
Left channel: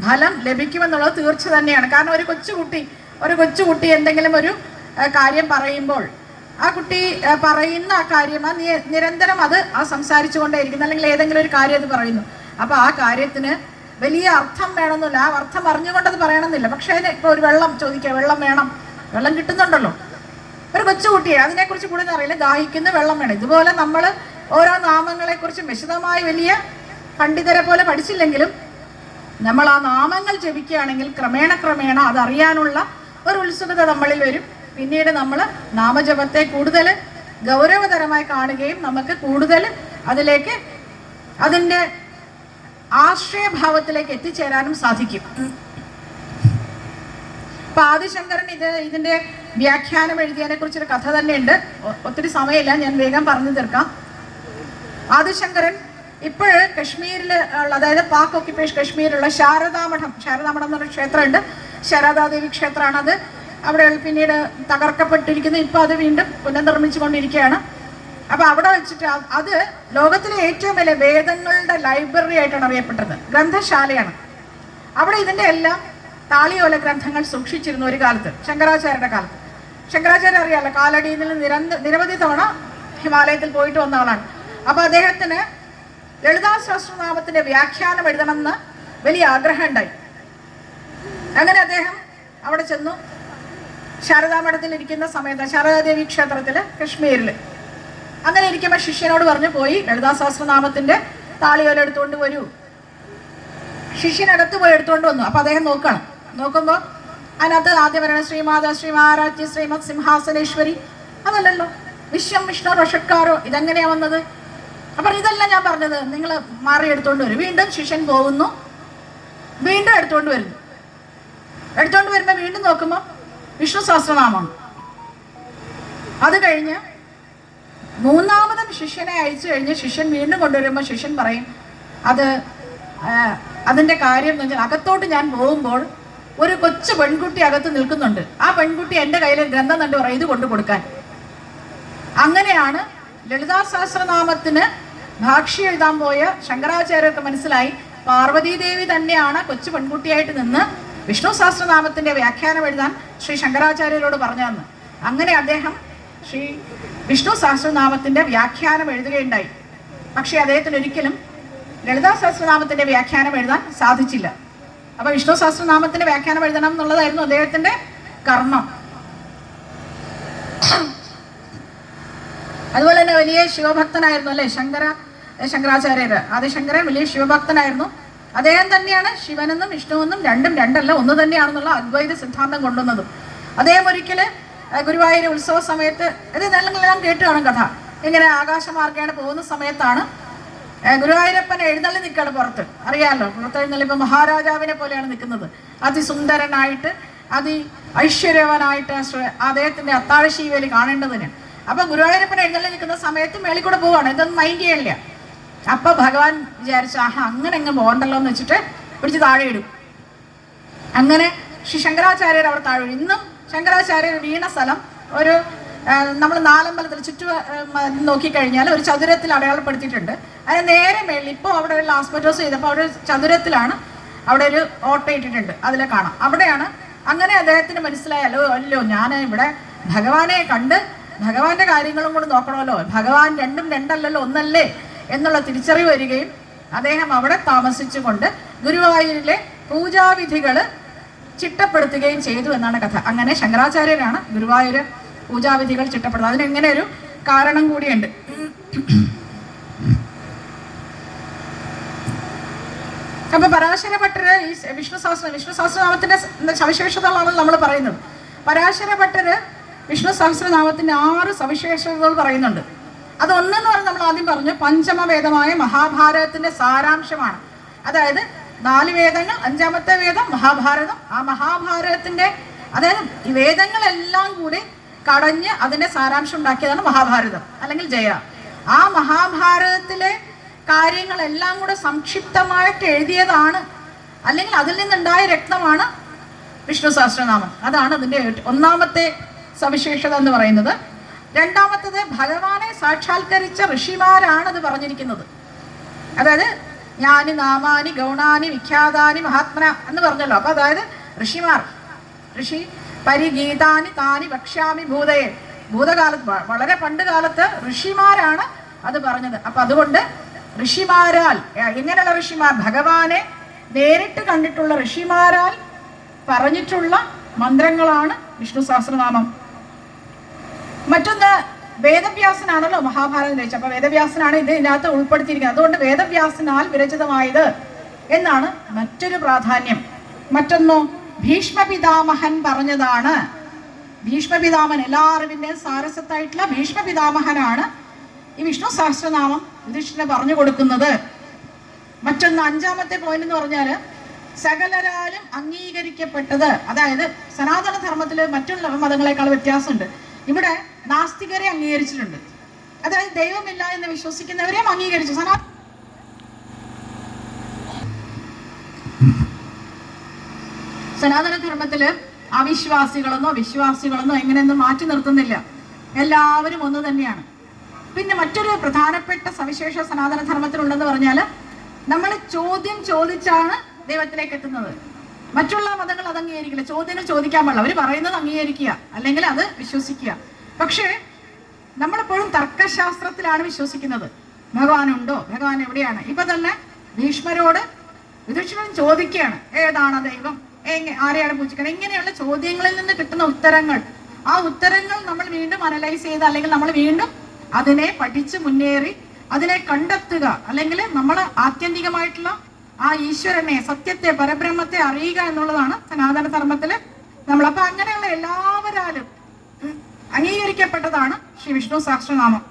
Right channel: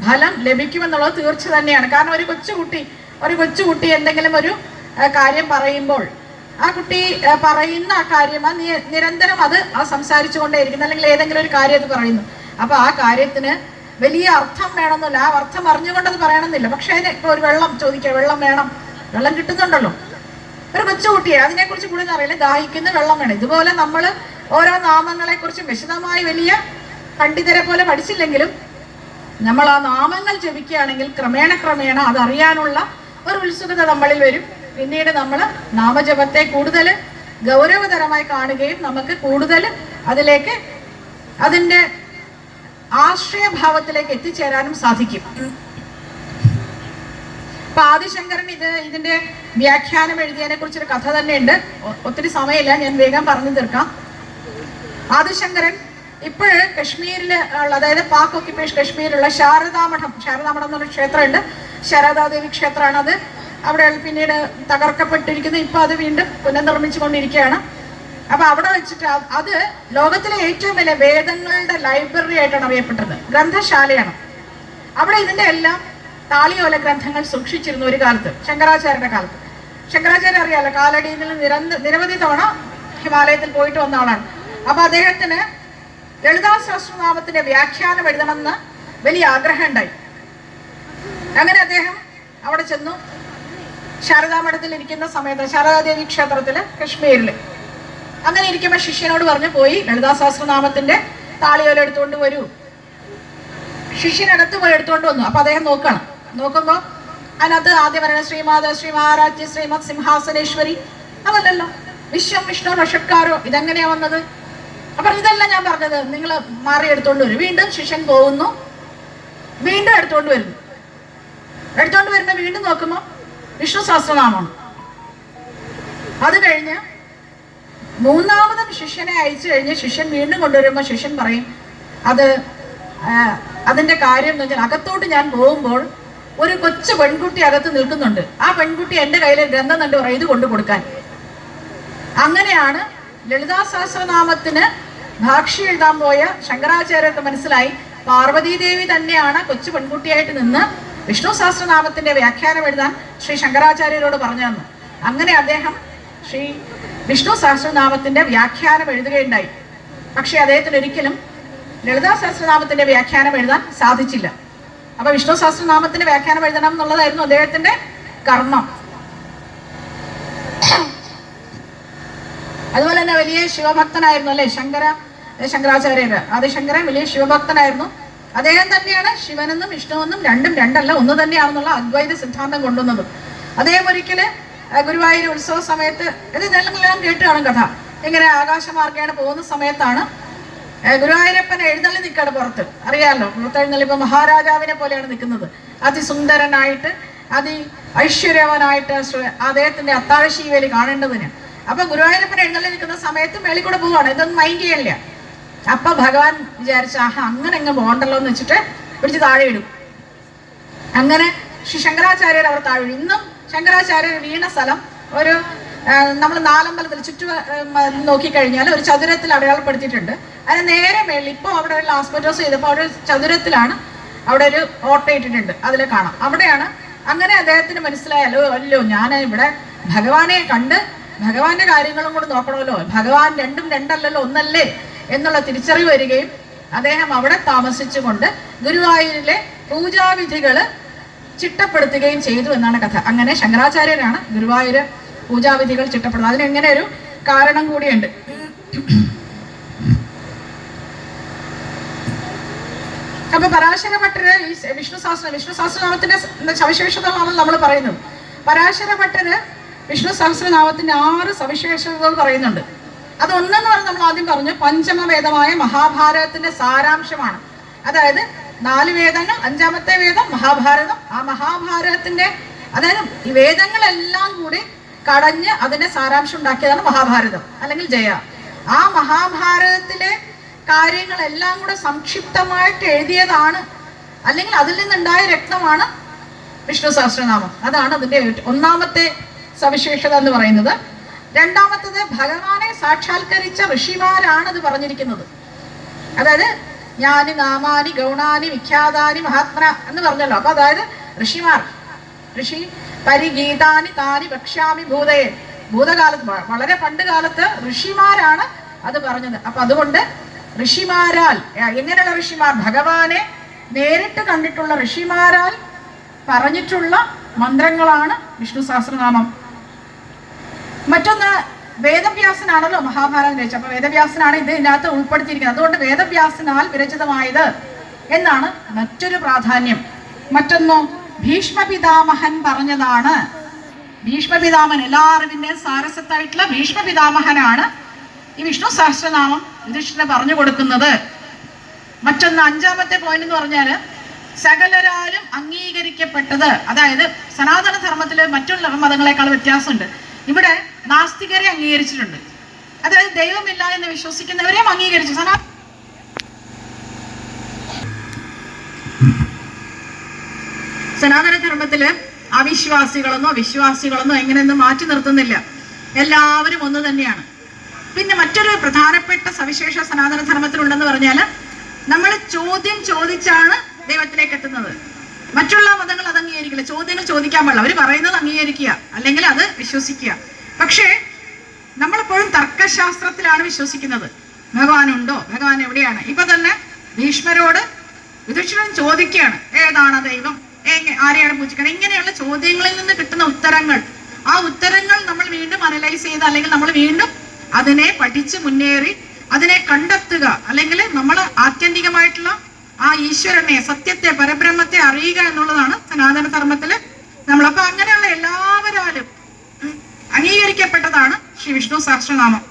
ഫലം ലഭിക്കുമെന്നുള്ളത് തീർച്ച തന്നെയാണ്. കാരണം ഒരു കൊച്ചുകുട്ടി എന്തെങ്കിലും ഒരു കാര്യം പറയുമ്പോൾ ആ കുട്ടി പറയുന്ന ആ കാര്യം നിരന്തരം അത് സംസാരിച്ചു കൊണ്ടേയിരിക്കുന്നു, അല്ലെങ്കിൽ ഏതെങ്കിലും ഒരു കാര്യം അത് പറയുന്നു. അപ്പോൾ ആ കാര്യത്തിന് വലിയ അർത്ഥം വേണമെന്നില്ല, ആ അർത്ഥം അറിഞ്ഞുകൊണ്ടത് പറയണമെന്നില്ല. പക്ഷേ അതിന് ഇപ്പോൾ ഒരു വെള്ളം ചോദിക്കുക, വെള്ളം വേണം, വെള്ളം കിട്ടുന്നുണ്ടല്ലോ. ഒരു കൊച്ചുകുട്ടിയെ അതിനെക്കുറിച്ച് കൂടുതൽ അറിയില്ല, ദാഹിക്കുന്ന വെള്ളം വേണം. ഇതുപോലെ നമ്മൾ ഓരോ നാമങ്ങളെക്കുറിച്ചും വിശദമായി വലിയ പണ്ഡിതരെ പോലെ പഠിച്ചില്ലെങ്കിലും നമ്മൾ ആ നാമങ്ങൾ ജപിക്കുകയാണെങ്കിൽ ക്രമേണ അതറിയാനുള്ള ഒരു ഉത്സുകത നമ്മളിൽ വരും. പിന്നീട് നമ്മൾ നാമജപത്തെ കൂടുതൽ ഗൗരവതരമായി കാണുകയും നമുക്ക് കൂടുതൽ അതിലേക്ക് അതിൻ്റെ ആശ്രയഭാവത്തിലേക്ക് എത്തിച്ചേരാനും സാധിക്കും. അപ്പൊ ആദിശങ്കരൻ ഇതിന്റെ വ്യാഖ്യാനം എഴുതിയതിനെ കുറിച്ചൊരു കഥ തന്നെയുണ്ട്. ഒത്തിരി സമയമില്ല, ഞാൻ വേഗം പറഞ്ഞു തീർക്കാം. ആദിശങ്കരൻ ഇപ്പോഴ് കശ്മീരിൽ ഉള്ള, അതായത് പാക് ഓക്യുപ്പേഷൻ കശ്മീരിലുള്ള ശാരദാമഠം എന്നൊരു ക്ഷേത്രമുണ്ട്. ശാരദാദേവി ക്ഷേത്രമാണ് അത്. അവിടെ പിന്നീട് തകർക്കപ്പെട്ടിരിക്കുന്നു. ഇപ്പൊ അത് വീണ്ടും പുനർനിർമ്മിച്ചു കൊണ്ടിരിക്കുകയാണ്. അപ്പൊ അവിടെ വെച്ചിട്ട് അത് ലോകത്തിലെ ഏറ്റവും വലിയ വേദങ്ങളുടെ ലൈബ്രറി ആയിട്ടാണ് അറിയപ്പെട്ടത്, ഗ്രന്ഥശാലയാണ്. അവിടെ ഇതിന്റെ എല്ലാം താളിയോല ഗ്രന്ഥങ്ങൾ സൂക്ഷിച്ചിരുന്നു ഒരു കാലത്ത്, ശങ്കരാചാര്യരുടെ കാലത്ത്. ശങ്കരാചാര്യ അറിയാലോ, കാലടിയിൽ നിരവധി തവണ ഹിമാലയത്തിൽ പോയിട്ട് വന്ന ആളാണ്. അപ്പൊ അദ്ദേഹത്തിന് ലളിതാ സഹസ്രനാമത്തിന്റെ വ്യാഖ്യാനം എഴുതണമെന്ന് വലിയ ആഗ്രഹം ഉണ്ടായി. അങ്ങനെ അദ്ദേഹം അവിടെ ചെന്നു. ശാരദാമഠത്തിൽ ഇരിക്കുന്ന സമയത്ത്, ശാരദാദേവി ക്ഷേത്രത്തില് കശ്മീരില്, അങ്ങനെ ഇരിക്കുമ്പോൾ ശിഷ്യനോട് പറഞ്ഞു, പോയി ലളിതാ സഹസ്രനാമത്തിന്റെ താളിയോല എടുത്തുകൊണ്ട് വരൂ. ശിഷ്യനടുത്ത് പോയി എടുത്തുകൊണ്ട് വന്നു. അപ്പൊ അദ്ദേഹം നോക്കുമ്പോൾ അതിനകത്ത് ആദ്യം പറയുന്നത് ശ്രീമാത ശ്രീമഹാരാജ്യ ശ്രീമത് സിംഹാസനേശ്വരി, അതല്ലല്ലോ, വിശ്വം വിഷ്ണു വഷക്കാരോ, ഇതെങ്ങനെയാ വന്നത്? അപ്പൊ ഇതല്ല ഞാൻ പറഞ്ഞത്, നിങ്ങൾ മാറി എടുത്തോണ്ട് വരും. വീണ്ടും ശിഷ്യൻ പോകുന്നു, വീണ്ടും എടുത്തോണ്ട് വരുന്നു. വീണ്ടും നോക്കുമ്പോൾ വിഷ്ണു സഹസ്രനാമം. അത് കഴിഞ്ഞ് മൂന്നാമതും ശിഷ്യനെ അയച്ചു കഴിഞ്ഞ് ശിഷ്യൻ വീണ്ടും കൊണ്ടുവരുമ്പോൾ ശിഷ്യൻ പറയും, അതിന്റെ കാര്യം എന്ന് വെച്ചാൽ, അകത്തോട്ട് ഞാൻ പോകുമ്പോൾ ഒരു കൊച്ചു പെൺകുട്ടി അകത്ത് നിൽക്കുന്നുണ്ട്. ആ പെൺകുട്ടി എൻ്റെ കയ്യിൽ ഗ്രന്ഥം കണ്ടു പറയും, ഇത് കൊണ്ടു കൊടുക്കാൻ. അങ്ങനെയാണ് ലളിതാ സഹസ്രനാമത്തിന് ഭാഷ്യം എഴുതാൻ പോയ ശങ്കരാചാര്യർക്ക് മനസ്സിലായി, പാർവതീദേവി തന്നെയാണ് കൊച്ചു പെൺകുട്ടിയായിട്ട് നിന്ന് വിഷ്ണു സഹസ്രനാമത്തിന്റെ വ്യാഖ്യാനം എഴുതാൻ ശ്രീ ശങ്കരാചാര്യരോട് പറഞ്ഞതെന്ന്. അങ്ങനെ അദ്ദേഹം ശ്രീ വിഷ്ണു സഹസ്രനാമത്തിന്റെ വ്യാഖ്യാനം എഴുതുകയുണ്ടായി. പക്ഷെ അദ്ദേഹത്തിന് ഒരിക്കലും ലളിതാ സഹസ്രനാമത്തിന്റെ വ്യാഖ്യാനം എഴുതാൻ സാധിച്ചില്ല. അപ്പൊ വിഷ്ണു സഹസ്രനാമത്തിന്റെ വ്യാഖ്യാനം എഴുതണം എന്നുള്ളതായിരുന്നു അദ്ദേഹത്തിന്റെ കർമ്മം. അതുപോലെ തന്നെ വലിയ ശിവഭക്തനായിരുന്നു അല്ലെ ശങ്കരാചാര്യര്. ആദിശങ്കരൻ വലിയ ശിവഭക്തനായിരുന്നു. അദ്ദേഹം തന്നെയാണ് ശിവനെന്നും വിഷ്ണുവെന്നും രണ്ടും രണ്ടല്ല ഒന്ന് തന്നെയാണെന്നുള്ള അദ്വൈത സിദ്ധാന്തം കൊണ്ടുവന്നത്. അദ്ദേഹം ഒരിക്കല് ഗുരുവായൂർ ഉത്സവ സമയത്ത്, ഇതെല്ലാം കേട്ട് കാണും കഥ, ഇങ്ങനെ ആകാശമാർഗേണ പോകുന്ന സമയത്താണ് ഗുരുവായൂരപ്പൻ എഴുന്നള്ളി നിൽക്കുകയാണ് പുറത്ത്. അറിയാമല്ലോ, പുറത്തെഴുന്നള്ളി ഇപ്പൊ മഹാരാജാവിനെ പോലെയാണ് നിൽക്കുന്നത്, അതിസുന്ദരനായിട്ട് ഐശ്വര്യവനായിട്ട് അദ്ദേഹത്തിന്റെ അത്താഴശീവേലി കാണേണ്ടതിന്. അപ്പൊ ഗുരുവായൂരപ്പൻ എഴുന്നള്ളി നിൽക്കുന്ന സമയത്ത് മേളിൽ കൂടെ പോവാണ്, ഇതൊന്നും മൈൻഡ് ചെയ്യില്ല. അപ്പൊ ഭഗവാൻ വിചാരിച്ച, അങ്ങനെ അങ്ങ് പോകണ്ടല്ലോ എന്ന് വെച്ചിട്ട് പിടിച്ച് താഴെ ഇടും. അങ്ങനെ ശ്രീ ശങ്കരാചാര്യർ അവർ താഴെ. ഇന്നും ശങ്കരാചാര്യർ വീണ സ്ഥലം ഒരു നമ്മൾ നാലമ്പലത്തിൽ നോക്കിക്കഴിഞ്ഞാൽ ഒരു ചതുരത്തിൽ അടയാളപ്പെടുത്തിയിട്ടുണ്ട്. അതിന് നേരെ മേളിൽ ഇപ്പോൾ അവിടെ ഒരു ആസ്പെറ്റോസ് ചെയ്തപ്പോൾ അവിടെ ഒരു ചതുരത്തിലാണ് അവിടെ ഒരു ഓട്ട ഇട്ടിട്ടുണ്ട്, അതിൽ കാണാം. അവിടെയാണ്. അങ്ങനെ അദ്ദേഹത്തിന് മനസ്സിലായല്ലോ, ഞാൻ ഇവിടെ ഭഗവാനെ കണ്ട് ഭഗവാന്റെ കാര്യങ്ങളും കൂടെ നോക്കണമല്ലോ, ഭഗവാൻ രണ്ടും രണ്ടല്ലല്ലോ ഒന്നല്ലേ എന്നുള്ള തിരിച്ചറിവ് വരികയും അദ്ദേഹം അവിടെ താമസിച്ചുകൊണ്ട് ഗുരുവായൂരിലെ പൂജാവിധികൾ ചിട്ടപ്പെടുത്തുകയും ചെയ്തു എന്നാണ് കഥ. അങ്ങനെ ശങ്കരാചാര്യരാണ് ഗുരുവായൂര് പൂജാവിധികൾ ചിട്ടപ്പെടുന്നത്. അതിനെങ്ങനെ ഒരു കാരണം കൂടിയുണ്ട്. അപ്പൊ പരാശര ഭട്ടര് ഈ വിഷ്ണു സഹസ്രനാമത്തിന്റെ സവിശേഷതകളാണ് നമ്മൾ പറയുന്നത്. പരാശര ഭട്ടര് വിഷ്ണു സഹസ്രനാമത്തിന്റെ 6 സവിശേഷതകൾ പറയുന്നുണ്ട്. അതൊന്നെന്ന് പറഞ്ഞാൽ നമ്മൾ ആദ്യം പറഞ്ഞു, പഞ്ചമവേദമായ മഹാഭാരതത്തിന്റെ സാരാംശമാണ്. അതായത് 4 വേദങ്ങൾ, 5ാമത്തെ വേദം മഹാഭാരതം. ആ മഹാഭാരതത്തിന്റെ, അതായത് ഈ വേദങ്ങളെല്ലാം കൂടി കടഞ്ഞ് അതിന്റെ സാരാംശം ഉണ്ടാക്കിയതാണ് മഹാഭാരതം അല്ലെങ്കിൽ ജയ. ആ മഹാഭാരതത്തിലെ കാര്യങ്ങളെല്ലാം കൂടെ സംക്ഷിപ്തമായിട്ട് എഴുതിയതാണ്, അല്ലെങ്കിൽ അതിൽ നിന്നുണ്ടായ രത്നമാണ് വിഷ്ണു സഹസ്രനാമം. അതാണ് അതിന്റെ 1ാമത്തെ സവിശേഷത എന്ന് പറയുന്നത്. 2ാമത്തത്, ഭഗവാനെ സാക്ഷാത്കരിച്ച ഋഷിമാരാണ് അത് പറഞ്ഞിരിക്കുന്നത്. അതായത് ജ്ഞാനി നാമാനി ഗൗണാനി വിഖ്യാതാനി മഹാത്മന എന്ന് പറഞ്ഞല്ലോ. അപ്പൊ അതായത് ഋഷിമാർ, ഋഷി പരിഗീതാനി താനി ഭക്ഷ്യാമി ഭൂതയെ, ഭൂതകാലത്ത് വളരെ പണ്ട് കാലത്ത് ഋഷിമാരാണ് അത് പറഞ്ഞത്. അപ്പൊ അതുകൊണ്ട് ഋഷിമാരാൽ, എങ്ങനെയുള്ള ഋഷിമാർ? ഭഗവാനെ നേരിട്ട് കണ്ടിട്ടുള്ള ഋഷിമാരാൽ പറഞ്ഞിട്ടുള്ള മന്ത്രങ്ങളാണ് വിഷ്ണു സഹസ്രനാമം. മറ്റൊന്ന്, വേദവ്യാസനാണല്ലോ മഹാഭാരതം രചിച്ചത്. അപ്പൊ വേദവ്യാസനാണ് ഇതിനകത്ത് ഉൾപ്പെടുത്തിയിരിക്കുന്നത്. അതുകൊണ്ട് വേദവ്യാസനാൽ വിരചിതമായത് എന്നാണ് മറ്റൊരു പ്രാധാന്യം. മറ്റൊന്നോ, ഭീഷ്മപിതാമഹൻ പറഞ്ഞതാണ്. ഭീഷ്മപിതാമഹൻ, എല്ലാ അറിവിന്റെയും സാരസത്തായിട്ടുള്ള ഭീഷ്മപിതാമഹനാണ് ഈ വിഷ്ണു സഹസ്രനാമം യുധിഷ്ഠിരന് പറഞ്ഞു കൊടുക്കുന്നത്. മറ്റൊന്ന്, അഞ്ചാമത്തെ പോയിന്റ് എന്ന് പറഞ്ഞാൽ സകലരാലും അംഗീകരിക്കപ്പെട്ടത്. അതായത് സനാതന ധർമ്മത്തില് മറ്റുള്ള മതങ്ങളെക്കാൾ വ്യത്യാസമുണ്ട്. ഇവിടെ നാസ്തികരെ അംഗീകരിച്ചിട്ടുണ്ട്. അതായത് ദൈവമില്ല എന്ന് വിശ്വസിക്കുന്നവരെയും അംഗീകരിച്ചു. സനാതന ധർമ്മത്തില് അവിശ്വാസികളെന്നോ വിശ്വാസികളെന്നോ എങ്ങനെയൊന്നും മാറ്റി നിർത്തുന്നില്ല. എല്ലാവരും ഒന്ന് തന്നെയാണ്. പിന്നെ മറ്റൊരു പ്രധാനപ്പെട്ട സവിശേഷ സനാതന ധർമ്മത്തിലുണ്ടെന്ന് പറഞ്ഞാൽ നമ്മൾ ചോദ്യം ചോദിച്ചാണ് ദൈവത്തിലേക്ക് എത്തുന്നത്. മറ്റുള്ള മതങ്ങൾ അത് അംഗീകരിക്കില്ല. ചോദ്യങ്ങൾ ചോദിക്കാൻ പാടില്ല. അവർ പറയുന്നത് അംഗീകരിക്കുക, അല്ലെങ്കിൽ അത് വിശ്വസിക്കുക. പക്ഷേ നമ്മളെപ്പോഴും തർക്കശാസ്ത്രത്തിലാണ് വിശ്വസിക്കുന്നത്. ഭഗവാനുണ്ടോ, ഭഗവാൻ എവിടെയാണ്? ഇപ്പൊ തന്നെ ഭീഷ്മരോട് യുധിഷ്ഠിരൻ ചോദിക്കുകയാണ്, ഏതാണ് ദൈവം, ആരെയാണ് പൂജിക്കണം? ഇങ്ങനെയുള്ള ചോദ്യങ്ങളിൽ നിന്ന് കിട്ടുന്ന ഉത്തരങ്ങൾ, ആ ഉത്തരങ്ങൾ നമ്മൾ വീണ്ടും അനലൈസ് ചെയ്ത്, അല്ലെങ്കിൽ നമ്മൾ വീണ്ടും അതിനെ പഠിച്ച് മുന്നേറി അതിനെ കണ്ടെത്തുക, അല്ലെങ്കിൽ നമ്മൾ ആത്യന്തികമായിട്ടുള്ള ആ ഈശ്വരനെ, സത്യത്തെ, പരബ്രഹ്മത്തെ അറിയുക എന്നുള്ളതാണ് സനാതന ധർമ്മത്തില് നമ്മൾ. അപ്പൊ അങ്ങനെയുള്ള എല്ലാവരാലും അംഗീകരിക്കപ്പെട്ടതാണ് ശ്രീ വിഷ്ണു സഹസ്രനാമം.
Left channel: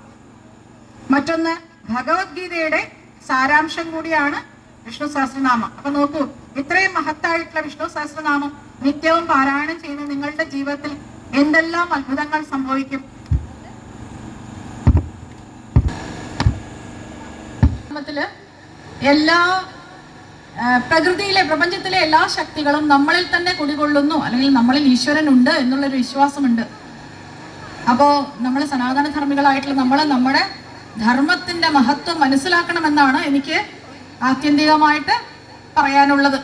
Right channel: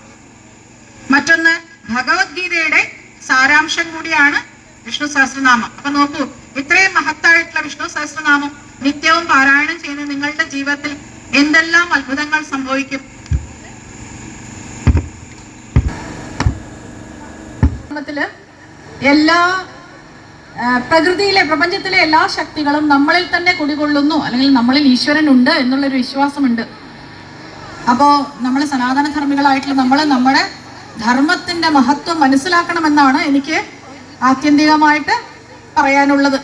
മറ്റൊന്ന്, ഭഗവത്ഗീതയുടെ സാരാംശം കൂടിയാണ് വിഷ്ണു സഹസ്രനാമം. അപ്പൊ നോക്കൂ, ഇത്രയും മഹത്തായിട്ടുള്ള വിഷ്ണു സഹസ്രനാമം നിത്യവും പാരായണം ചെയ്യുന്ന നിങ്ങളുടെ ജീവിതത്തിൽ എന്തെല്ലാം അത്ഭുതങ്ങൾ സംഭവിക്കും. എല്ലാ പ്രകൃതിയിലെ, പ്രപഞ്ചത്തിലെ എല്ലാ ശക്തികളും നമ്മളിൽ തന്നെ കുടികൊള്ളുന്നു, അല്ലെങ്കിൽ നമ്മളിൽ ഈശ്വരൻ ഉണ്ട് എന്നുള്ളൊരു വിശ്വാസമുണ്ട്. അപ്പോ നമ്മൾ സനാതന ധർമ്മികളായിട്ടുള്ള നമ്മുടെ ധർമ്മത്തിന്റെ മഹത്വം മനസ്സിലാക്കണമെന്നാണ് എനിക്ക് ആത്യന്തികമായിട്ട് പറയാനുള്ളത്.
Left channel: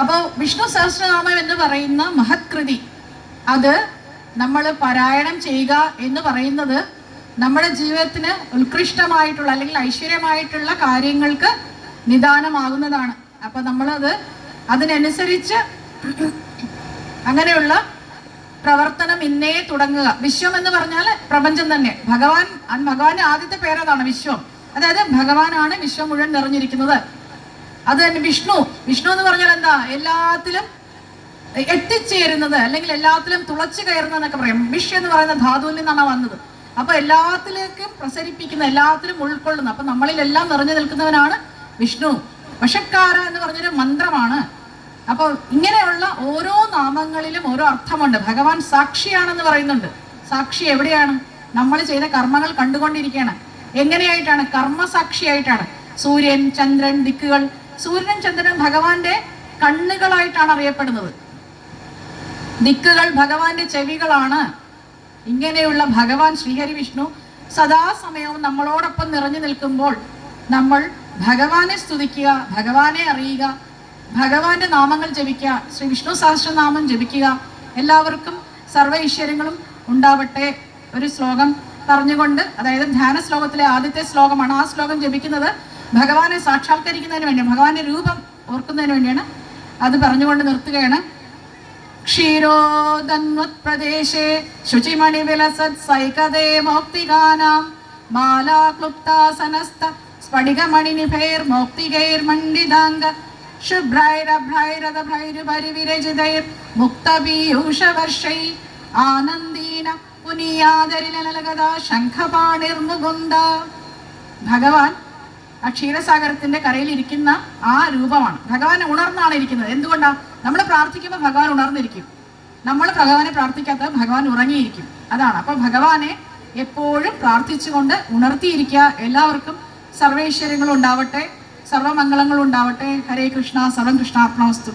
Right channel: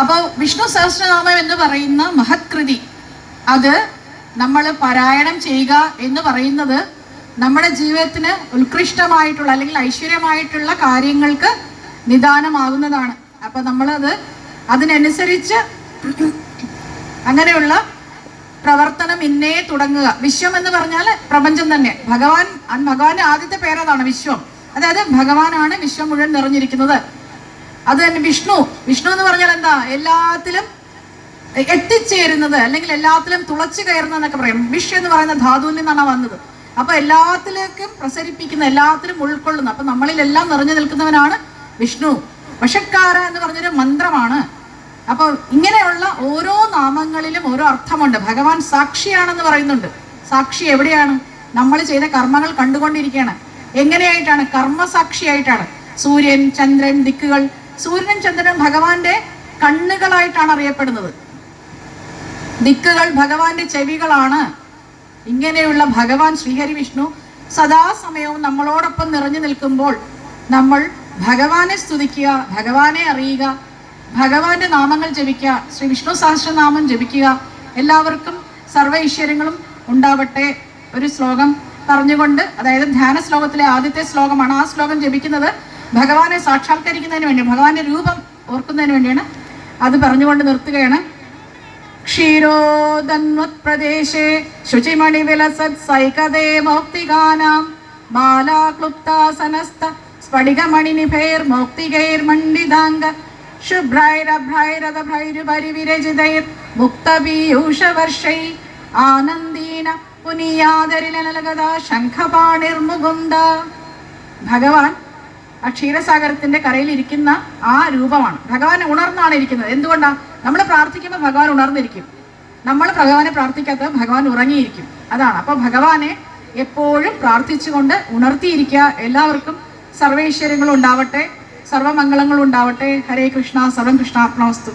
അപ്പോൾ വിഷ്ണു സഹസ്രനാമം എന്ന് പറയുന്ന മഹത്കൃതി, അത് നമ്മൾ പാരായണം ചെയ്യുക എന്ന് പറയുന്നത് നമ്മുടെ ജീവിതത്തിന് ഉത്കൃഷ്ടമായിട്ടുള്ള, അല്ലെങ്കിൽ ഐശ്വര്യമായിട്ടുള്ള കാര്യങ്ങൾക്ക് നിദാനമാകുന്നതാണ്. അപ്പൊ നമ്മളത് അതിനനുസരിച്ച് അങ്ങനെയുള്ള പ്രവർത്തനം ഇന്നേ തുടങ്ങുക. വിശ്വം എന്ന് പറഞ്ഞാൽ പ്രപഞ്ചം തന്നെ. ഭഗവാന്റെ ആദ്യത്തെ പേരതാണ് വിശ്വം. അതായത് ഭഗവാനാണ് വിശ്വം മുഴുവൻ നിറഞ്ഞിരിക്കുന്നത്. അത് തന്നെ വിഷ്ണു. വിഷ്ണു എന്ന് പറഞ്ഞാൽ എന്താ? എല്ലാത്തിലും എത്തിച്ചേരുന്നത്, അല്ലെങ്കിൽ എല്ലാത്തിലും തുളച്ചു കയറുന്നത് എന്നൊക്കെ പറയും. വിഷ് എന്ന് പറയുന്ന ധാതുവിൽ നിന്നാണ് വന്നത്. അപ്പൊ എല്ലാത്തിലേക്കും പ്രസരിപ്പിക്കുന്ന, എല്ലാത്തിലും ഉൾക്കൊള്ളുന്ന, അപ്പൊ നമ്മളിൽ എല്ലാം നിറഞ്ഞു നിൽക്കുന്നവനാണ് വിഷ്ണു. വശക്കാര എന്ന് പറഞ്ഞൊരു മന്ത്രമാണ്. അപ്പൊ ഇങ്ങനെയുള്ള ഓരോ നാമങ്ങളിലും ഓരോ അർത്ഥമുണ്ട്. ഭഗവാൻ സാക്ഷിയാണെന്ന് പറയുന്നുണ്ട്. സാക്ഷി എവിടെയാണ്? നമ്മൾ ചെയ്ത കർമ്മങ്ങൾ കണ്ടുകൊണ്ടിരിക്കുകയാണ്. എങ്ങനെയായിട്ടാണ്? കർമ്മസാക്ഷിയായിട്ടാണ്. സൂര്യൻ, ചന്ദ്രൻ, ദിക്കുകൾ. സൂര്യനും ചന്ദ്രനും ഭഗവാന്റെ കണ്ണുകളായിട്ടാണ് അറിയപ്പെടുന്നത്. ദിക്കുകൾ ഭഗവാന്റെ ചെവികളാണ്. ഇങ്ങനെയുള്ള ഭഗവാൻ ശ്രീഹരി വിഷ്ണു സദാസമയവും നമ്മളോടൊപ്പം നിറഞ്ഞു നിൽക്കുമ്പോൾ നമ്മൾ ഭഗവാനെ സ്തുതിക്കുക, ഭഗവാനെ അറിയുക, ഭഗവാന്റെ നാമങ്ങൾ ജപിക്കുക, ശ്രീ വിഷ്ണു സഹസ്രനാമം ജപിക്കുക. എല്ലാവർക്കും സർവ്വ ഐശ്വര്യങ്ങളും ഉണ്ടാവട്ടെ. ഒരു ശ്ലോകം പറഞ്ഞുകൊണ്ട്, അതായത് ധ്യാന ശ്ലോകത്തിലെ ആദ്യത്തെ ശ്ലോകമാണ്. ആ ശ്ലോകം ജപിക്കുന്നത് ഭഗവാനെ സാക്ഷാത്കരിക്കുന്നതിന് വേണ്ടി, ഭഗവാന്റെ രൂപം ഓർക്കുന്നതിന് വേണ്ടിയാണ്. അത് പറഞ്ഞുകൊണ്ട് നിർത്തുകയാണ്. ക്ഷീരോദന്വത്പ്രദേശേ ശുചിമണി വിലസത് സൈകതേ മൗക്തികാനാം ബാലാക്ലുപ്താസനസ്ത സ്ഫടികമണിനിഭൈർ മൗക്തികൈർമണ്ഡിതാംഗ ശുഭ്രൈരഭ്രൈരഥഭ്രൈരുപരിവിരജിതൈർ മുക്തപീയൂഷവർഷൈ ആനന്ദീന പുനീയാദരിലനലഗതാ ശംഖപാണിർമുകുന്ദ. ഭഗവാൻ ആ ക്ഷീരസാഗരത്തിന്റെ കരയിൽ ഇരിക്കുന്ന ആ രൂപമാണ്. ഭഗവാൻ ഉണർന്നാണ് ഇരിക്കുന്നത്. എന്തുകൊണ്ടാണ്? നമ്മൾ പ്രാർത്ഥിക്കുമ്പോൾ ഭഗവാൻ ഉണർന്നിരിക്കും. നമ്മൾ ഭഗവാനെ പ്രാർത്ഥിക്കാത്ത ഭഗവാൻ ഉറങ്ങിയിരിക്കും. അതാണ്. അപ്പൊ ഭഗവാനെ എപ്പോഴും പ്രാർത്ഥിച്ചുകൊണ്ട് ഉണർത്തിയിരിക്കുക. എല്ലാവർക്കും സർവൈശ്വര്യങ്ങളും ഉണ്ടാവട്ടെ, സർവമംഗളങ്ങളും ഉണ്ടാവട്ടെ. ഹരേ കൃഷ്ണ, സർവം കൃഷ്ണാർപ്പണമസ്തു.